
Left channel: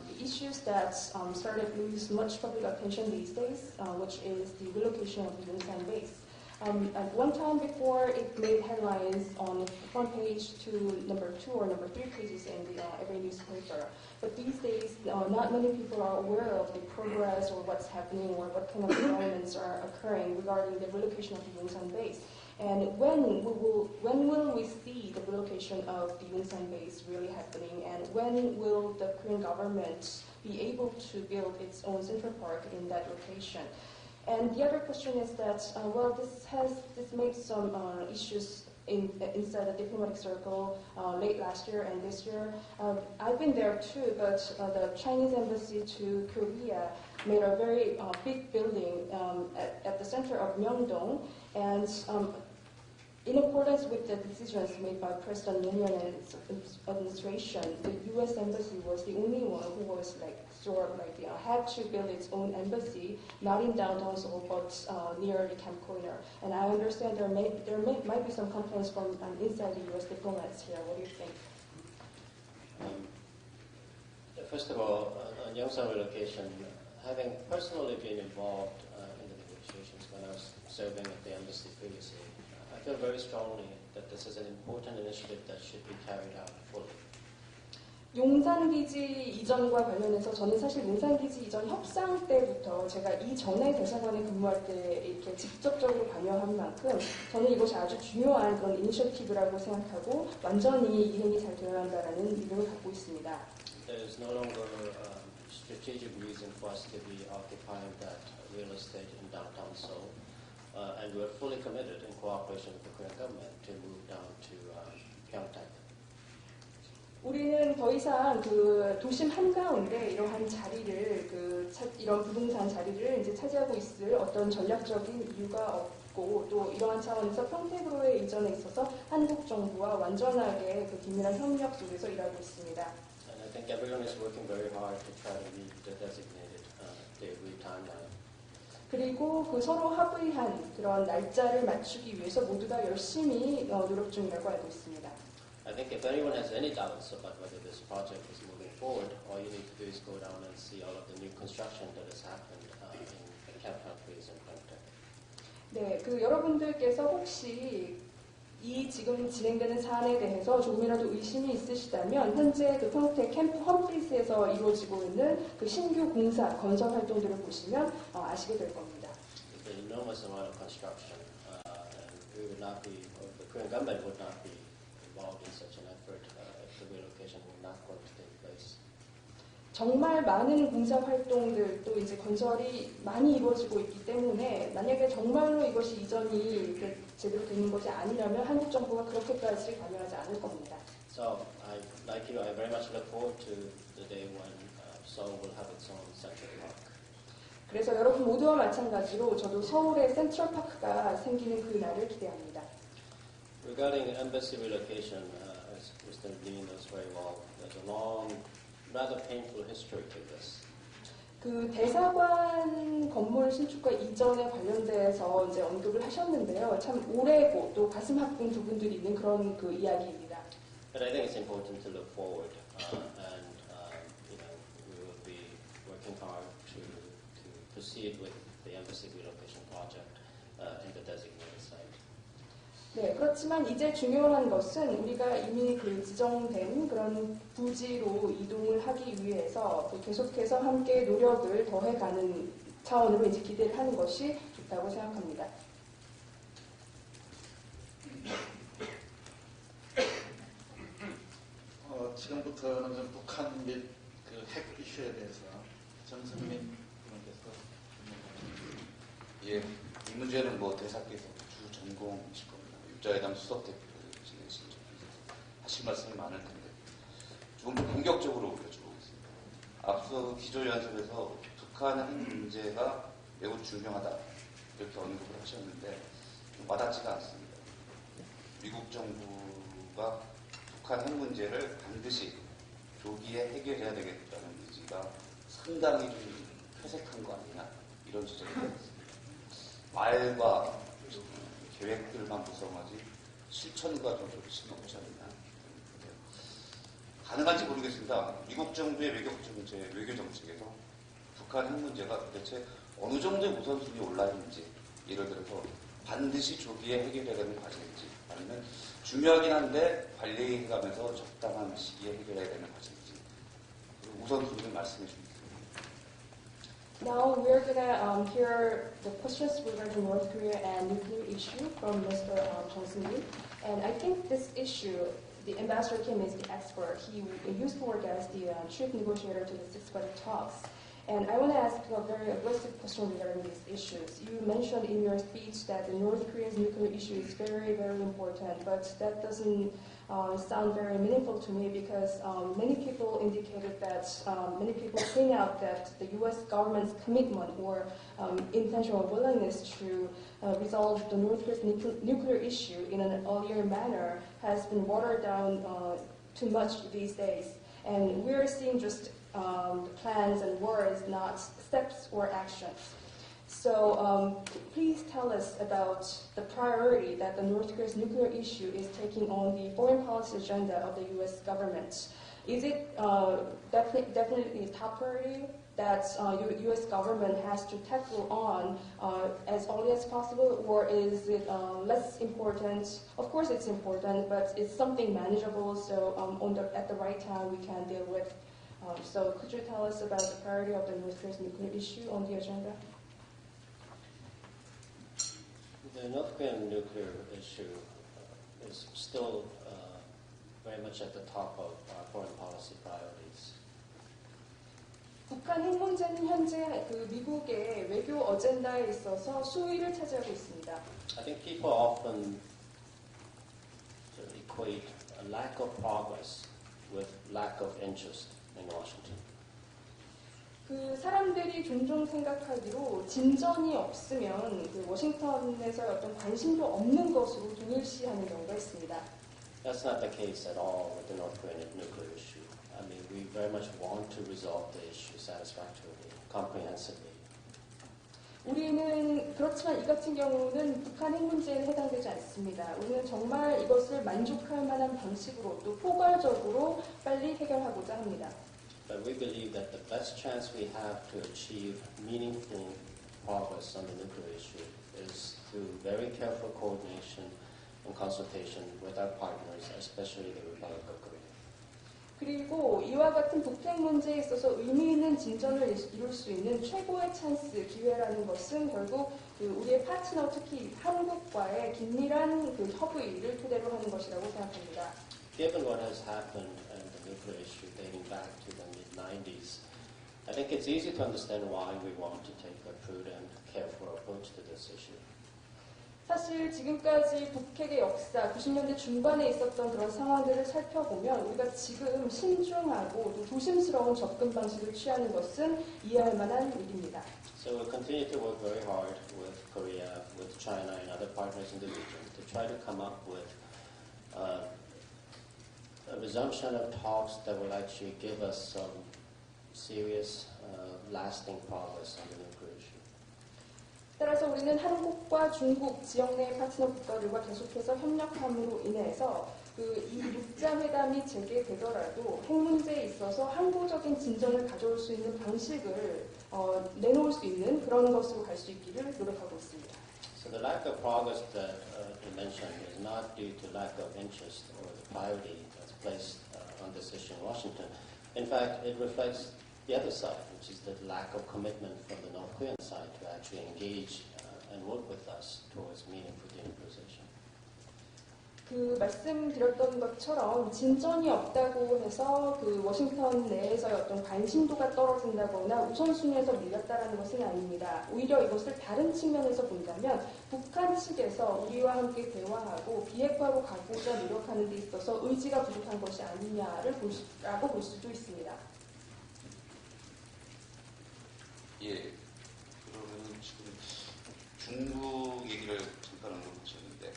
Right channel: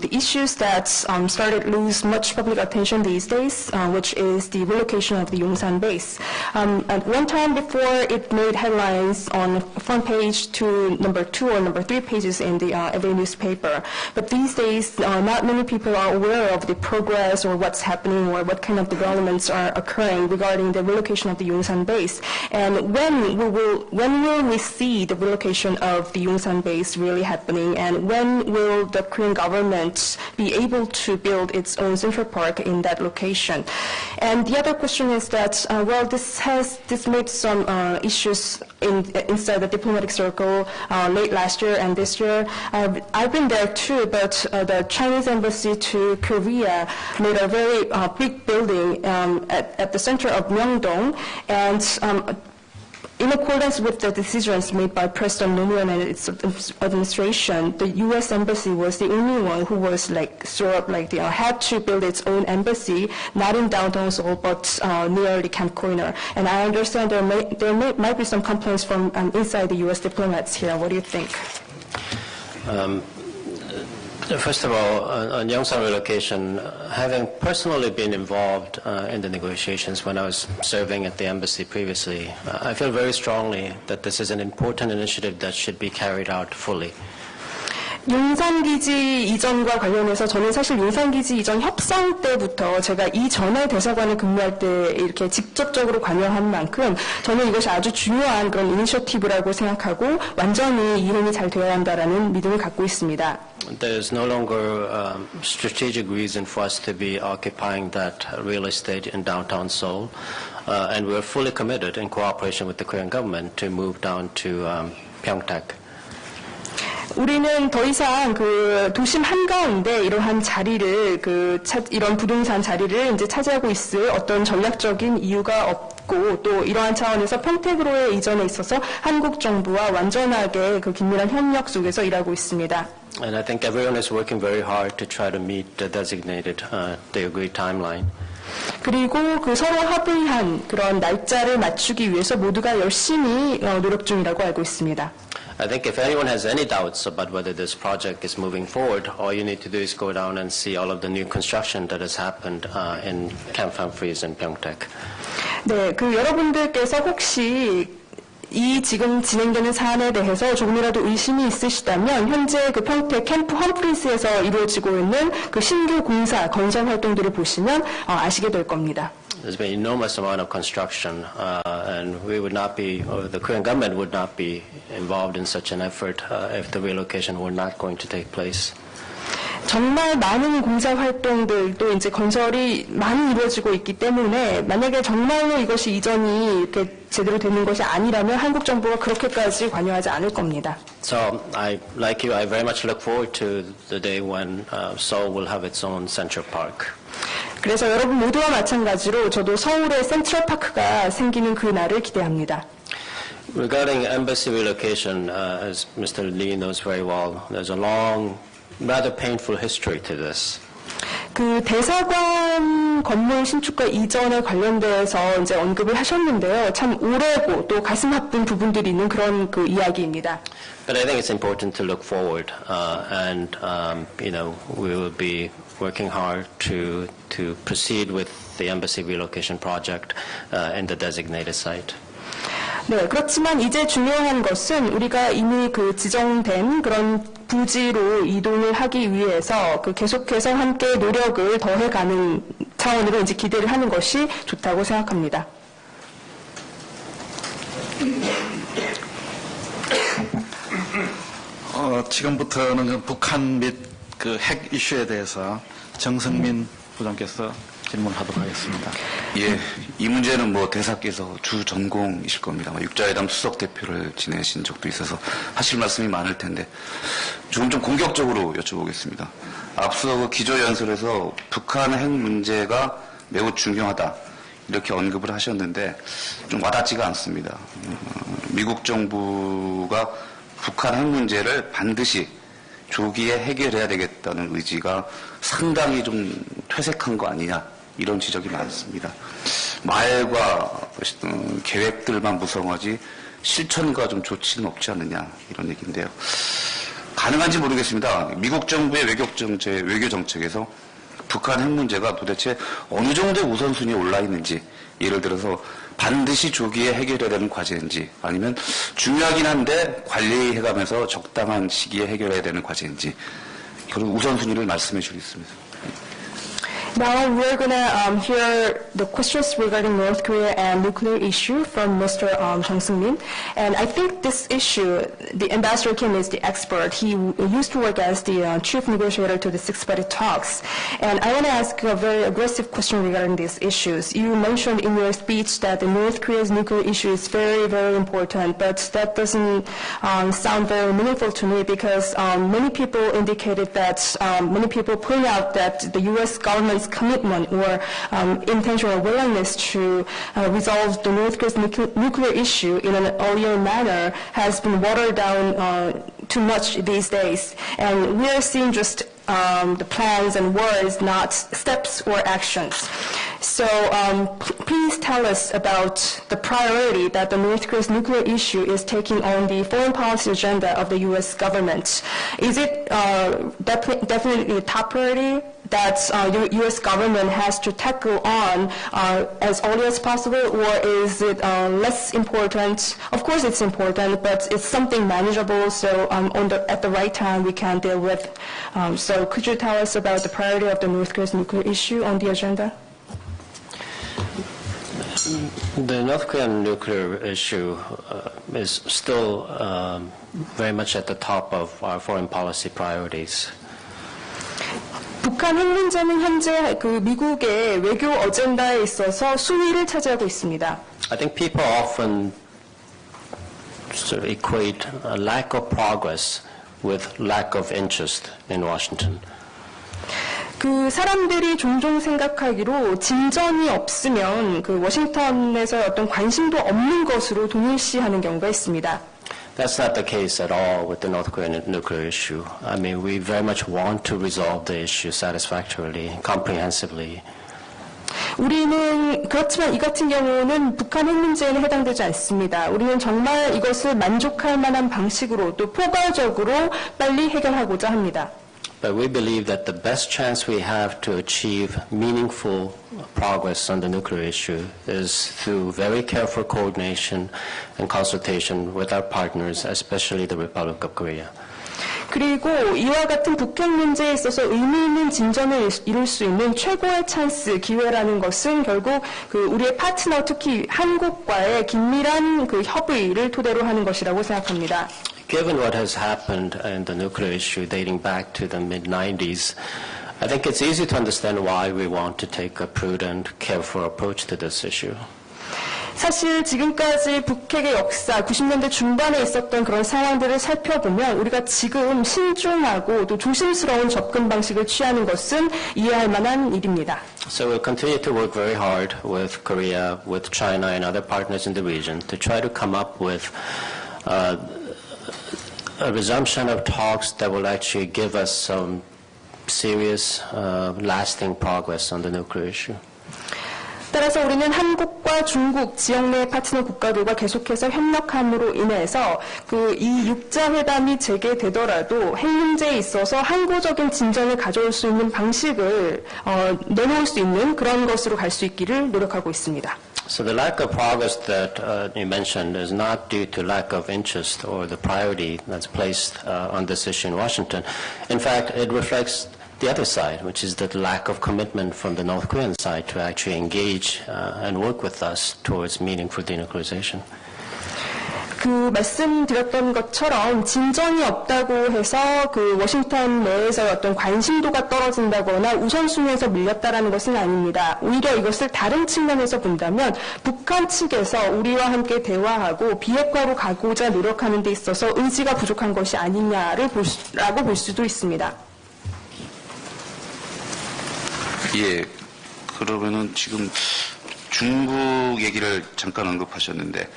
the issues that started lose much public attention these days, which is the relocation of the Yongsan base. At one time before, it made headlines on front page to number 2 or number 3 pages in the every newspaper. But these days, not many people are aware of the progress or what's happening or what kind of developments are occurring regarding the relocation of the Yongsan base. And when will we see the relocation of the Yongsan base really happening? And when will the Korean government be able to build its own Central Park in that location? And the other question is that, this made some issues inside the diplomatic circle late last year and this year. I've been there too, but the Chinese embassy to Korea made a very big building at the center of Myeongdong, and in accordance with the decisions made by President Nomuan and its administration, the U.S. Embassy was the only one who was had to build its own embassy, not in downtown Seoul, but near the Camp Koiner. And I understand there might be some complaints from inside the U.S. diplomats here. What do you think? First of all, on Yongsan relocation, having personally been involved in the negotiations when I was serving at the embassy previously, I feel very strongly that this is an important initiative that should be carried out fully. 용산기지 이전과 관련해서 저는 사실 용산기지 이전 협상 때부터 제가 이전에 대사관에 근무할 때 이렇게 직접적으로 관여한 만큼 저는 이것이 아주 중요한 그런 이니셔티브라고 생각하고 완전히 이행이 잘 되어야 한다라는 믿음을 갖고 있습니다. There is no longer strategic reason for us to be occupying that real estate in downtown Seoul, and we're fully committed in cooperation with the Korean government to move down to Pyeongtaek. 우리는 더 이상 그 도심 한가운데 이러한 자리를 이런 부동산 자리를 이제 차지하고 있을 어떤 전략적인 이유가 없고 또 이러한 차원에서 평택으로의 이전에 있어서 한국 정부와 완전하게 그 긴밀한 협력 속에서 일하고 있습니다. And I think everyone is working very hard to try to meet the designated, the agreed timeline. 그리고 그 서로 합의한 그런 날짜를 맞추기 위해서 모두가 열심히 노력 중이라고 알고 있습니다. I think if anyone has any doubts about whether this project is moving forward, all you need to do is go down and see all of the new construction that has happened in Camp Humphreys and Pyeongtaek. 네, 그 여러분들께서 혹시 이 지금 진행되는 사안에 대해서 조금이라도 의심이 있으시다면 현재 그 평택 캠프 험프리스에서 이루어지고 있는 그 신규 공사 건설 활동들을 보시면 아시게 될 겁니다. There's been an enormous amount of construction, and we would not be, or the Korean government would not be involved in such an effort if the relocation were not going to take place. 정말 많은 공사 활동들도 이제 건설이 많이 이루어지고 있기 때문에 만약에 정말로 이것이 이전이 이렇게 제대로 되는 것이 아니라면 한국 정부가 그렇게까지 관여하지 않을 겁니다. So, like you, I very much look forward to the day when Seoul will have its own Central Park. 그래서 여러분 모두와 마찬가지로 저도 서울에 센트럴파크가 생기는 그 날을 기대합니다. Regarding embassy relocation, as Mr. Lee knows very well, there's a long, rather painful history to this. 그 대사관 건물 신축과 이전에 관련돼서 이제 언급을 하셨는데요. 참 오래고 또 가슴 아픈 부분들이 있는 그런 그 이야기입니다. But I think it's important to look forward, and we will be working hard to proceed with the embassy relocation project in the designated site. 네, 그렇지만 이제 중요한 것은 우리가 이미 그 지정된 그런 부지로 이동을 하기 위해서 그 계속해서 함께 노력을 더해가는 차원으로 이제 기대를 하는 것이 좋다고 생각합니다. 지금부터는 북한 및 그 핵 이슈에 대해서 정성민 부장께서 질문하도록 하겠습니다. 예, 이 문제는 뭐 대사께서 주 전공이실 겁니다. 육자회담 수석 대표를 지내신 적도 있어서 하실 말씀이 많을 텐데 조금 좀 공격적으로 여쭤보겠습니다. 앞서 그 기조연설에서 북한 핵 문제가 매우 중요하다 이렇게 언급을 하셨는데 좀 와닿지가 않습니다. 미국 정부가 북한 핵 문제를 반드시 조기에 해결해야 되겠다는 의지가 상당히 좀 퇴색한 거 아니냐 이런 지적이 많습니다. 말과 계획들만 무성하지 실천과 좀 조치는 없지 않느냐 이런 얘기인데요. 가능한지 모르겠습니다. 미국 정부의 외교 정책에서 북한 핵 문제가 도대체 어느 정도의 우선순위에 올라 있는지, 예를 들어서 반드시 조기에 해결해야 되는 과제인지, 아니면 중요하긴 한데 관리해가면서 적당한 시기에 해결해야 되는 과제인지, 그런 우선순위를 말씀해 주겠습니다. Now we're going to hear the questions regarding North Korea and nuclear issue from Mr. Jung Seung-min. And I think this issue, the Ambassador Kim is the expert. He used to work as the chief negotiator to the six-party talks. And I want to ask a very aggressive question regarding these issues. You mentioned in your speech that the North Korea's nuclear issue is very, very important, but that doesn't sound very meaningful to me because many people indicated that, many people point out that the U.S. government's commitment or intentional willingness to resolve the North Korea's nuclear issue in an earlier manner has been watered down too much these days. And we are seeing just the plans and words, not steps or actions. So please tell us about the priority that the North Korea's nuclear issue is taking on the foreign policy agenda of the U.S. government. Is it definitely a top priority that the U.S. government has to tackle on as early as possible, or is it less important? Of course it's important, but it's something manageable, so at the right time we can deal with. So could you tell us about the priority of the North Korea's nuclear issue on the agenda? The North Korean nuclear issue is still very much at the top of our foreign policy priorities. 북한 핵 문제는 현재 그 미국의 외교 어젠다에 있어서 수위를 차지하고 있습니다. I think people often sort of equate a lack of progress with lack of interest in Washington. 그 사람들이 종종 생각하기로 진전이 없으면 그 워싱턴에서 어떤 관심도 없는 것으로 동일시하는 경우가 있습니다. That's not the case at all with the North Korean nuclear issue. I mean, we very much want to resolve the issue satisfactorily, comprehensively. 우리는 그렇지만 이 같은 경우는 북한 핵 문제에는 해당되지 않습니다. 우리는 정말 이것을 만족할 만한 방식으로 또 포괄적으로 빨리 해결하고자 합니다. But we believe that the best chance we have to achieve meaningful progress on the nuclear issue is through very careful coordination and consultation with our partners, especially the Republic of Korea. 그리고 이와 같은 북핵 문제에 있어서 의미 있는 진전을 이룰 수 있는 최고의 찬스, 기회라는 것은 결국 그 우리의 파트너, 특히 한국과의 긴밀한 그 협의를 토대로 하는 것이라고 생각합니다. Given what has happened in the nuclear issue dating back to the mid-90s, I think it's easy to understand why we want to take a prudent, careful approach to this issue. 사실 지금까지 북핵의 역사, 90년대 중반에 있었던 그런 상황들을 살펴보면 우리가 지금 신중하고 또 조심스러운 접근 방식을 취하는 것은 이해할 만한 일입니다. So we'll continue to work very hard with Korea, with China and other partners in the region to try to come up with a resumption of talks that will actually give us some serious, lasting progress on the nuclear issue. 따라서 우리는 한국과 중국, 지역 내 파트너 국가들과 계속해서 협력함으로 인해서 이 6자 회담이 재개되더라도 핵 문제에 있어서 항구적인 진전을 가져올 수 있는 방식을 내놓을 수 있는 그런 것으로 갈 수 있기를 노력하고 있습니다. So the lack of progress that you mentioned is not due to lack of interest or the priority that's placed on this issue in Washington. In fact, it reflects the other side, which is the lack of commitment from the North Korean side to actually engage and work with us towards meaningful denuclearization. 그 말씀드렸던 것처럼 진전이 없다고 해서 그 워싱턴 내에서 어떤 관심도가 떨어진다거나 우선순위에서 밀렸다라는 것은 아닙니다. 오히려 이것을 다른 측면에서 본다면 북한 측에서 우리와 함께 대화하고 비핵화로 가고자 노력하는 데 있어서 의지가 부족한 것이 아니냐라고 볼 수도 있습니다. 예, 그러면은 지금 중국 얘기를 잠깐 언급하셨는데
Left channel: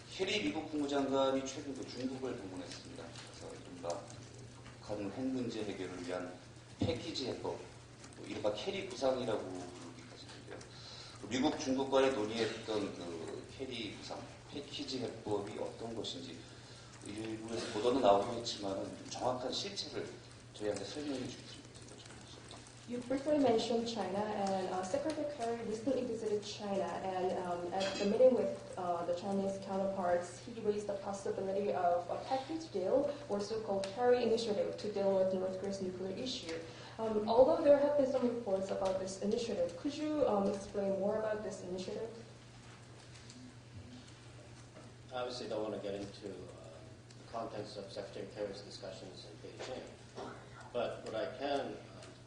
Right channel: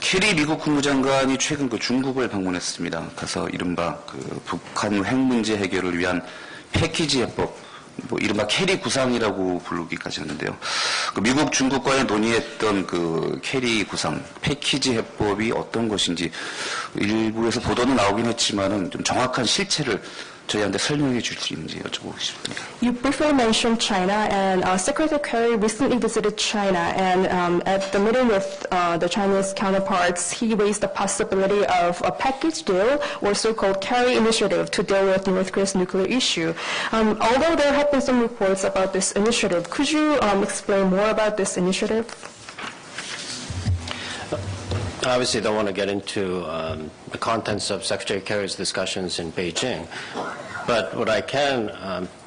캐리 미국 국무장관이 최근 그 중국을 방문했습니다. 가서 이른바 그 북한 핵 문제 해결을 위한 패키지 해법, 뭐 이른바 캐리 구상이라고 부르기까지 하는데요. 그 미국 중국과의 논의했던 그 캐리 구상, 패키지 해법이 어떤 것인지 일부에서 보도는 나오긴 했지만은 좀 정확한 실체를 저희한테 설명해 줄 수 있는지 여쭤보고 싶습니다. You briefly mentioned China, and Secretary Kerry recently visited China, and at the meeting with the Chinese counterparts, he raised the possibility of a package deal, or so-called Kerry initiative, to deal with North Korea's nuclear issue. Although there have been some reports about this initiative, could you explain more about this initiative? I obviously don't want to get into the contents of Secretary Kerry's discussions in Beijing, but what I can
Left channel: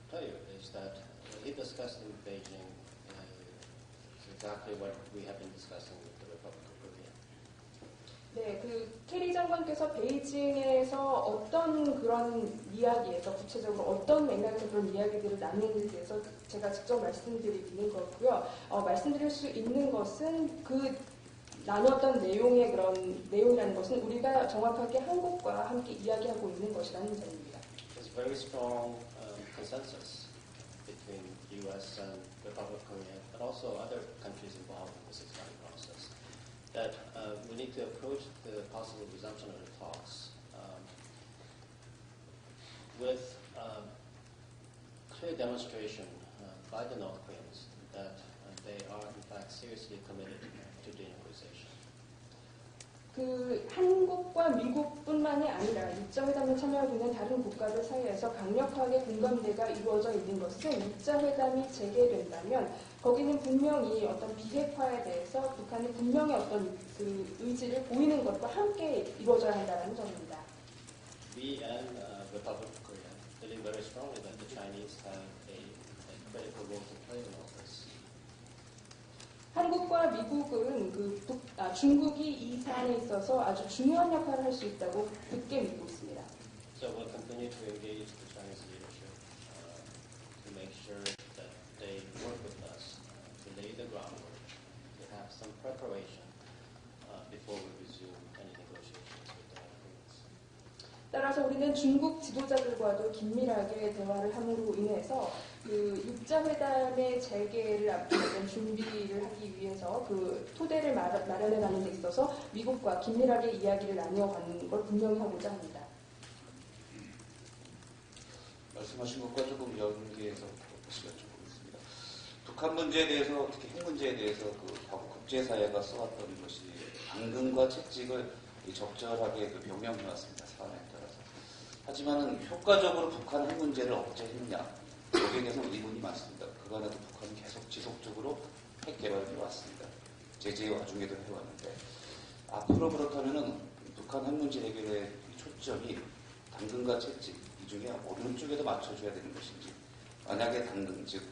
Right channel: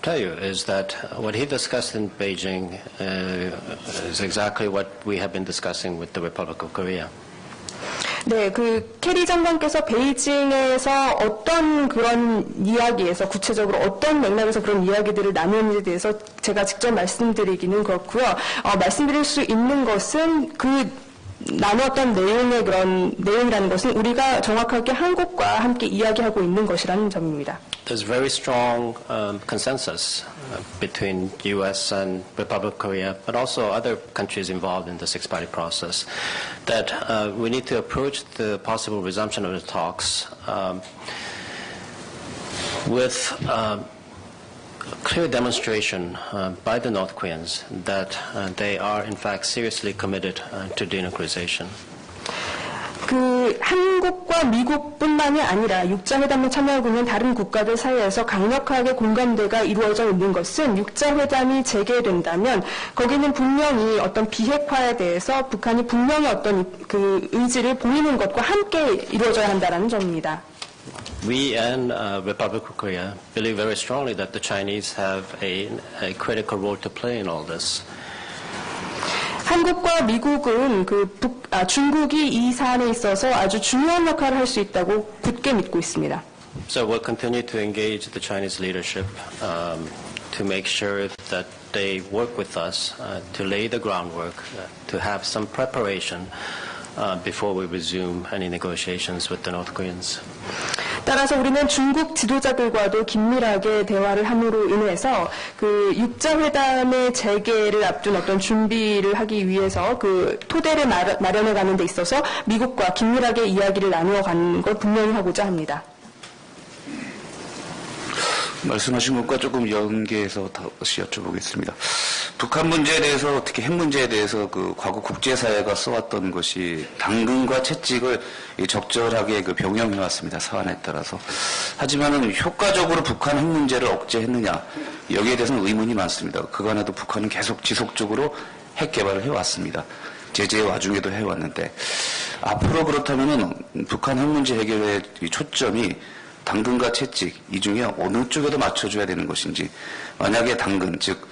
tell you is that what he discussed in Beijing is exactly what we have been discussing with the Republic of Korea. 네, 그 캐리 장관께서 베이징에서 어떤 그런 이야기에서 구체적으로 어떤 맥락에서 그런 이야기들을 나누는지에 대해서 제가 직접 말씀드리기는 그렇고요. 말씀드릴 수 있는 것은 그 나눴던 내용의 그런 내용이라는 것은 우리가 정확하게 한국과 함께 이야기하고 있는 것이라는 점입니다. There's very strong consensus between U.S. and Republic of Korea, but also other countries involved in the six-party process, that we need to approach the possible resumption of the talks with clear demonstration by the North Koreans that they are in fact seriously committed to denuclearization. 그 한국과 미국뿐만이 아니라 육자회담에 참여하고 있는 다른 국가들 사이에서 강력하게 공감대가 이루어져 있는 것은 육자회담이 재개된다면 거기는 분명히 어떤 비핵화에 대해서 북한이 분명히 어떤 그 의지를 보이는 것과 함께 이루어져야 한다는 점입니다. We and Republic of Korea believe very strongly that the Chinese have a critical role to play in all this. 한국과 미국은 중국이 이 사안에 있어서 아주 중요한 역할을 할 수 있다고 굳게 믿고 있습니다. So we'll continue to engage the Chinese leadership to make sure that they work with us to lay the groundwork, to have some preparation before we resume any negotiations with the North Koreans. 따라서 우리는 중국 지도자들과도 긴밀하게 대화를 함으로 인해서 그 육자회담의 재개를 앞둔 어떤 준비를 하기 위해서 그 토대를 마련해 가는 데 있어서 미국과 긴밀하게 이야기를 나누어 가는 걸 분명히 하고자 합니다. 말씀하신 것과 조금 연계해서 다시 여쭤보겠습니다. 북한 문제에 대해서, 특히 핵 문제에 대해서 그 과거 국제사회가 써왔던 것이 당근과 채찍을 적절하게 그 병행해왔습니다. 사안에 따라서. 하지만은 효과적으로 북한 핵 문제를 억제했느냐, 여기에 대해서는 의문이 많습니다. 그간에도 북한은 계속 지속적으로 핵 개발을 해왔습니다. 제재의 와중에도 해왔는데, 앞으로 그렇다면은 북한 핵 문제 해결의 초점이 당근과 채찍, 이 중에 어느 쪽에도 맞춰줘야 되는 것인지, 만약에 당근, 즉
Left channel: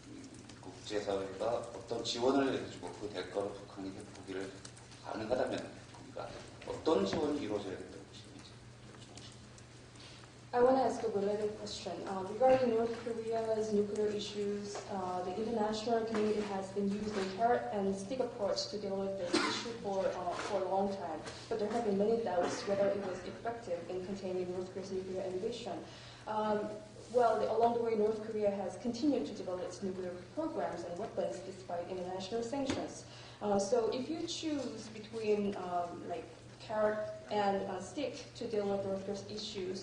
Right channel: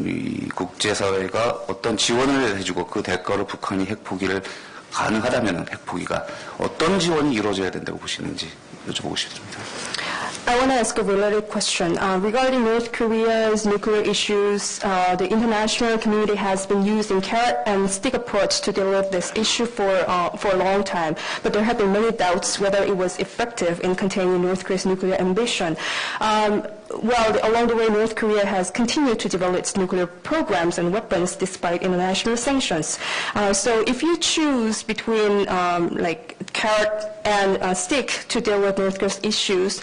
이 국제사회가 어떤 지원을 해주고 그 대가로 북한이 핵 포기를 가능하다면 핵 포기가 어떤 지원이 이루어져야 된다고 보시는지 여쭤보고 싶습니다. I want to ask a related question. Regarding North Korea's nuclear issues, the international community has been using carrot and stick approach to deal with this issue for a long time, but there have been many doubts whether it was effective in containing North Korea's nuclear ambition. Well, along the way, North Korea has continued to develop its nuclear programs and weapons despite international sanctions. So if you choose between like carrot and stick to deal with North Korea's issues,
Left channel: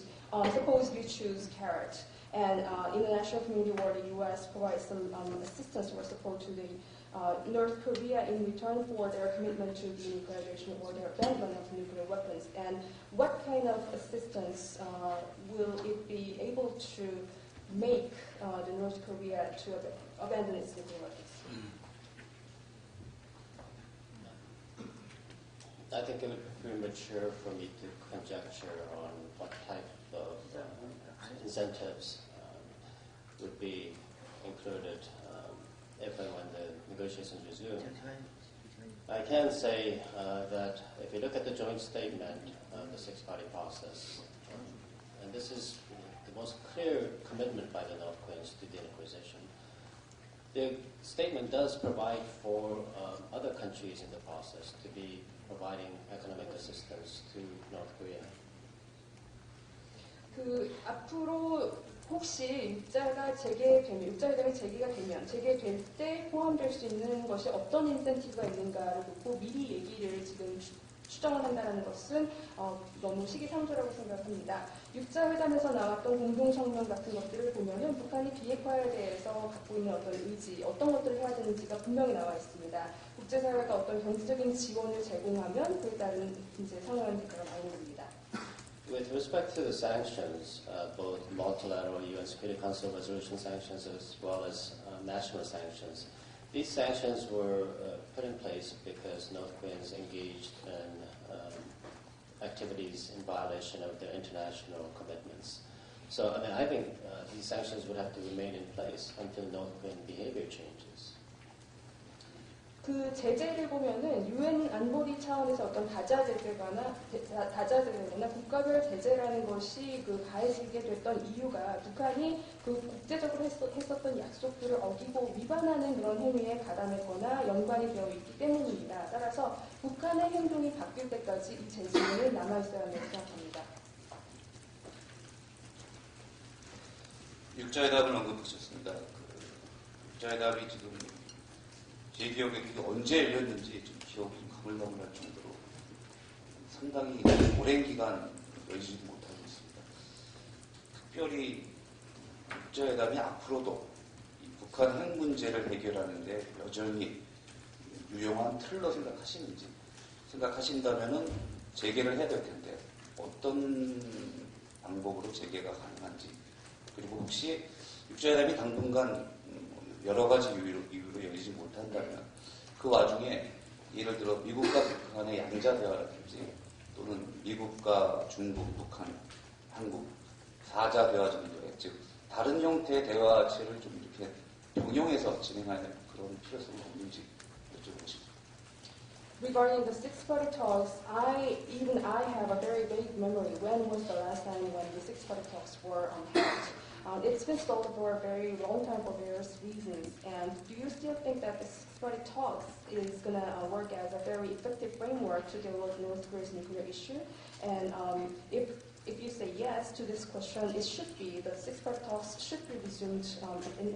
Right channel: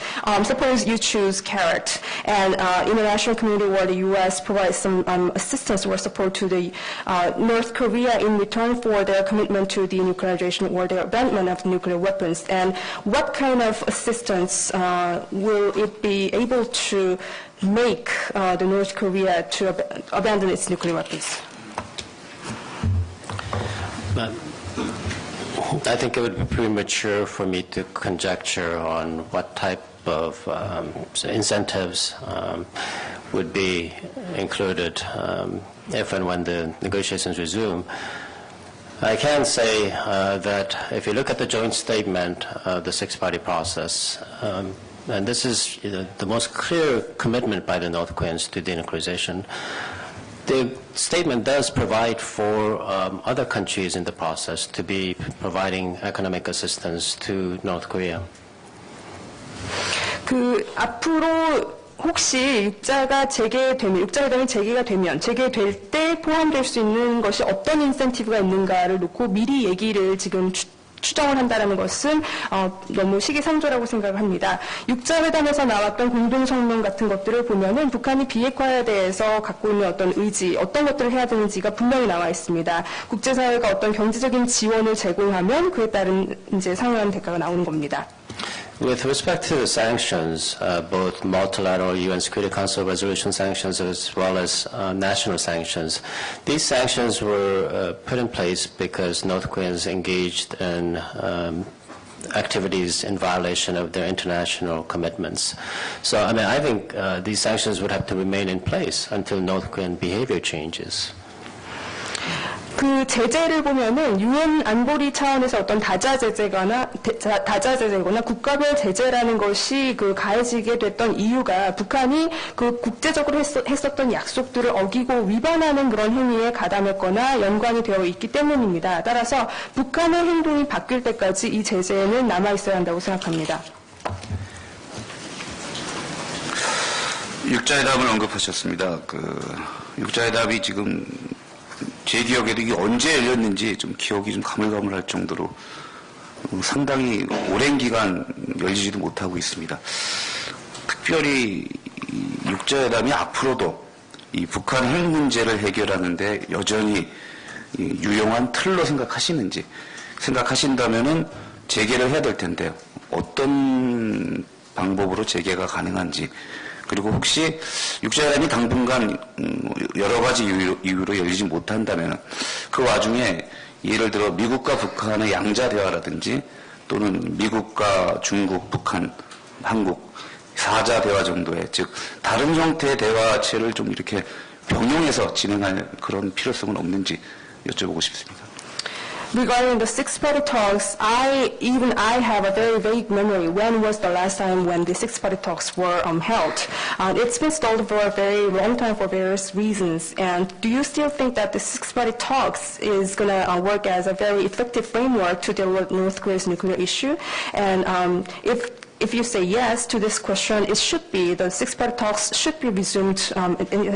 suppose you choose carrot and international community or the U.S. provides some assistance or support to the North Korea in return for their commitment to denuclearization or their abandonment of nuclear weapons. And what kind of assistance will it be able to make the North Korea to abandon its nuclear weapons? I think it would be premature for me to conjecture on what type of incentives would be included if and when the negotiations resume. I can say that if you look at the joint statement of the six-party process, and this is the most clear commitment by the North Koreans to denuclearization, the statement does provide for other countries in the process to be providing economic assistance to North Korea. 그 앞으로 혹시 육자회담이 재개될 때 포함될 수 있는 것이 어떤 인센티브가 있는가를 놓고 미리 얘기를 지금 추정을 한다는 것은 너무 시기상조라고 생각을 합니다. 육자회담에서 나왔던 공동성명 같은 것들을 보면은 북한이 비핵화에 대해서 갖고 있는 어떤 의지, 어떤 것들을 해야 되는지가 분명히 나와 있습니다. 국제사회가 어떤 경제적인 지원을 제공하면 그에 따른 이제 상응하는 대가가 나오는 겁니다. With respect to the sanctions, both multilateral UN Security Council resolution sanctions as well as national sanctions, these sanctions were put in place because North Koreans engaged in activities in violation of their international commitments. So, I mean, I think these sanctions would have to remain in place until North Korean behavior changes. 그 제재를 보면은 유엔 안보리 차원에서 어떤 다자제재거나 국가별 제재라는 것이 그 가해지게 됐던 이유가 북한이 그 국제적으로 했었던 약속들을 어기고 위반하는 그런 행위에 가담했거나 연관이 되어 있기 때문입니다. 따라서 북한의 행동이 바뀔 때까지 이 제재는 남아 있어야 한다고 생각합니다. 육자회담을 언급하셨습니다. 육자회담이 지금 제 기억에도 이게 언제 열렸는지 좀 기억이 좀 가물가물할 정도로 상당히 오랜 기간 열리지도 못하고 있습니다. 특별히 이 육자회담이 앞으로도 이 북한 핵 문제를 해결하는데 여전히 유용한 틀로 생각하신다면은 재개를 해야 될 텐데요. 어떤 방법으로 재개가 가능한지, 그리고 혹시 육자회담이 당분간 여러 가지 이유로 열리지 못한다면 그 와중에 예를 들어 미국과 북한의 양자 대화라든지 또는 미국과 중국, 북한, 한국 사자 대화 정도의, 즉 다른 형태의 대화체를 좀 이렇게 병용해서 진행할 그런 필요성은 없는지 여쭤보고 싶습니다. Regarding the six-party talks, I have a very vague memory. When was the last time when the six-party talks were held? It's been stalled for a very long time for various reasons. And do you still think that the six-party talks is going to work as a very effective framework to deal with North Korea's nuclear issue? And if you say yes to this question, the six-party talks should be resumed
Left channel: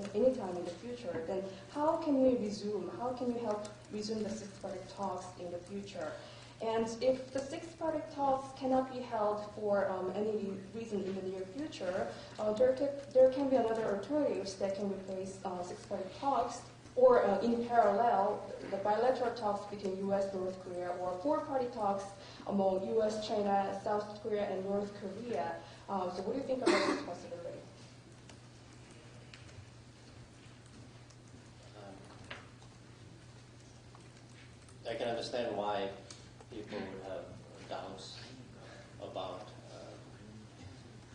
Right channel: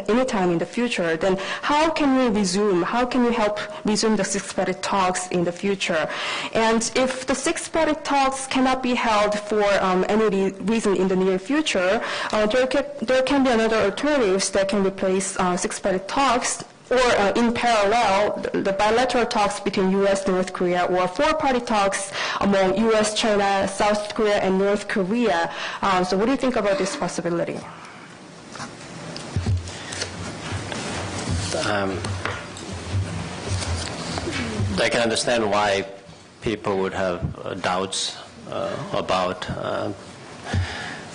anytime in the future. Then how can you help resume the six-party talks in the future? And if the six-party talks cannot be held for any reason in the near future, there can be another alternatives that can replace six-party talks, or in parallel, the bilateral talks between U.S. North Korea, or four-party talks among U.S., China, South Korea, and North Korea. So what do you think about this possibility? I can understand why people would have doubts about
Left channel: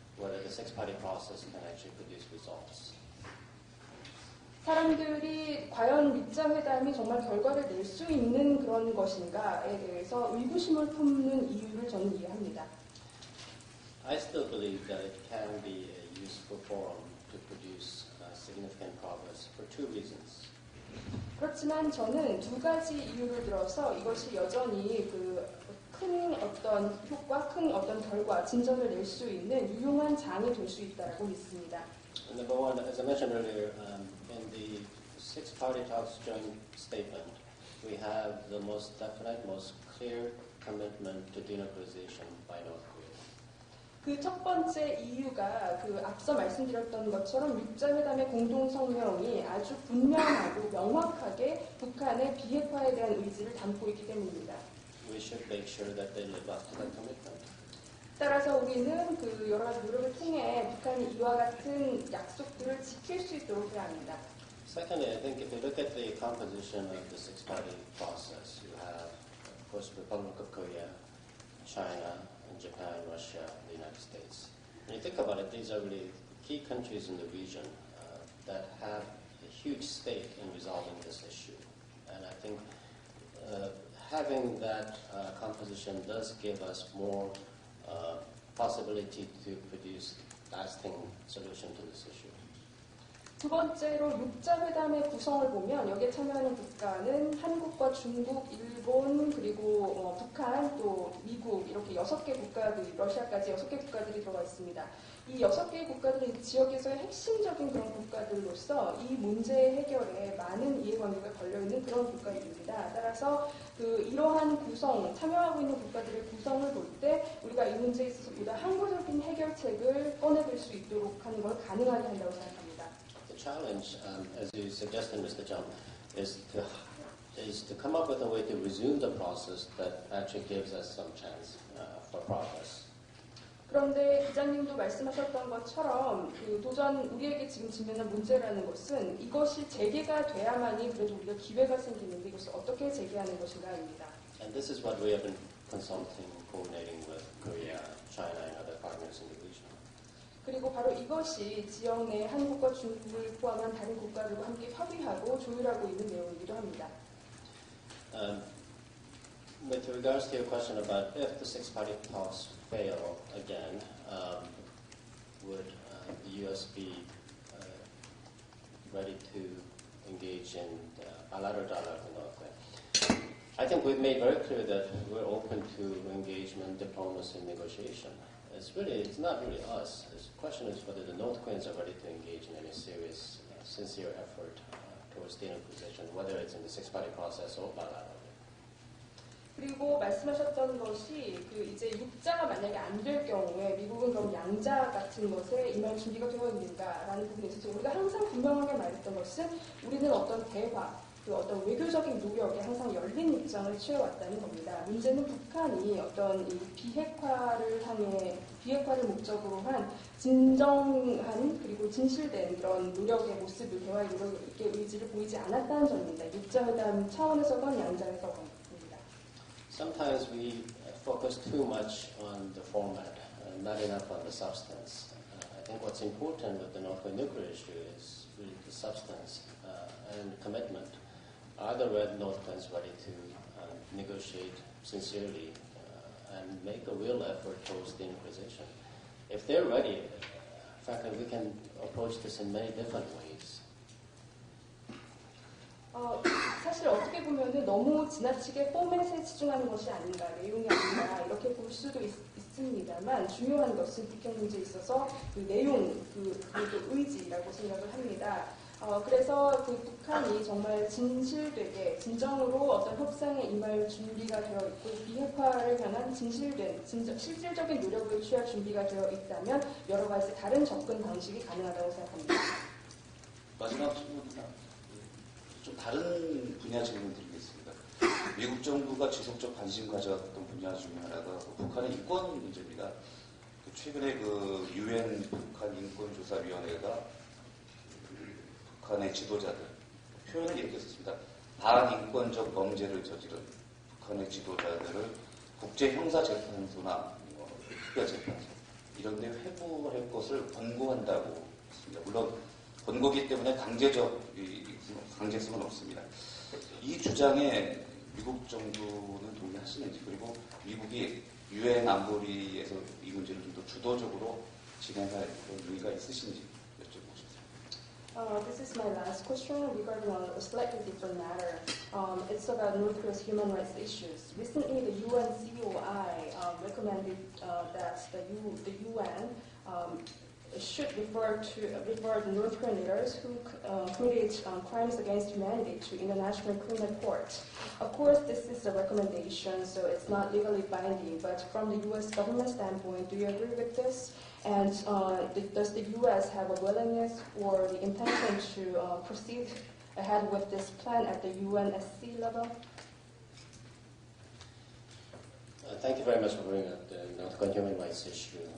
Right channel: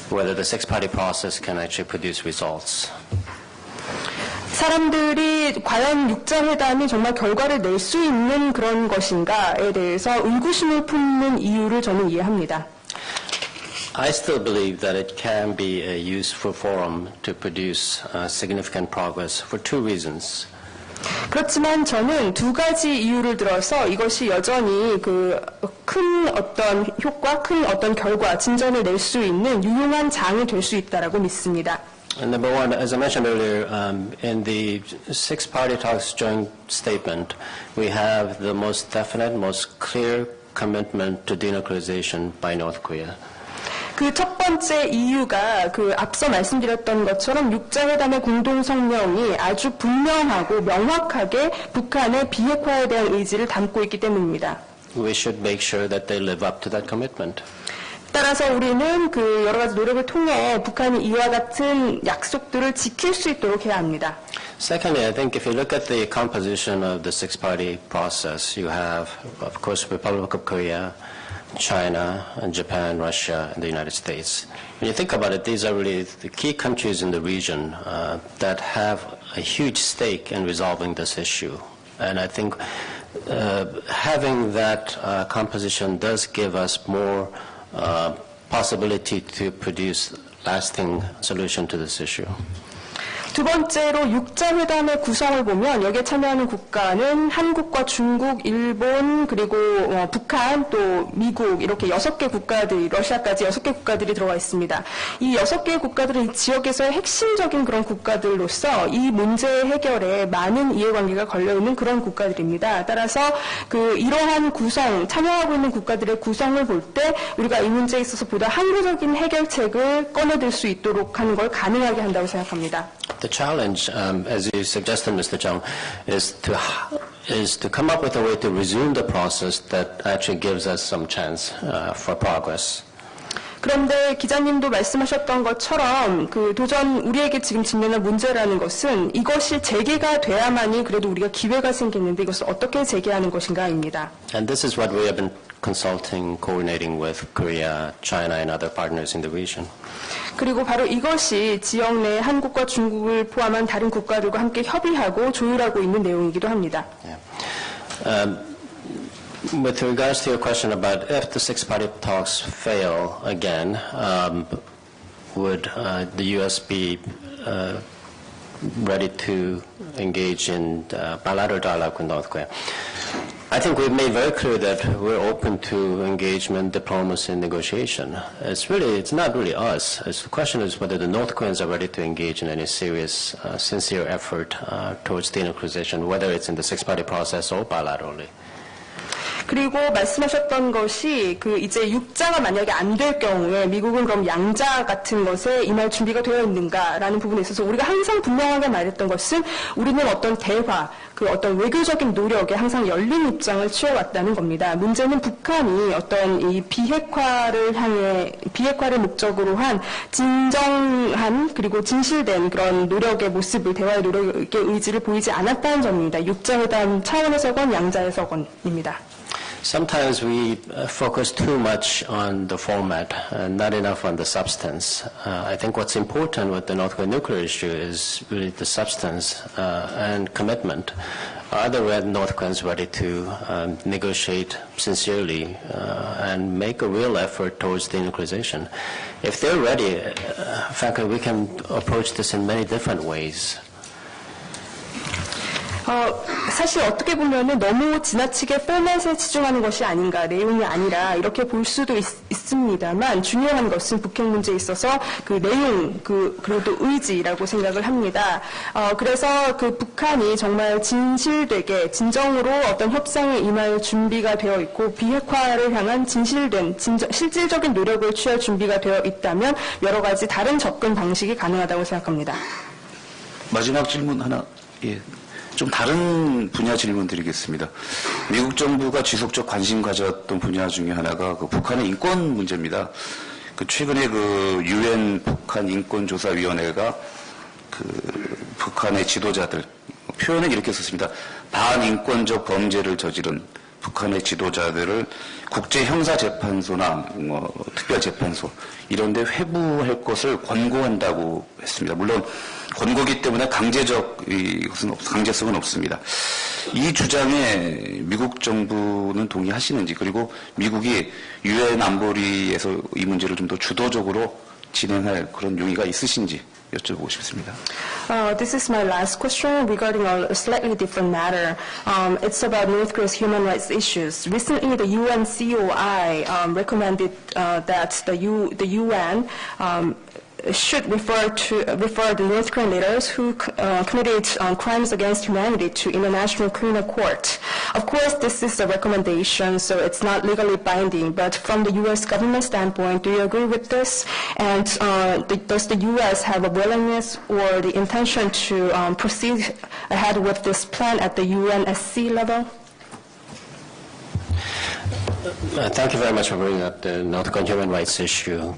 whether the six-party process can actually produce results. 사람들이 과연 육자회담이 정말 결과를 낼 수 있는 그런 것인가에 대해서 의구심을 품는 이유를 저는 이해합니다. I still believe that it can be a useful forum to produce significant progress for two reasons. 그렇지만 저는 두 가지 이유를 들어서 이것이 여전히 큰 어떤 효과, 큰 어떤 결과, 진전을 낼 수 있는 유용한 장이 될 수 있다라고 믿습니다. And number one, as I mentioned earlier, in the six-party talks joint statement, we have the most definite, most clear commitment to denuclearization by North Korea. 그 첫 번째 이유가 앞서 말씀드렸던 것처럼 육자회담의 공동성명이 아주 분명하고 명확하게 북한의 비핵화에 대한 의지를 담고 있기 때문입니다. We should make sure that they live up to that commitment. 따라서 우리는 여러 가지 노력을 통해 북한이 이와 같은 약속들을 지킬 수 있도록 해야 합니다. Secondly, I think if you look at the composition of the six-party process, you have, of course, Republic of Korea, China, and Japan, Russia, and the United States. When you think about it, these are really the key countries in the region that have a huge stake in resolving this issue. And I think having that composition does give us more possibility to produce lasting solution to this issue. 두 번째로 육자회담의 구성을 보면 여기에 참여하는 국가는 한국과 중국, 일본, 그리고 북한, 또 미국 이렇게 6개 국가들, 러시아까지 6개 국가들이 들어가 있습니다. 이 6개 국가들은 이 지역에서의 핵심적인 그런 국가들로서 이 문제 해결에 많은 이해관계가 걸려있는 그런 국가들입니다. 따라서 이러한 구성, 참여하고 있는 국가들의 구성을 볼 때 우리가 이 문제에 있어서 보다 항구적인 해결책을 꺼내들 수 있도록 하는 걸 가능하게 한다고 생각합니다. The challenge, as you suggested, Mr. Chung, is to come up with a way to resume the process that actually gives us some chance for progress. 그런데 기자님도 말씀하셨던 것처럼 도전 우리에게 지금 직면한 문제라는 것은 이것이 재개가 돼야만이 그래도 우리가 기회가 생기는데 이것을 어떻게 재개하는 것인가입니다. And this is what we have been consulting, coordinating with Korea, China, and other partners in the region. 그리고 바로 이것이 지역 내 한국과 중국을 포함한 다른 국가들과 함께 협의하고 조율하고 있는 내용이기도 합니다. With regards to your question about if the six-party talks fail again, would the U.S. be ready to engage in bilateral dialogue with North Korea? I think we've made very clear that we're open to engagement, diplomacy, and negotiation. It's not really us. The question is whether the North Koreans are ready to engage in any serious, sincere effort towards denuclearization, whether it's in the six-party process or bilaterally. 그리고 말씀하셨던 것이 이제 육자가 만약에 안 될 경우에 미국은 그럼 양자 같은 것에 임할 준비가 되어 있는가라는 부분에 있어서 우리가 항상 분명하게 말했던 것은 우리는 어떤 대화, 어떤 외교적인 노력에 항상 열린 입장을 취해왔다는 겁니다. 문제는 북한이 어떤 이 비핵화를 목적으로 한 진정한 그리고 진실된 그런 노력의 모습을 대화의 노력의 의지를 보이지 않았다는 점입니다. 육자회담 차원에서건 양자에서건입니다. Sometimes we focus too much on the format and not enough on the substance. I think what's important with the North Korean nuclear issue is really the substance and commitment. Are the North Koreans ready to negotiate sincerely and make a real effort towards denuclearization? If they're ready, frankly, we can approach this in many different ways. 사실 어떻게 보면은 너무 지나치게 포맷에 치중하는 것이 아닌가, 내용이 아니라 이렇게 볼 수도 있습니다만 중요한 것은 북핵 문제에 있어서 그 내용, 그래도 의지라고 생각을 합니다. 그래서 북한이 정말 진실되게 진정으로 어떤 협상에 임할 준비가 되어 있고 비핵화를 향한 진실된 실질적인 노력을 취할 준비가 되어 있다면 여러 가지 다른 접근 방식이 가능하다고 생각합니다. 마지막 질문 하나. 예. 좀 다른 분야 질문 드리겠습니다. 미국 정부가 지속적 관심 가졌던 분야 중에 하나가 북한의 인권 문제입니다. 최근에 UN 북한 인권조사위원회가 북한의 지도자들, 표현은 이렇게 썼습니다. 반인권적 범죄를 저지른 북한의 지도자들을 국제형사재판소나 특별재판소 이런 데 회부할 것을 권고한다고 했습니다. 물론 권고기 때문에 강제성은 없습니다. 이 주장에 미국 정부는 동의하시는지, 그리고 미국이 유엔 안보리에서 이 문제를 좀 더 주도적으로 진행할 그런 용의가 있으신지 여쭤보고 싶습니다. This is my last question regarding a slightly different matter. It's about North Korea's human rights issues. Recently, the UN COI recommended that the UN should refer the North Korean leaders who committed crimes against humanity to International Criminal Court. Of course, this is a recommendation, so it's not legally binding. But from the U.S. government standpoint, do you agree with this? And does the U.S. have a willingness or the intention to proceed ahead with this plan at the UNSC level? Thank you very much for bringing up the North Korean human rights issue.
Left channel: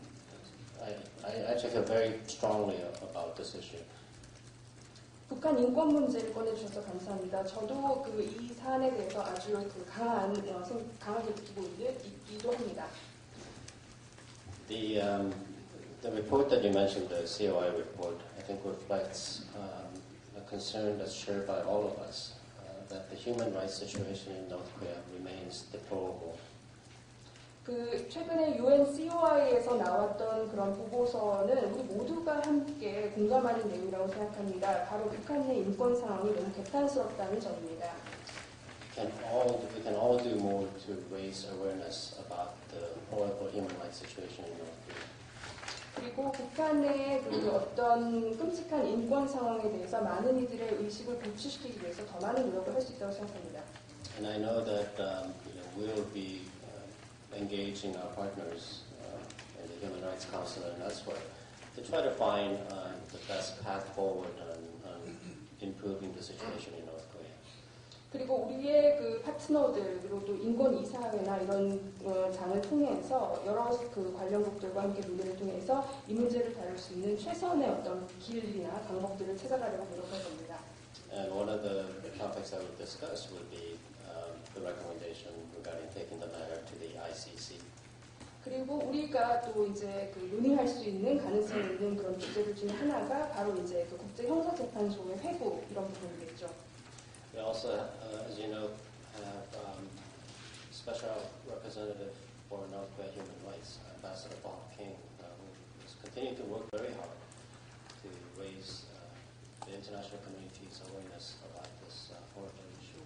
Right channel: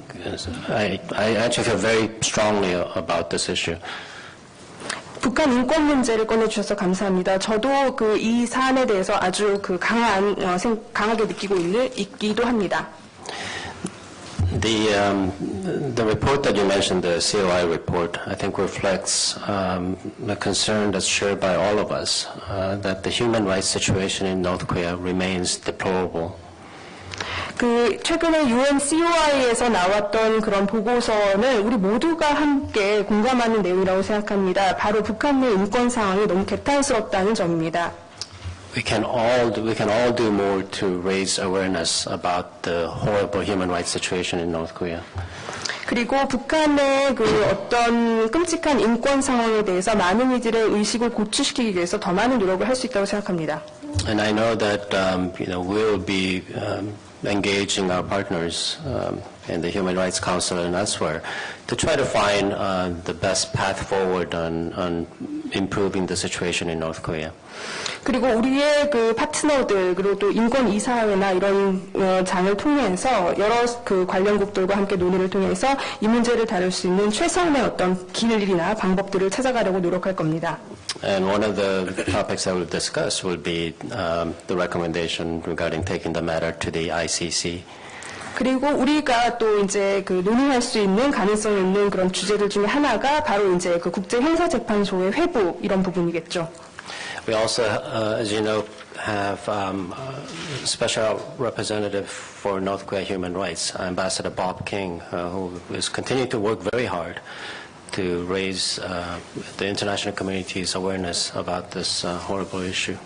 I actually feel very strongly about this issue. 북한 인권 문제를 꺼내주셔서 감사합니다. 저도 이 사안에 대해서 아주 강하게 느끼고 있기도 합니다. The report that you mentioned, the COI report, I think reflects a concern that's shared by all of us, that the human rights situation in North Korea remains deplorable. 최근에 UN COI에서 나왔던 그런 보고서는 우리 모두가 함께 공감하는 내용이라고 생각합니다. 바로 북한 내 인권 상황이 너무 개탄스럽다는 점입니다. We can all do more to raise awareness about the horrible human rights situation in North Korea. 그리고 북한의 어떤 끔찍한 인권 상황에 대해서 많은 이들의 의식을 고취시키기 위해서 더 많은 노력을 할 수 있다고 생각합니다. And I know that we'll be engaging our partners in the Human Rights Council and elsewhere to try to find the best path forward on improving the situation in North Korea. 그리고 우리의 파트너들 그리고 또 인권 이사회나 이런 장을 통해서 여러 관련국들과 함께 논의를 통해서 이 문제를 다룰 수 있는 최선의 어떤 길이나 방법들을 찾아가려고 노력할 겁니다. And one of the topics that we'll discuss will be the recommendation regarding taking the matter to the ICC. 그리고 우리가 또 이제 그 논의할 수 있는 가능성 있는 그런 주제들 중에 하나가 바로 이제 그 국제형사재판소의 회부 이런 부분이겠죠. We also, as you know, have special representative for North Korea human rights, Ambassador Bob King, who is continuing to work very hard to raise the international community's awareness about this horrible issue.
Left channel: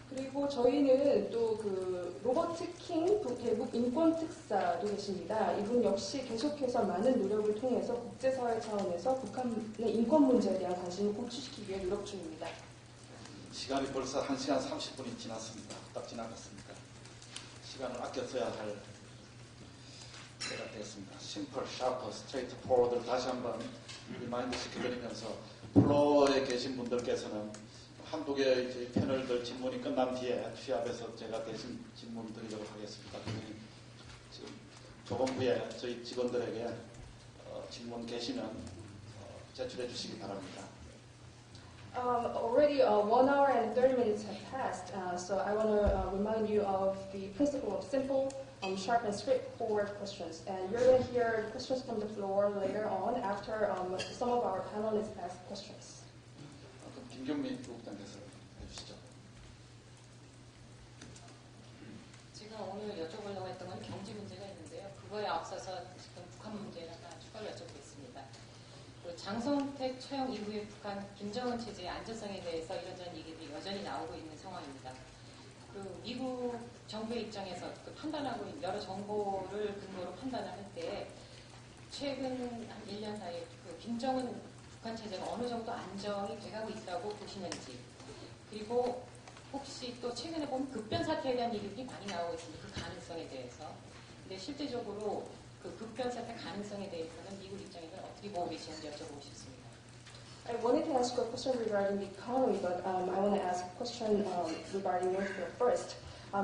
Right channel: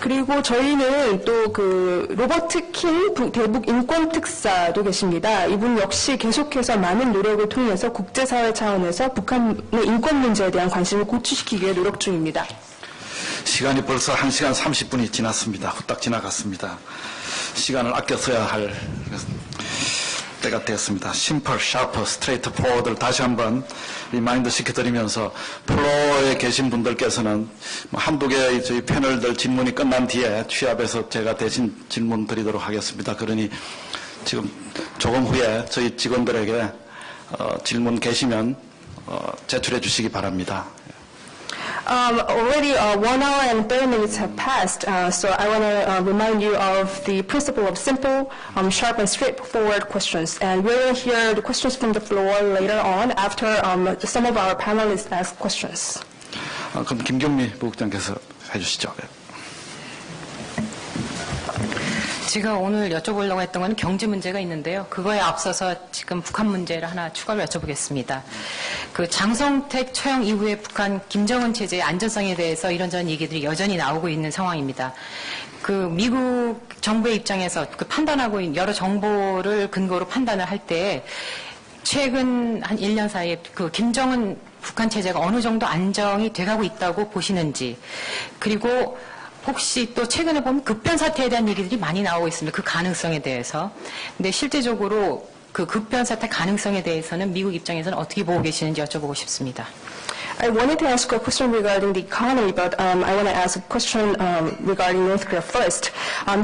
그리고 저희는 또 그 로버트 킹 대북 인권 특사도 계십니다. 이분 역시 계속해서 많은 노력을 통해서 국제사회 차원에서 북한의 인권 문제에 대한 관심을 고취시키기 위해 노력 중입니다. 시간이 벌써 1시간 30분이 지났습니다. 후딱 지나갔습니다. 시간을 아껴 써야 할 때가 되었습니다. 심플, 샤프, 스트레이트 포워드를 다시 한번 리마인드 시켜드리면서 플로어에 계신 분들께서는 한두 개의 저희 패널들 질문이 끝난 뒤에 취합해서 제가 대신 질문 드리도록 하겠습니다. 그러니 지금 조금 후에 저희 직원들에게 질문 계시면 제출해 주시기 바랍니다. Already 1 hour and 30 minutes have passed, so I want to remind you of the principle of simple, sharp, and straightforward questions. And we're going to hear the questions from the floor later on after some of our panelists ask questions. 그럼 김경미 부국장께서 해주시죠. 제가 오늘 여쭤보려고 했던 건 경제 문제가 있는데요. 그거에 앞서서 지금 북한 문제를 하나 추가로 여쭤보겠습니다. 그 장성택 처형 이후에 북한 김정은 체제의 안전성에 대해서 이런저런 얘기들이 여전히 나오고 있는 상황입니다. 그 미국 정부의 입장에서 그 판단하고 여러 정보를 근거로 판단을 할 때 최근 한 1년 사이에 그 김정은 북한 체제가 어느 정도 안정이 돼가고 있다고 보시는지, 그리고 혹시 또 최근에 보면 급변 사태에 대한 얘기들이 많이 나오고 있습니다. 그 가능성에 대해서. 근데 실제적으로 그 급변 사태 가능성에 대해서는 미국 입장에서는 어떻게 보고 계시는지 여쭤보고 싶습니다. I wanted to ask a question regarding the economy, but I want to ask a question regarding North Korea first.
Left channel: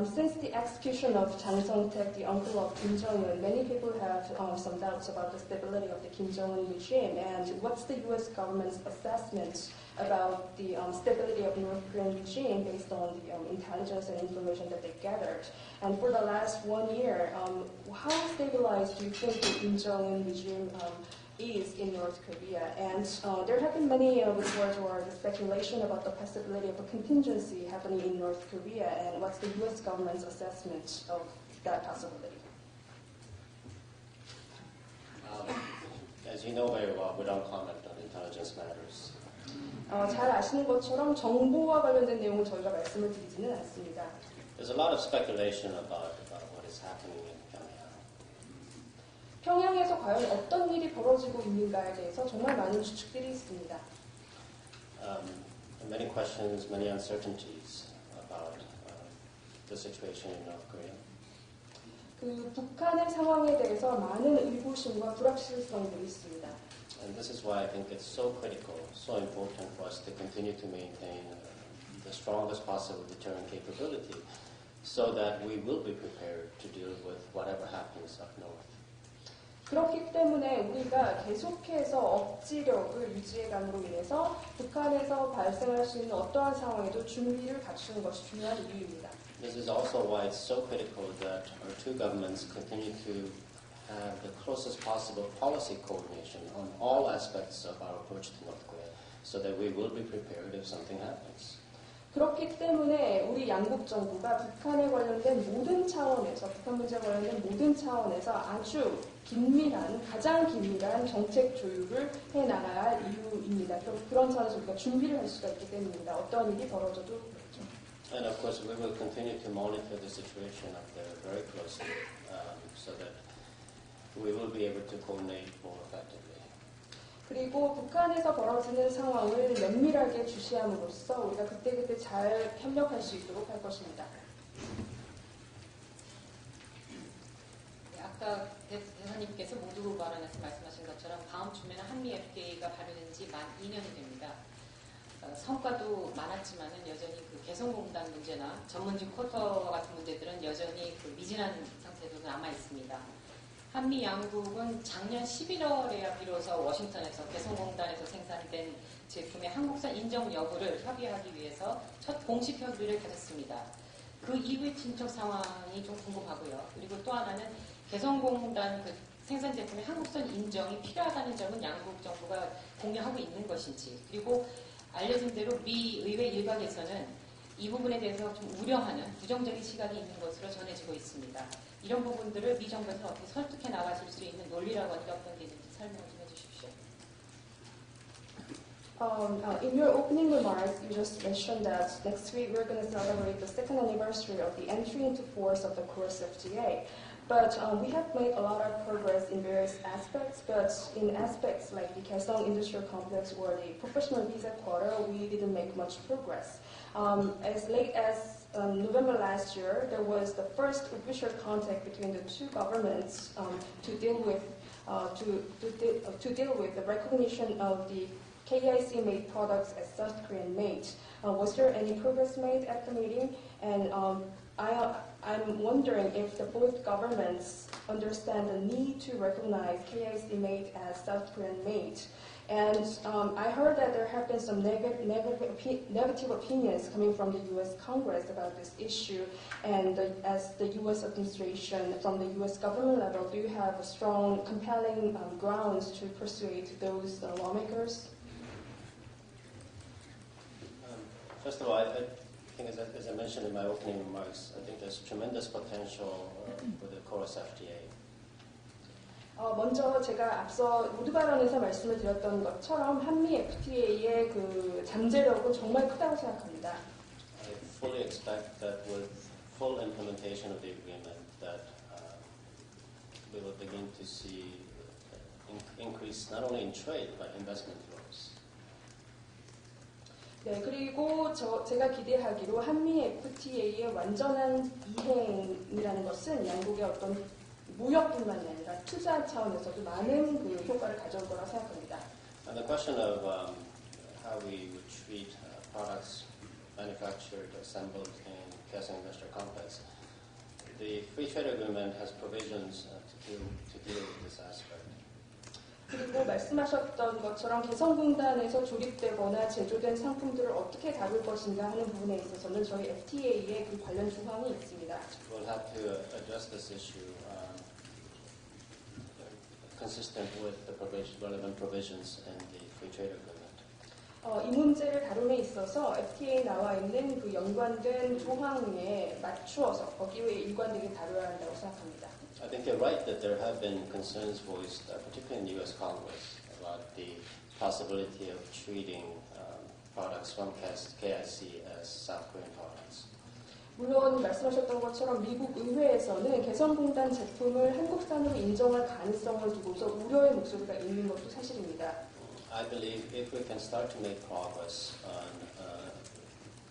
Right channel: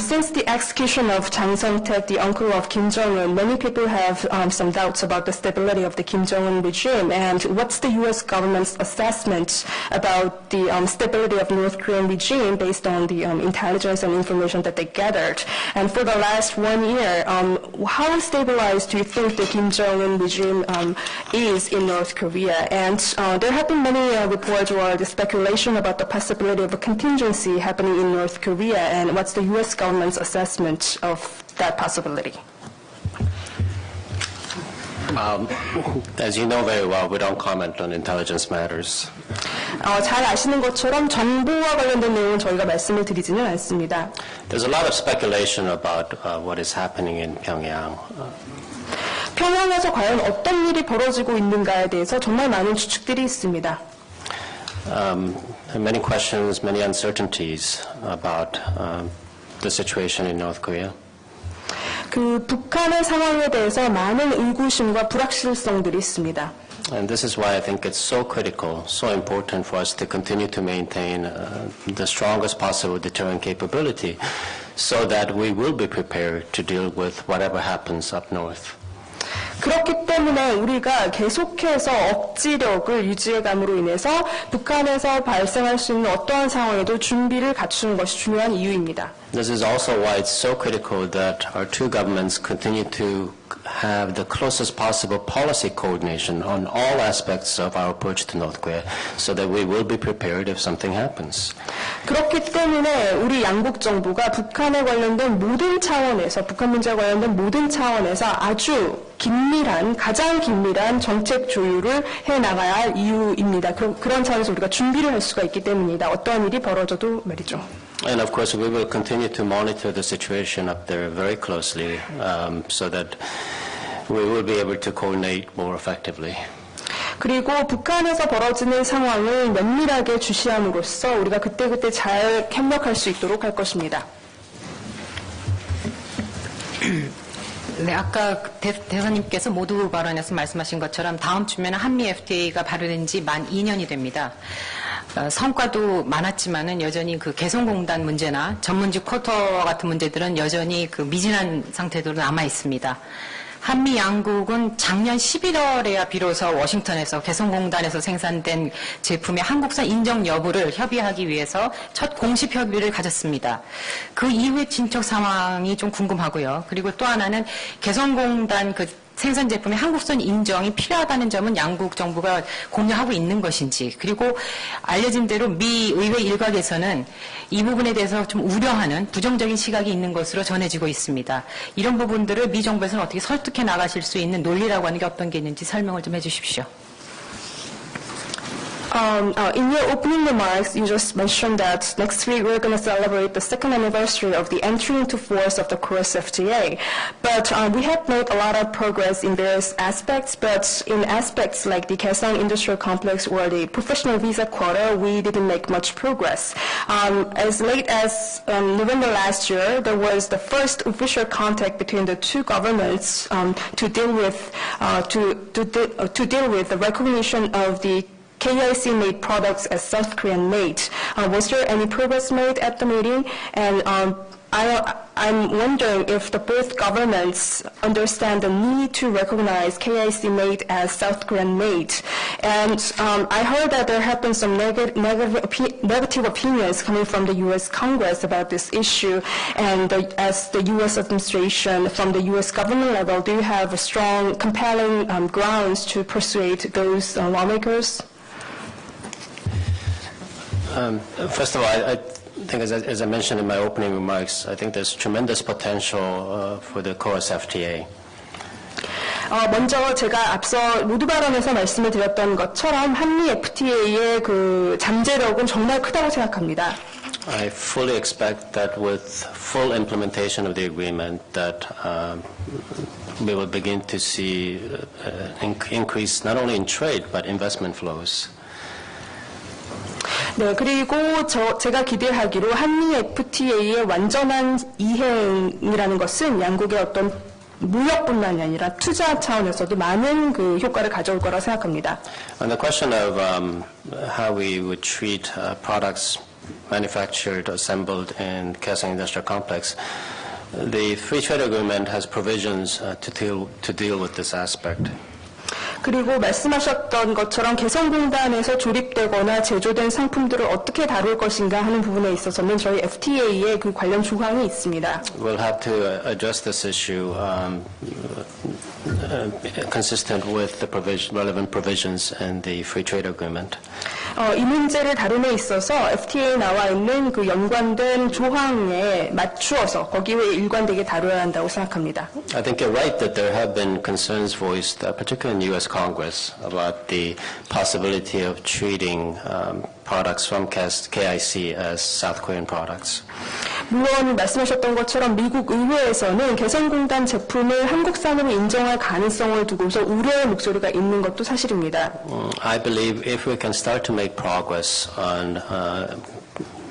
Since the execution of Jang Sung-taek, the uncle of Kim Jong-un, many people have some doubts about the stability of the Kim Jong-un regime. And what's the U.S. government's assessment about the stability of North Korean regime based on the intelligence and information that they gathered? And for the last 1 year, how stabilized do you think the Kim Jong-un regime is in North Korea? And there have been many reports or the speculation about the possibility of a contingency happening in North Korea, and what's the U.S. government's assessment of that possibility? As you know very well, we don't comment on intelligence matters. 잘 아시는 것처럼 정보와 관련된 내용은 저희가 말씀을 드리지는 않습니다. There's a lot of speculation about what is happening in Pyongyang. 평양에서 과연 어떤 일이 벌어지고 있는가에 대해서 정말 많은 추측들이 있습니다. Many questions, many uncertainties about the situation in North Korea. 그 북한의 상황에 대해서 많은 의구심과 불확실성들이 있습니다. And this is why I think it's so critical, so important for us to continue to maintain the strongest possible deterrent capability so that we will be prepared to deal with whatever happens up north. 그렇기 때문에 우리가 계속해서 억지력을 유지해감으로 인해서 북한에서 발생할 수 있는 어떠한 상황에도 준비를 갖추는 것이 중요한 이유입니다. This is also why it's so critical that our two governments continue to have the closest possible policy coordination on all aspects of our approach to North Korea so that we will be prepared if something happens. 그렇기 때문에 우리 양국 정부가 북한에 관련된 모든 차원에서, 북한 문제와 관련된 모든 차원에서 아주 긴밀한, 가장 긴밀한 정책 조율을 해나가야 할 이유입니다. 그런 차원에서 우리가 준비를 할 수가 있기 때문입니다. 어떠한 일이 벌어져도 말이죠. And of course, we will continue to monitor the situation up there very closely so that we will be able to coordinate more effectively. 그리고 북한에서 벌어지는 상황을 면밀하게 주시함으로써 우리가 그때그때 잘 협력할 수 있도록 할 것입니다. 네, 아까 대사님께서 모두 발언에서 말씀하신 것처럼 다음 주면 한미 FTA가 발효된 지 만 2년이 됩니다. 성과도 많았지만은 여전히 그 개성공단 문제나 전문직 쿼터 같은 문제들은 여전히 그 미진한 상태로 남아 있습니다. 한미 양국은 작년 11월에야 비로소 워싱턴에서 개성공단에서 생산된 제품의 한국산 인정 여부를 협의하기 위해서 첫 공식 협의를 가졌습니다. 그 이후의 진척 상황이 좀 궁금하고요. 그리고 또 하나는 개성공단 그 생산 제품의 한국산 인정이 필요하다는 점은 양국 정부가 공유하고 있는 것인지, 그리고 알려진 대로 미 의회 일각에서는 이 부분에 대해서 좀 우려하는 부정적인 시각이 있는 것으로 전해지고 있습니다. 이런 부분들을 미 정부에서는 어떻게 설득해 나가실 수 있는 논리라고 하는 게 어떤 게 있는지 설명을 좀 해주십시오. In your opening remarks, you just mentioned that next week we're going to celebrate the second anniversary of the entry into force of the KORUS FTA. But we have made a lot of progress in various aspects, but in aspects like the Kaesong Industrial Complex or the professional visa quota, we didn't make much progress. As late as November last year, there was the first official contact between the two governments to deal with the recognition of the KIC-made products as South Korean made. Was there any progress made at the meeting? And I'm wondering if both governments understand the need to recognize KIC made as South Korean made. And I heard that there have been some negative opinions coming from the U.S. Congress about this issue. And as the U.S. administration, from the U.S. government level, do you have strong, compelling grounds to persuade those lawmakers? First of all, I think as I mentioned in my opening remarks, I think there's tremendous potential for the KORUS FTA. 먼저 제가 앞서 모두 발언에서 말씀을 드렸던 것처럼 한미 FTA의 그 잠재력은 정말 크다고 생각합니다. I fully expect that with full implementation of the agreement that we will begin to see increase not only in trade but investment flows. 네, 그리고 제가 기대하기로 한미 FTA의 완전한 이행이라는 것은 양국의 어떤 무역뿐만이 아니라 투자 차원에서도 많은 그 효과를 가져올 거라 생각합니다. On the question of how we would treat products manufactured, assembled in Kaesong Industrial Complex, the Free Trade Agreement has provisions to deal with this aspect. 그리고 말씀하셨던 것처럼 개성공단에서 조립되거나 제조된 상품들을 어떻게 다룰 것인가 하는 부분에 있어서는 저희 FTA에 그 관련 조항이 있습니다. We'll have to address this issue consistent with the relevant provisions in the Free Trade Agreement. 이 문제를 다룸에 있어서 FTA에 나와 있는 그 연관된 조항에 맞추어서 거기에 일관되게 다뤄야 한다고 생각합니다. I think you're right that there have been concerns voiced, particularly in the U.S. Congress, about the possibility of treating products from KIC as South Korean products. 물론 말씀하셨던 것처럼 미국 의회에서는 개성공단 제품을 한국산으로 인정할 가능성을 두고서 우려의 목소리가 있는 것도 사실입니다. I believe if we can start to make progress on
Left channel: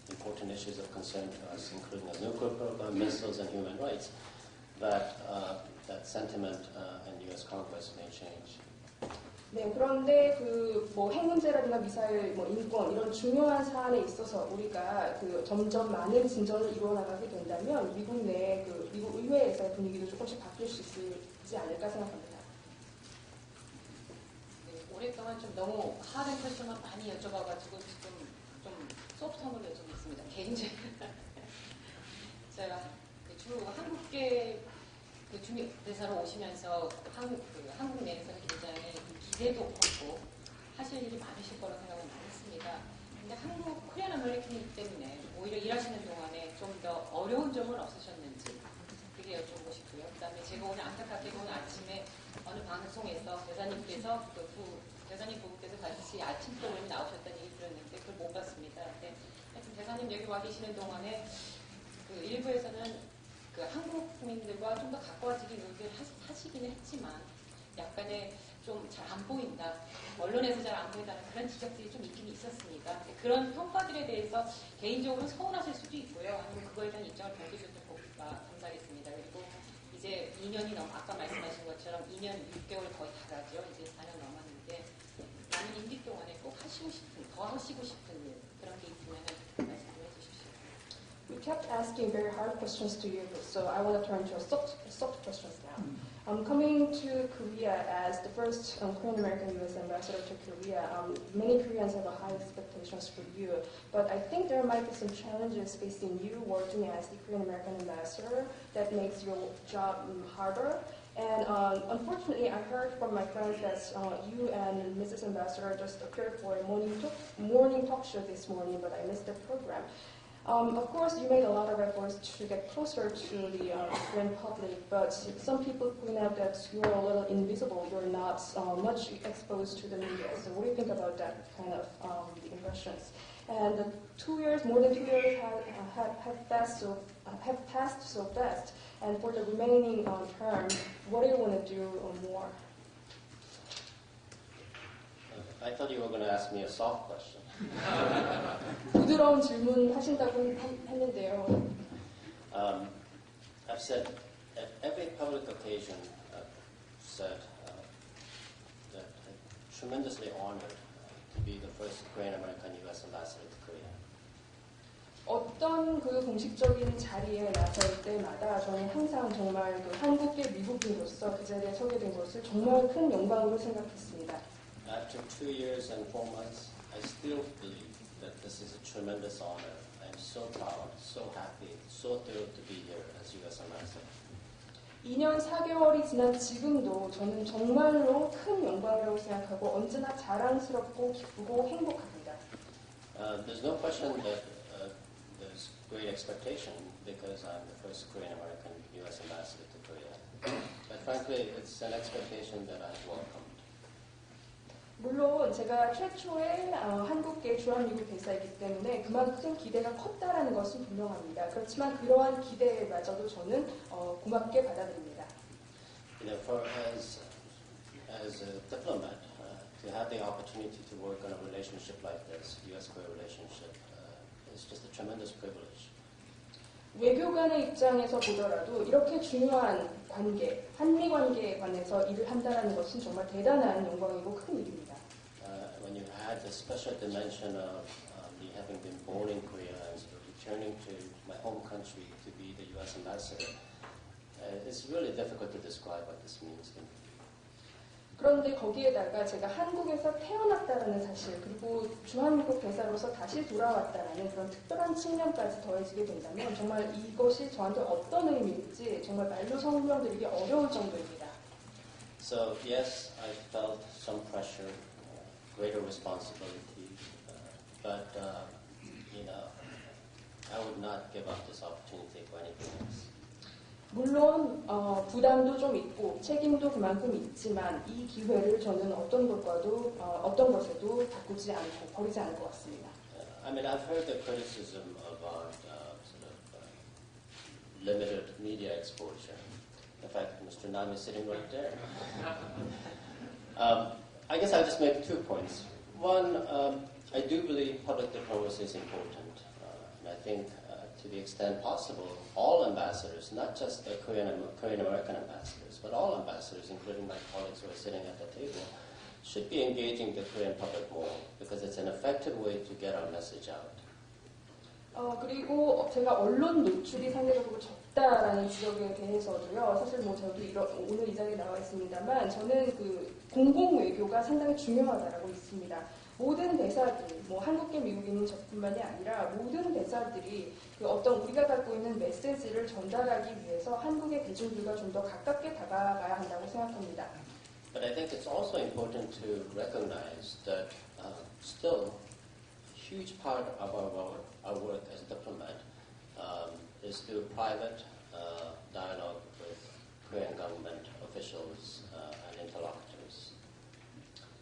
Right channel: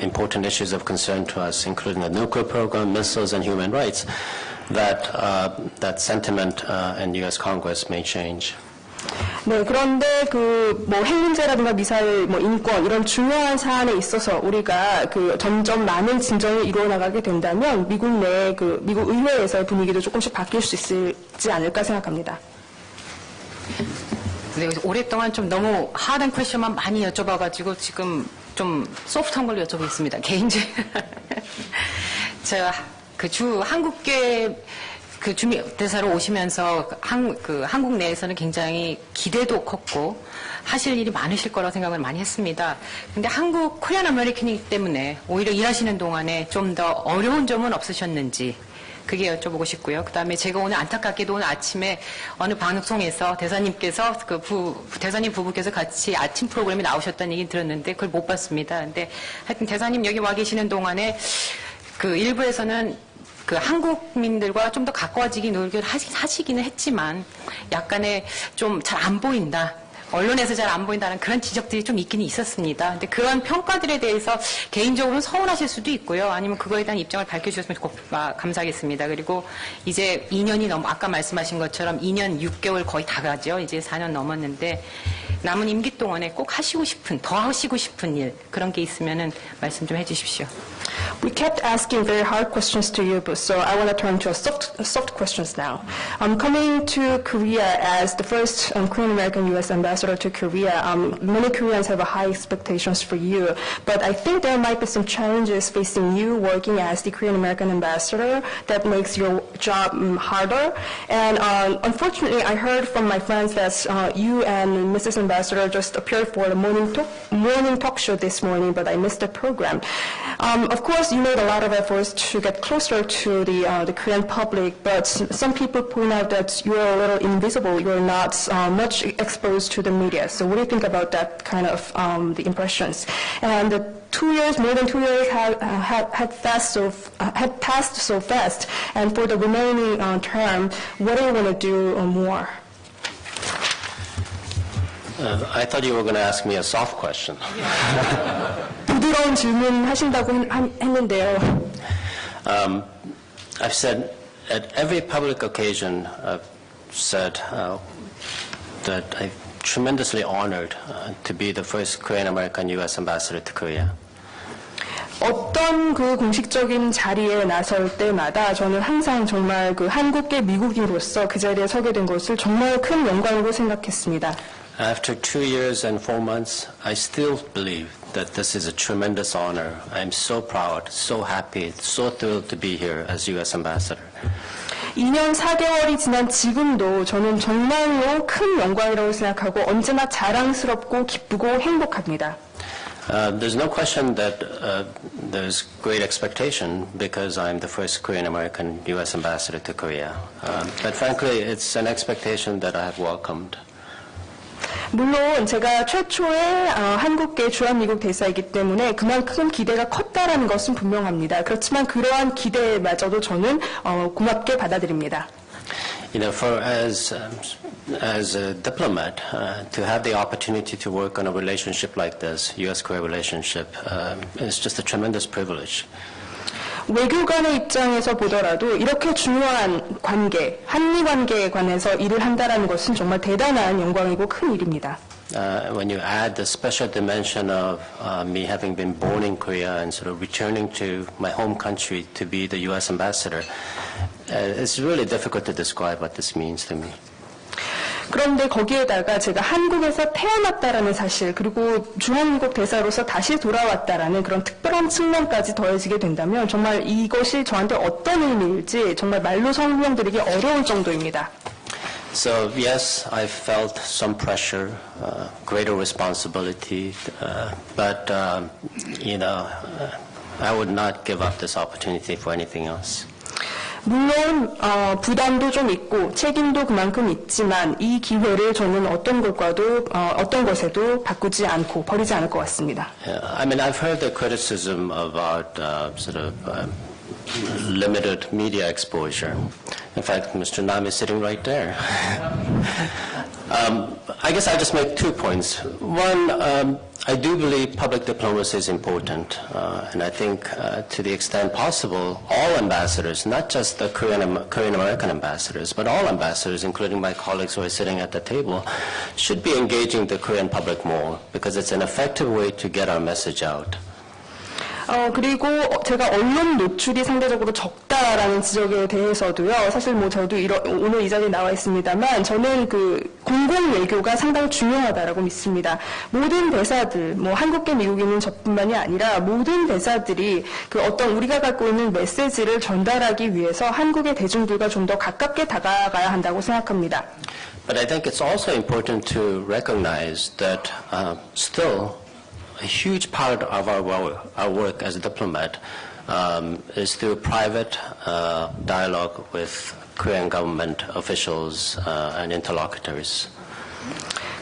important issues of concern to us, including the nuclear program, missiles, and human rights, that sentiment in U.S. Congress may change. 네, 그런데 핵 문제라든가 미사일, 인권 이런 중요한 사안에 있어서 우리가 점점 많은 진전을 이루어 나가게 된다면 미국 내 미국 의회에서의 분위기도 조금씩 바뀔 수 있지 않을까 생각합니다. 네, 오랫동안 좀 너무 하드한 퀘션만 많이 여쭤봐가지고 지금 좀 소프트한 걸로 여쭤보겠습니다. 개인적으로 제가 한국계 주미대사로 오시면서 한국 내에서는 굉장히 기대도 컸고 하실 일이 많으실 거라고 생각을 많이 했습니다. 근데 한국 코리안 아메리칸이기 때문에 오히려 일하시는 동안에 좀 더 어려운 점은 없으셨는지 그게 여쭤보고 싶고요. 그다음에 제가 오늘 안타깝게도 오늘 아침에 어느 방송에서 대사님께서 대사님 부부께서 같이 아침 프로그램에 나오셨다는 얘기 들었는데 그걸 못 봤습니다. 근데 하여튼 대사님 여기 와 계시는 동안에 일부에서는 한국민들과 좀 더 가까워지기 노력을 하시기는 했지만 약간의 좀 잘 안 보인다. 언론에서 잘 안 보인다는 그런 지적들이 좀 있기는 있었습니다. 근데 그런 평가들에 대해서 개인적으로는 서운하실 수도 있고요. 아니면 그거에 대한 입장을 밝혀주셨으면 감사하겠습니다. 그리고 이제 2년이 아까 말씀하신 것처럼 2년 6개월 거의 다 가죠. 이제 4년 넘었는데 남은 임기 동안에 꼭 더 하시고 싶은 일 그런 게 있으면은 말씀 좀 해주십시오. We kept asking very hard questions to you, but so I want to turn to soft questions now. Coming to Korea as the first Korean American U.S. ambassador to Korea, many Koreans have high expectations for you, but I think there might be some challenges facing you working as the Korean American ambassador that makes your job harder. And unfortunately, I heard from my friends that you and Mrs. Ambassador just appeared for the morning talk show this morning, but I missed the program. Of course, you made a lot of efforts to get closer to the Korean public, but some people point out that you're a little invisible. You're not much exposed to the media. So what do you think about that kind of the impressions? And the 2 years, more than 2 years, had passed so fast. And for the remaining term, what do you want to do more? I thought you were going to ask me a soft question. 부드러운 질문 하신다고 했는데요. I've said at every public occasion, I've said that I'm tremendously honored to be the first Korean American U.S. ambassador to Korea. 어떤 그 공식적인 자리에 나설 때마다 저는 항상 정말 그 한국계 미국인으로서 그 자리에 서게 된 것을 정말 큰 영광으로 생각했습니다. After 2 years and 4 months, I still believe that this is a tremendous honor. I'm so proud, so happy, so thrilled to be here as U.S. ambassador. 2년 4개월이 지난 지금도 저는 정말로 큰 영광이라고 생각하고 언제나 자랑스럽고 기쁘고 행복합니다. There's no question that there's great expectation because I'm the first Korean American U.S. ambassador to Korea. But frankly, it's an expectation that I have welcomed. 물론 제가 최초의 한국계 주한미국 대사이기 때문에 그만큼 기대가 컸다라는 것은 분명합니다. 그렇지만 그러한 기대마저도 저는 고맙게 받아들입니다. You know, as a diplomat, to have the opportunity to work on a relationship like this, U.S.-Korea relationship, is just a tremendous privilege. 외교관의 입장에서 보더라도 이렇게 중요한 관계, 한미 관계에 관해서 일을 한다는 것은 정말 대단한 영광이고 큰 일입니다. When you add the special dimension of me having been born in Korea and sort of returning to my home country to be the U.S. ambassador, it's really difficult to describe what this means to me. 그런데 거기에다가 제가 한국에서 태어났다라는 사실, 그리고 주한미국 대사로서 다시 돌아왔다라는 그런 특별한 측면까지 더해지게 된다면 정말 이것이 저한테 어떤 의미일지 정말 말로 설명드리기 어려울 정도입니다. So yes, I felt some pressure, greater responsibility, but you know, I would not give up this opportunity for anything else. 물론 부담도 좀 있고 책임도 그만큼 있지만 이 기회를 저는 어떤 것에도 바꾸지 않고 버리지 않을 것 같습니다. I mean, I've heard the criticism about sort of limited media exposure. In fact, Mr. Nam is sitting right there. I guess I'll just make 2 points. One, I do believe public diplomacy is important, and I think to the extent possible, all ambassadors, not just the Korean American ambassadors, but all ambassadors, including my colleagues who are sitting at the table, should be engaging the Korean public more, because it's an effective way to get our message out. 그리고 제가 언론 노출이 상대적으로 적다라는 지적에 대해서도요. 사실 뭐 저도 오늘 이 자리에 나와 있습니다만 저는 그 공공 외교가 상당히 중요하다라고 믿습니다. 모든 대사들, 뭐 한국계 미국인은 저뿐만이 아니라 모든 대사들이 그 어떤 우리가 갖고 있는 메시지를 전달하기 위해서 한국의 대중들과 좀 더 가깝게 다가가야 한다고 생각합니다. But I think it's also important to recognize that still a huge part of our work as a diplomat is through private dialogue with Korean government officials and interlocutors.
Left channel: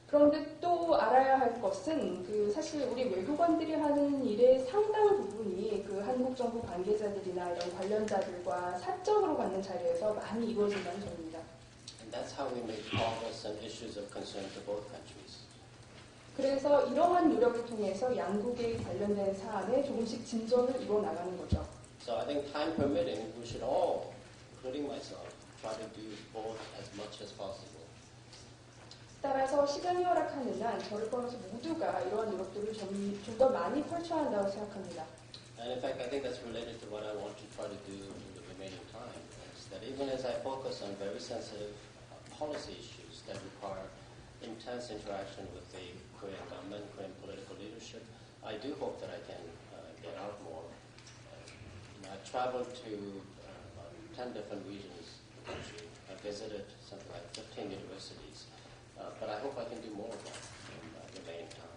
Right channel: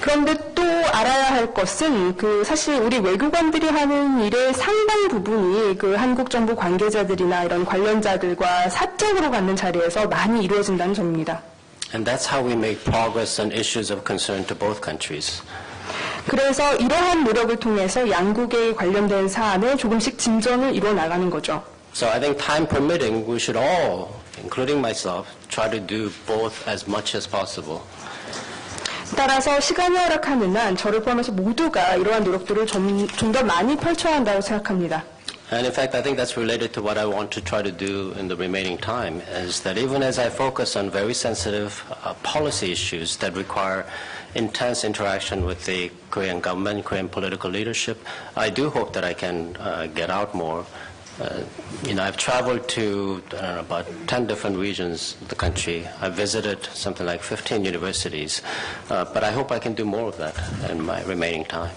그런데 또 알아야 할 것은 그 사실 우리 외교관들이 하는 일의 상당 부분이 그 한국 정부 관계자들이나 이런 관련자들과 사적으로 갖는 자리에서 많이 이루어진다는 점입니다. And that's how we make progress on issues of concern to both countries. 그래서 이러한 노력을 통해서 양국에 관련된 사안에 조금씩 진전을 이루어 나가는 거죠. So I think time permitting, we should all, including myself, try to do both as much as possible. 따라서 시간이 허락하는 한 저를 포함해서 모두가 이러한 노력들을 좀 더 많이 펼쳐야 한다고 생각합니다. And in fact, I think that's related to what I want to try to do in the remaining time, is that even as I focus on very sensitive policy issues that require intense interaction with the Korean government, Korean political leadership, I do hope that I can get out more. I've traveled to about 10 different regions of the country. I've visited something like 15 universities, but I hope I can do more of that in my remaining time.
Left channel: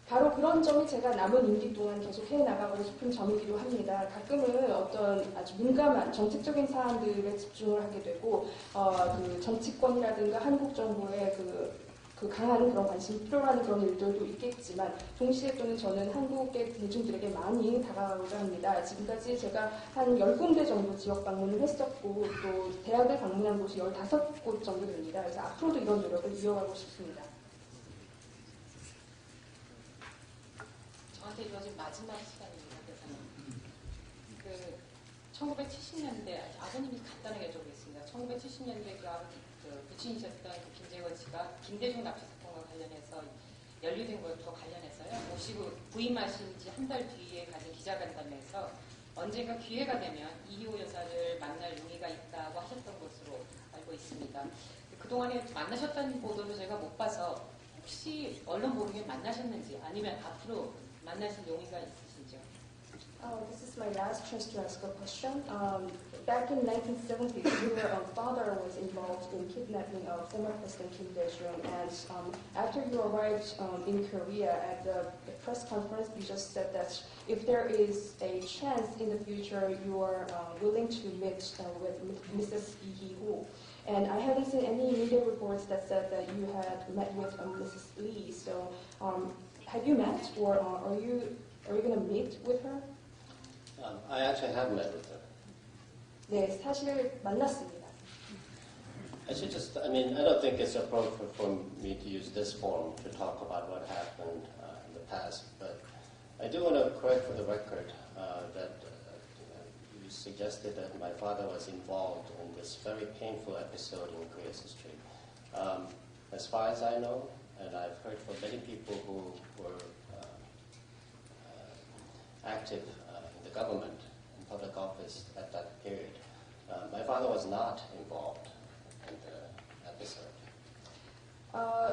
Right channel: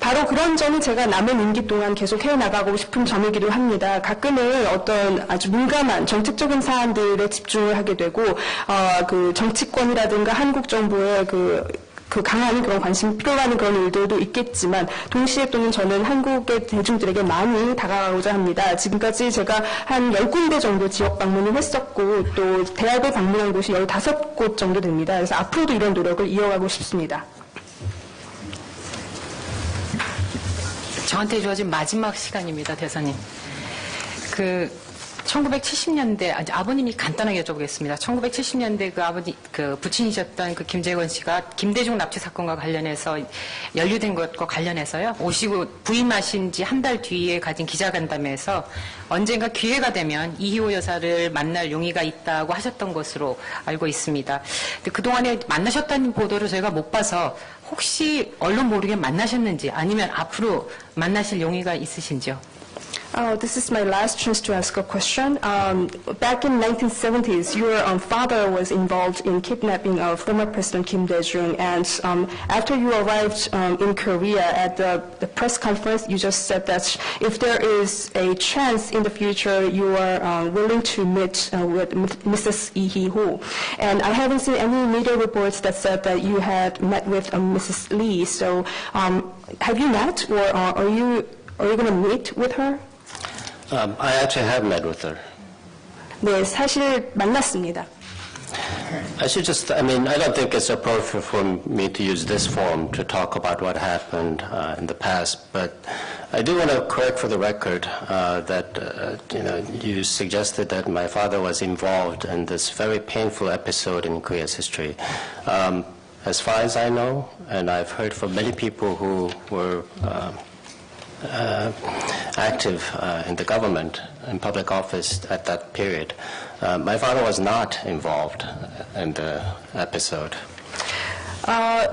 바로 그런 점이 제가 남은 임기 동안 계속 해나가고 싶은 점이기도 합니다. 가끔은 어떤 아주 민감한 정책적인 사안들에 집중을 하게 되고 그 정치권이라든가 한국 정부의 그 강한 그런 관심이 필요하는 그런 일들도 있겠지만 동시에 또는 저는 한국의 대중들에게 많이 다가가고자 합니다. 지금까지 제가 한 10군데 정도 지역 방문을 했었고 또 대학을 방문한 곳이 15곳 정도 됩니다. 그래서 앞으로도 이런 노력을 이어가고 싶습니다. 저한테 주어진 마지막 시간입니다, 대사님. 1970년대, 아버님이 간단하게 여쭤보겠습니다. 1970년대 그 부친이셨던 그 김재권 씨가 김대중 납치 사건과 관련해서 연루된 것과 관련해서요, 오시고 부임하신 지 한 달 뒤에 가진 기자간담회에서 언젠가 기회가 되면 이희호 여사를 만날 용의가 있다고 하셨던 것으로 알고 있습니다. 근데 그동안에 만나셨다는 보도를 저희가 못 봐서 혹시 언론 모르게 만나셨는지 아니면 앞으로 만나실 용의가 있으신지요? This is my last chance to ask a question. Back in 1970s, your father was involved in kidnapping of former President Kim Dae-jung, and after you arrived in Korea at the press conference, you just said that if there is a chance in the future, you are willing to meet with Mrs. Lee Hee-ho. And I haven't seen any media reports that said that you had met with Mrs. Lee. So, have you met, or are you going to meet with her? I actually have met with her. 네, 사실 만났습니다. I don't think it's appropriate for me to use this forum to talk about what happened in the past, but I do want to correct for the record that you suggested that my father was involved in this very painful episode in Korea's history. As far as I know, and I've heard from many people who were active in the government, in public office at that period, my father was not involved in the episode.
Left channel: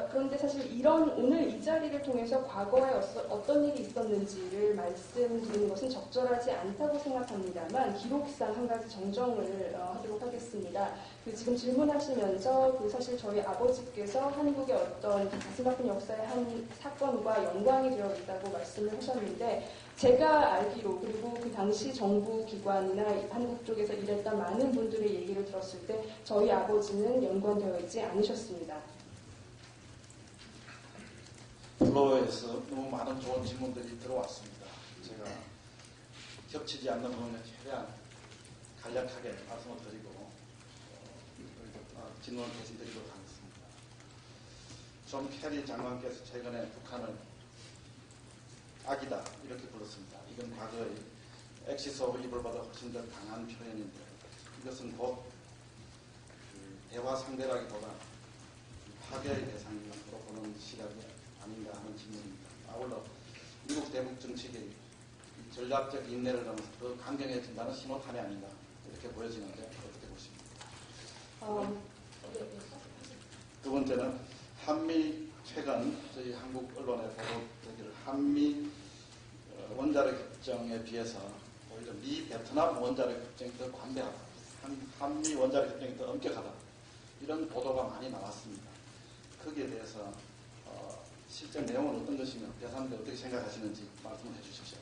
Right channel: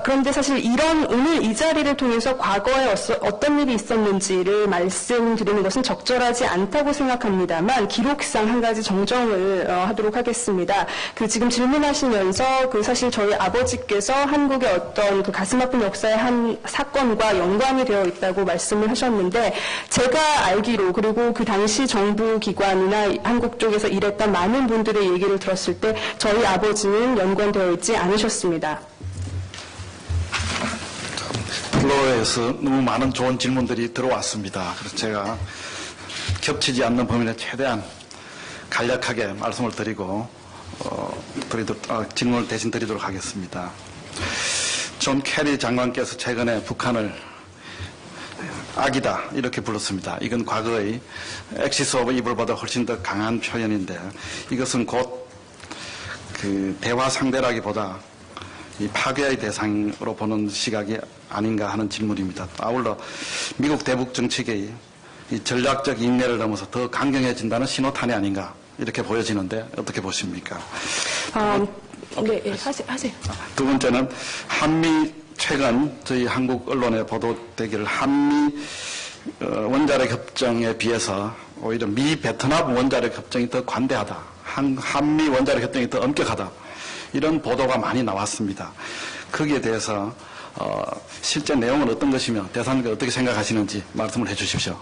그런데 사실 오늘 이 자리를 통해서 과거에 어떤 일이 있었는지를 말씀드리는 것은 적절하지 않다고 생각합니다만 기록상 한 가지 정정을 하도록 하겠습니다. 지금 질문하시면서 사실 저희 아버지께서 한국의 어떤 가슴 아픈 역사의 한 사건과 연관이 되어 있다고 말씀을 하셨는데 제가 알기로 그리고 그 당시 정부 기관이나 한국 쪽에서 일했던 많은 분들의 얘기를 들었을 때 저희 아버지는 연관되어 있지 않으셨습니다. 플로어에서 너무 많은 좋은 질문들이 들어왔습니다. 그래서 제가 겹치지 않는 범위 내에 최대한 간략하게 말씀을 드리고 질문을 대신 드리도록 하겠습니다. 존 캐리 장관께서 최근에 북한을 악이다 이렇게 불렀습니다. 이건 과거의 엑시스 오브 이블보다 훨씬 더 강한 표현인데 이것은 곧 대화 상대라기보다 이 파괴의 대상으로 보는 시각이 아닌가 하는 질문입니다. 아울러 미국 대북 정책의 이 전략적 인내를 넘어서 더 강경해진다는 신호탄이 아닌가 이렇게 보여지는데 어떻게 보십니까? 네, 하세요. 두 번째는 최근 저희 한국 언론에 보도되기를 한미 원자력 협정에 비해서 오히려 미 베트남 원자력 협정이 더 관대하다. 한미 원자력 협정이 더 엄격하다. 이런 보도가 많이 나왔습니다. 거기에 대해서 실제 내용은 어떤 것이며 대사님께서 어떻게 생각하시는지 말씀을 해주십시오.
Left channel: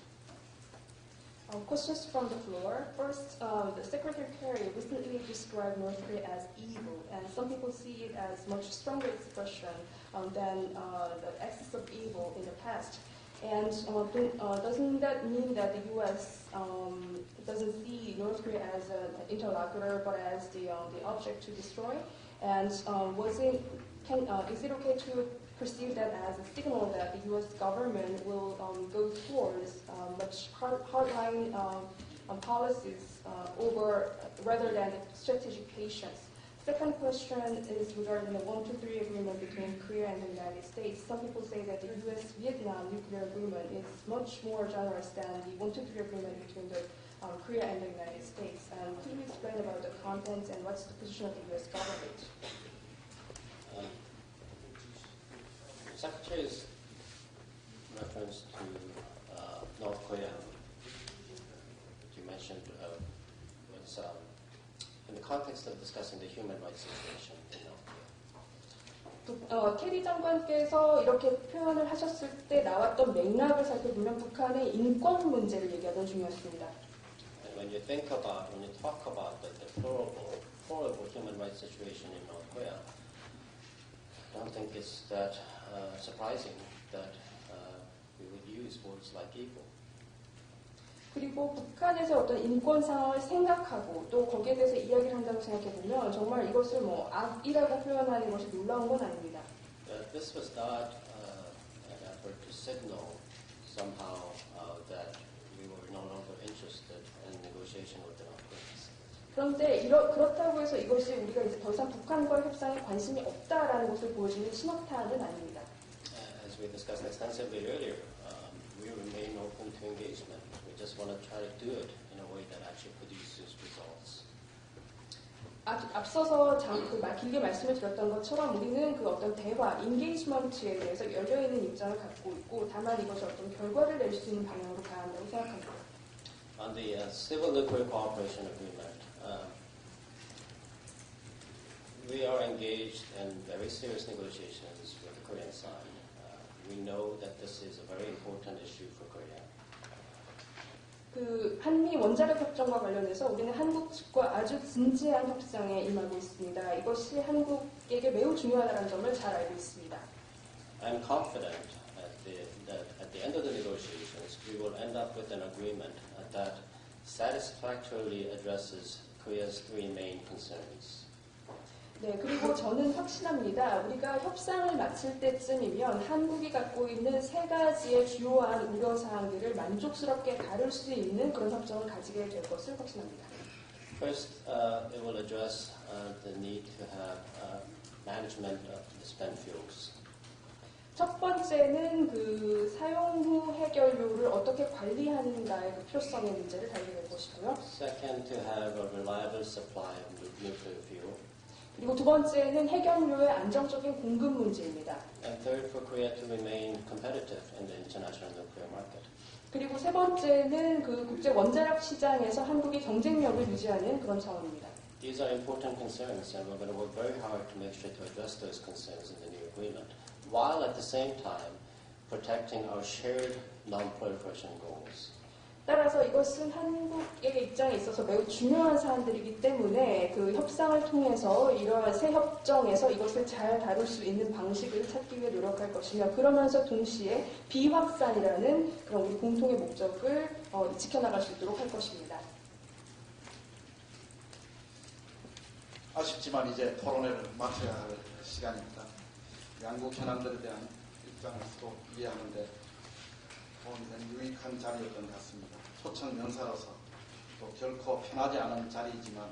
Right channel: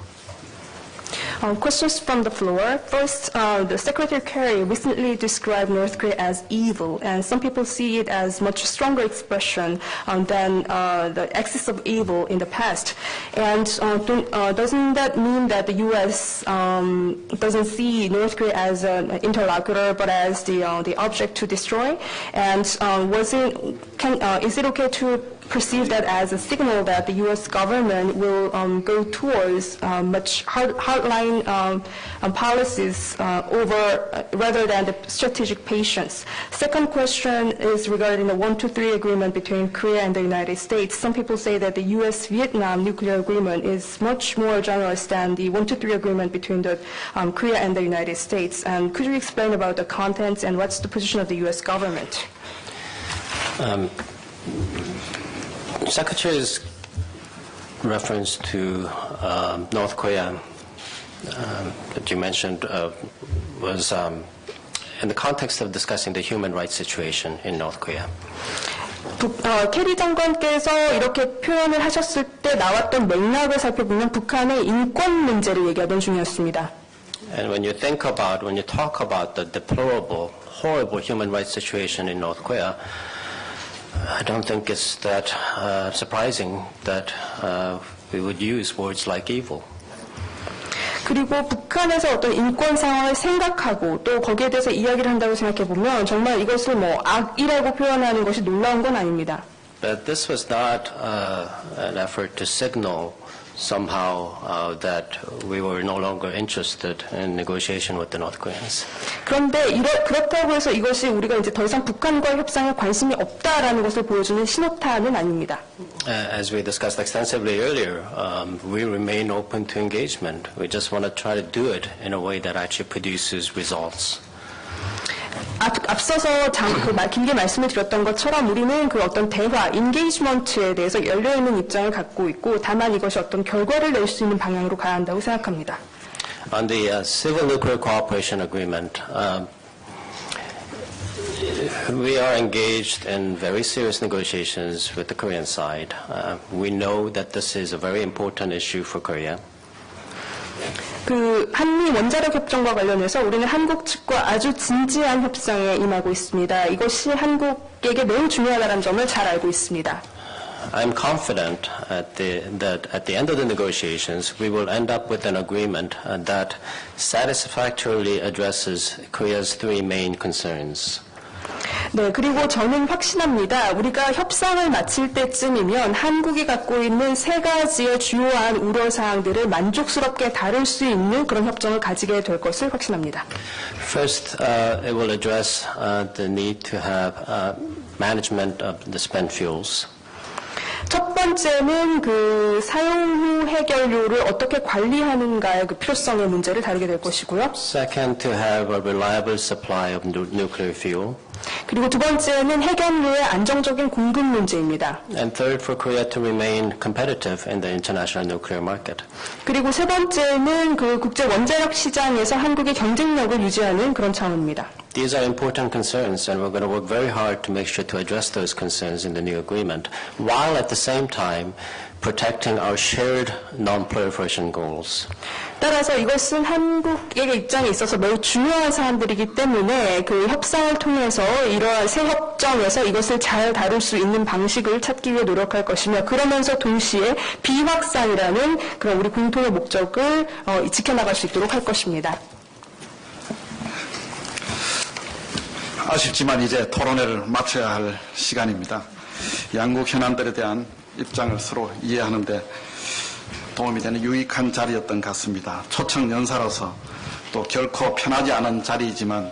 Questions from the floor. First, the Secretary Kerry recently described North Korea as evil, and some people see it as much stronger expression than the axis of evil in the past. And doesn't that mean that the U.S. Doesn't see North Korea as an interlocutor, but as the object to destroy? And is it okay to perceive that as a signal that the U.S. government will go towards much hardline policies rather than the strategic patience. Second question is regarding the 123 agreement between Korea and the United States. Some people say that the U.S.-Vietnam nuclear agreement is much more generous than the 123 agreement between the Korea and the United States. And could you explain about the contents and what's the position of the U.S. government? Secretary's reference to North Korea that you mentioned was in the context of discussing the human rights situation in North Korea. 캐리 장관께서 이렇게 표현을 하셨을 때 나왔던 맥락을 살펴보면 북한의 인권 문제를 얘기하던 중이었습니다. And when you talk about the deplorable, horrible human rights situation in North Korea, I don't think it's that surprising that we would use words like evil. 그리고 북한에서 어떤 인권 상황을 생각하고 또 거기에 대해서 이야기를 한다고 생각해 보면 정말 이것을 뭐 악이라고 표현하는 것이 놀라운 건 아닙니다. But this was not an effort to signal somehow that we were no longer interested in negotiation with the North Koreans. 그런데 그렇다고 해서 이것이 우리가 이제 더 이상 북한과의 협상에 관심이 없다라는 것을 보여주는 신호탄은 아닙니다. As we discussed extensively earlier, we remain open to engagement. We just want to try to do it in a way that actually produces results. 앞서서 길게 말씀을 드렸던 것처럼 우리는 그 어떤 대화, 인게이지먼트에 대해서 열려있는 입장을 갖고 있고 다만 이것이 어떤 결과를 낼 수 있는 방향으로 가야 한다고 생각합니다. On the Civil Nuclear Cooperation Agreement, we are engaged in very serious negotiations with the Korean side. We know that this is a very important issue for Korea. 그 한미 원자력 협정과 관련해서 우리는 한국 측과 아주 진지한 협상에 임하고 있습니다. 이것이 한국에게 매우 중요하다는 점을 잘 알고 있습니다. I'm confident that at the end of the negotiations, we will end up with an agreement that satisfactorily addresses Korea's three main concerns. 네, 그리고 저는 확신합니다. 우리가 협상을 마칠 때쯤이면 한국이 갖고 있는 세 가지의 주요한 우려사항들을 만족스럽게 다룰 수 있는 그런 협정을 가지게 될 것을 확신합니다. First, it will address the need to have management of the spent fuels. 첫 번째는 그 사용 후 해결료를 어떻게 관리하는가의 그 필요성의 문제를 다루게 될 것이고요. Second, to have a reliable supply of nuclear fuel. 그리고 두 번째는 해결료의 안정적인 공급 문제입니다. And third, for Korea to remain competitive in the international nuclear market. 그리고 세 번째는 그 국제 원자력 시장에서 한국의 경쟁력을 유지하는 그런 차원입니다. These are important concerns, and we're going to work very hard to make sure to address those concerns in the new agreement, while at the same time protecting our shared non-proliferation goals. 따라서 이것은 한국의 입장에 있어서 매우 중요한 사안들이기 때문에 그 협상을 통해서 이러한 새 협정에서 이것을 잘 다룰 수 있는 방식을 찾기 위해 노력할 것이며 그러면서 동시에 비확산이라는 그런 우리 공통의 목적을 지켜나갈 수 있도록 할 것입니다. 아쉽지만 이제 토론회를 마쳐야 할 시간입니다. 양국 현안들에 대한 입장을 서로 이해하는 데 도움이 되는 유익한 자리였던 것 같습니다. 초청 연사로서 또 결코 편하지 않은 자리이지만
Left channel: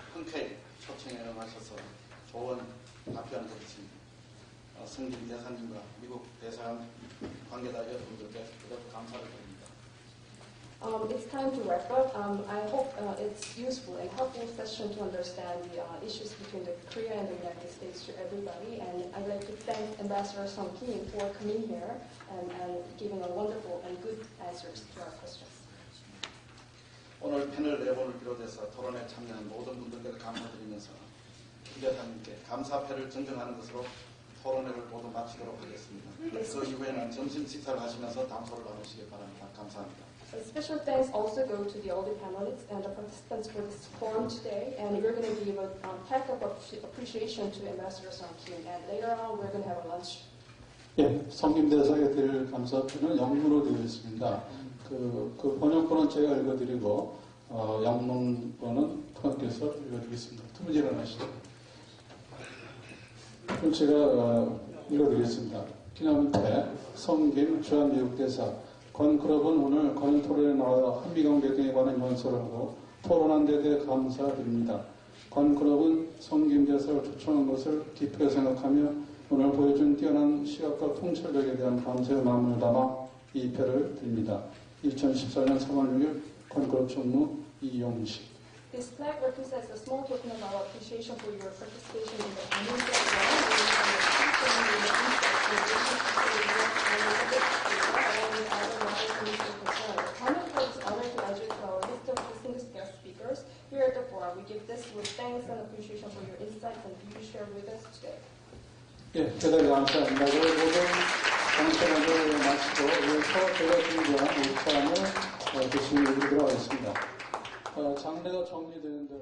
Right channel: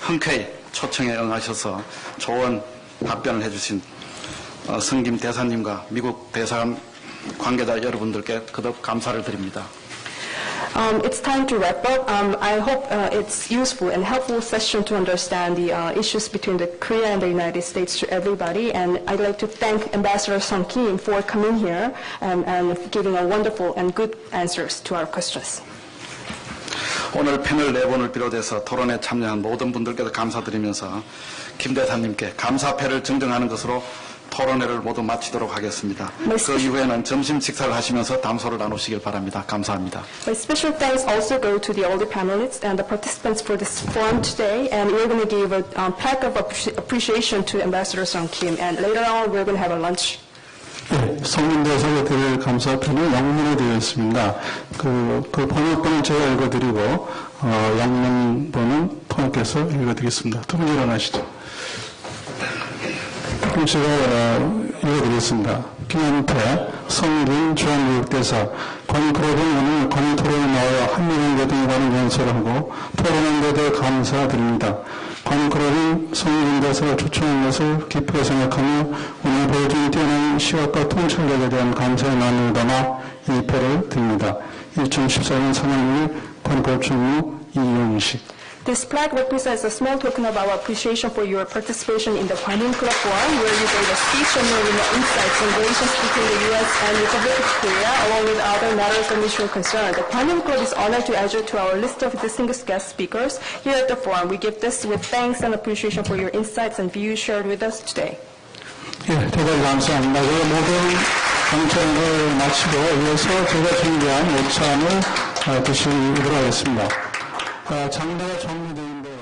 흔쾌히 초청에 응하셔서 좋은 답변을 해주신 성김 대사님과 미국 대사관 관계자 여러분들께 거듭 감사를 드립니다. It's time to wrap up. I hope it's useful and helpful session to understand the issues between the Korea and the United States to everybody. And I'd like to thank Ambassador Sung Kim for coming here and giving a wonderful and good answers to our questions. 오늘 패널 4분을 비롯해서 토론에 참여한 모든 분들께도 감사드리면서 김 대사님께 감사패를 증정하는 것으로 토론회를 모두 마치도록 하겠습니다. 그 이후에는 점심 식사를 하시면서 담소를 나누시길 바랍니다. 감사합니다. My special thanks also go to the older panelists and the participants for this forum today. And we're going to give a plaque of appreciation to Ambassador Sung Kim. And later on, we're going to have a lunch. 네, 성김 대사가 드릴 감사패는 영문으로 되어 있습니다. 그 번역본은 제가 읽어드리고 영문본은 통역해서 읽어드리겠습니다. 두 분 일어나시죠. 그럼 제가 읽어드리겠습니다. 김현태, 성긴 중앙교육대사, 관클럽은 오늘 관토론에 나와 한미일 등에 관한 연설을 하고 토론한 데 대해 감사드립니다. 관클럽이 성긴 대사를 초청한 것을 기쁘게 생각하며 오늘 보여준 뛰어난 시각과 통찰력에 대한 감사의 마음을 담아 이 표를 드립니다. 2014년 3월 6일 관클럽 총무 이용식. This plaque represents a small token of our appreciation for your participation in the Kwanun Club Forum, where you gave a speech sharing your insights on relations between the U.S. and Republic of Korea, along with other matters of mutual concern. The Kwanun Club is honored to add you to our list of distinguished guest speakers here at the forum. We give this with thanks and appreciation for your insights and views shared with us today. 예, 대단히 감사합니다. 그 모든 방청을 마치고 이어서 제가 준비한 오찬을 드시도록 하겠습니다. 장대가 정리되는 대로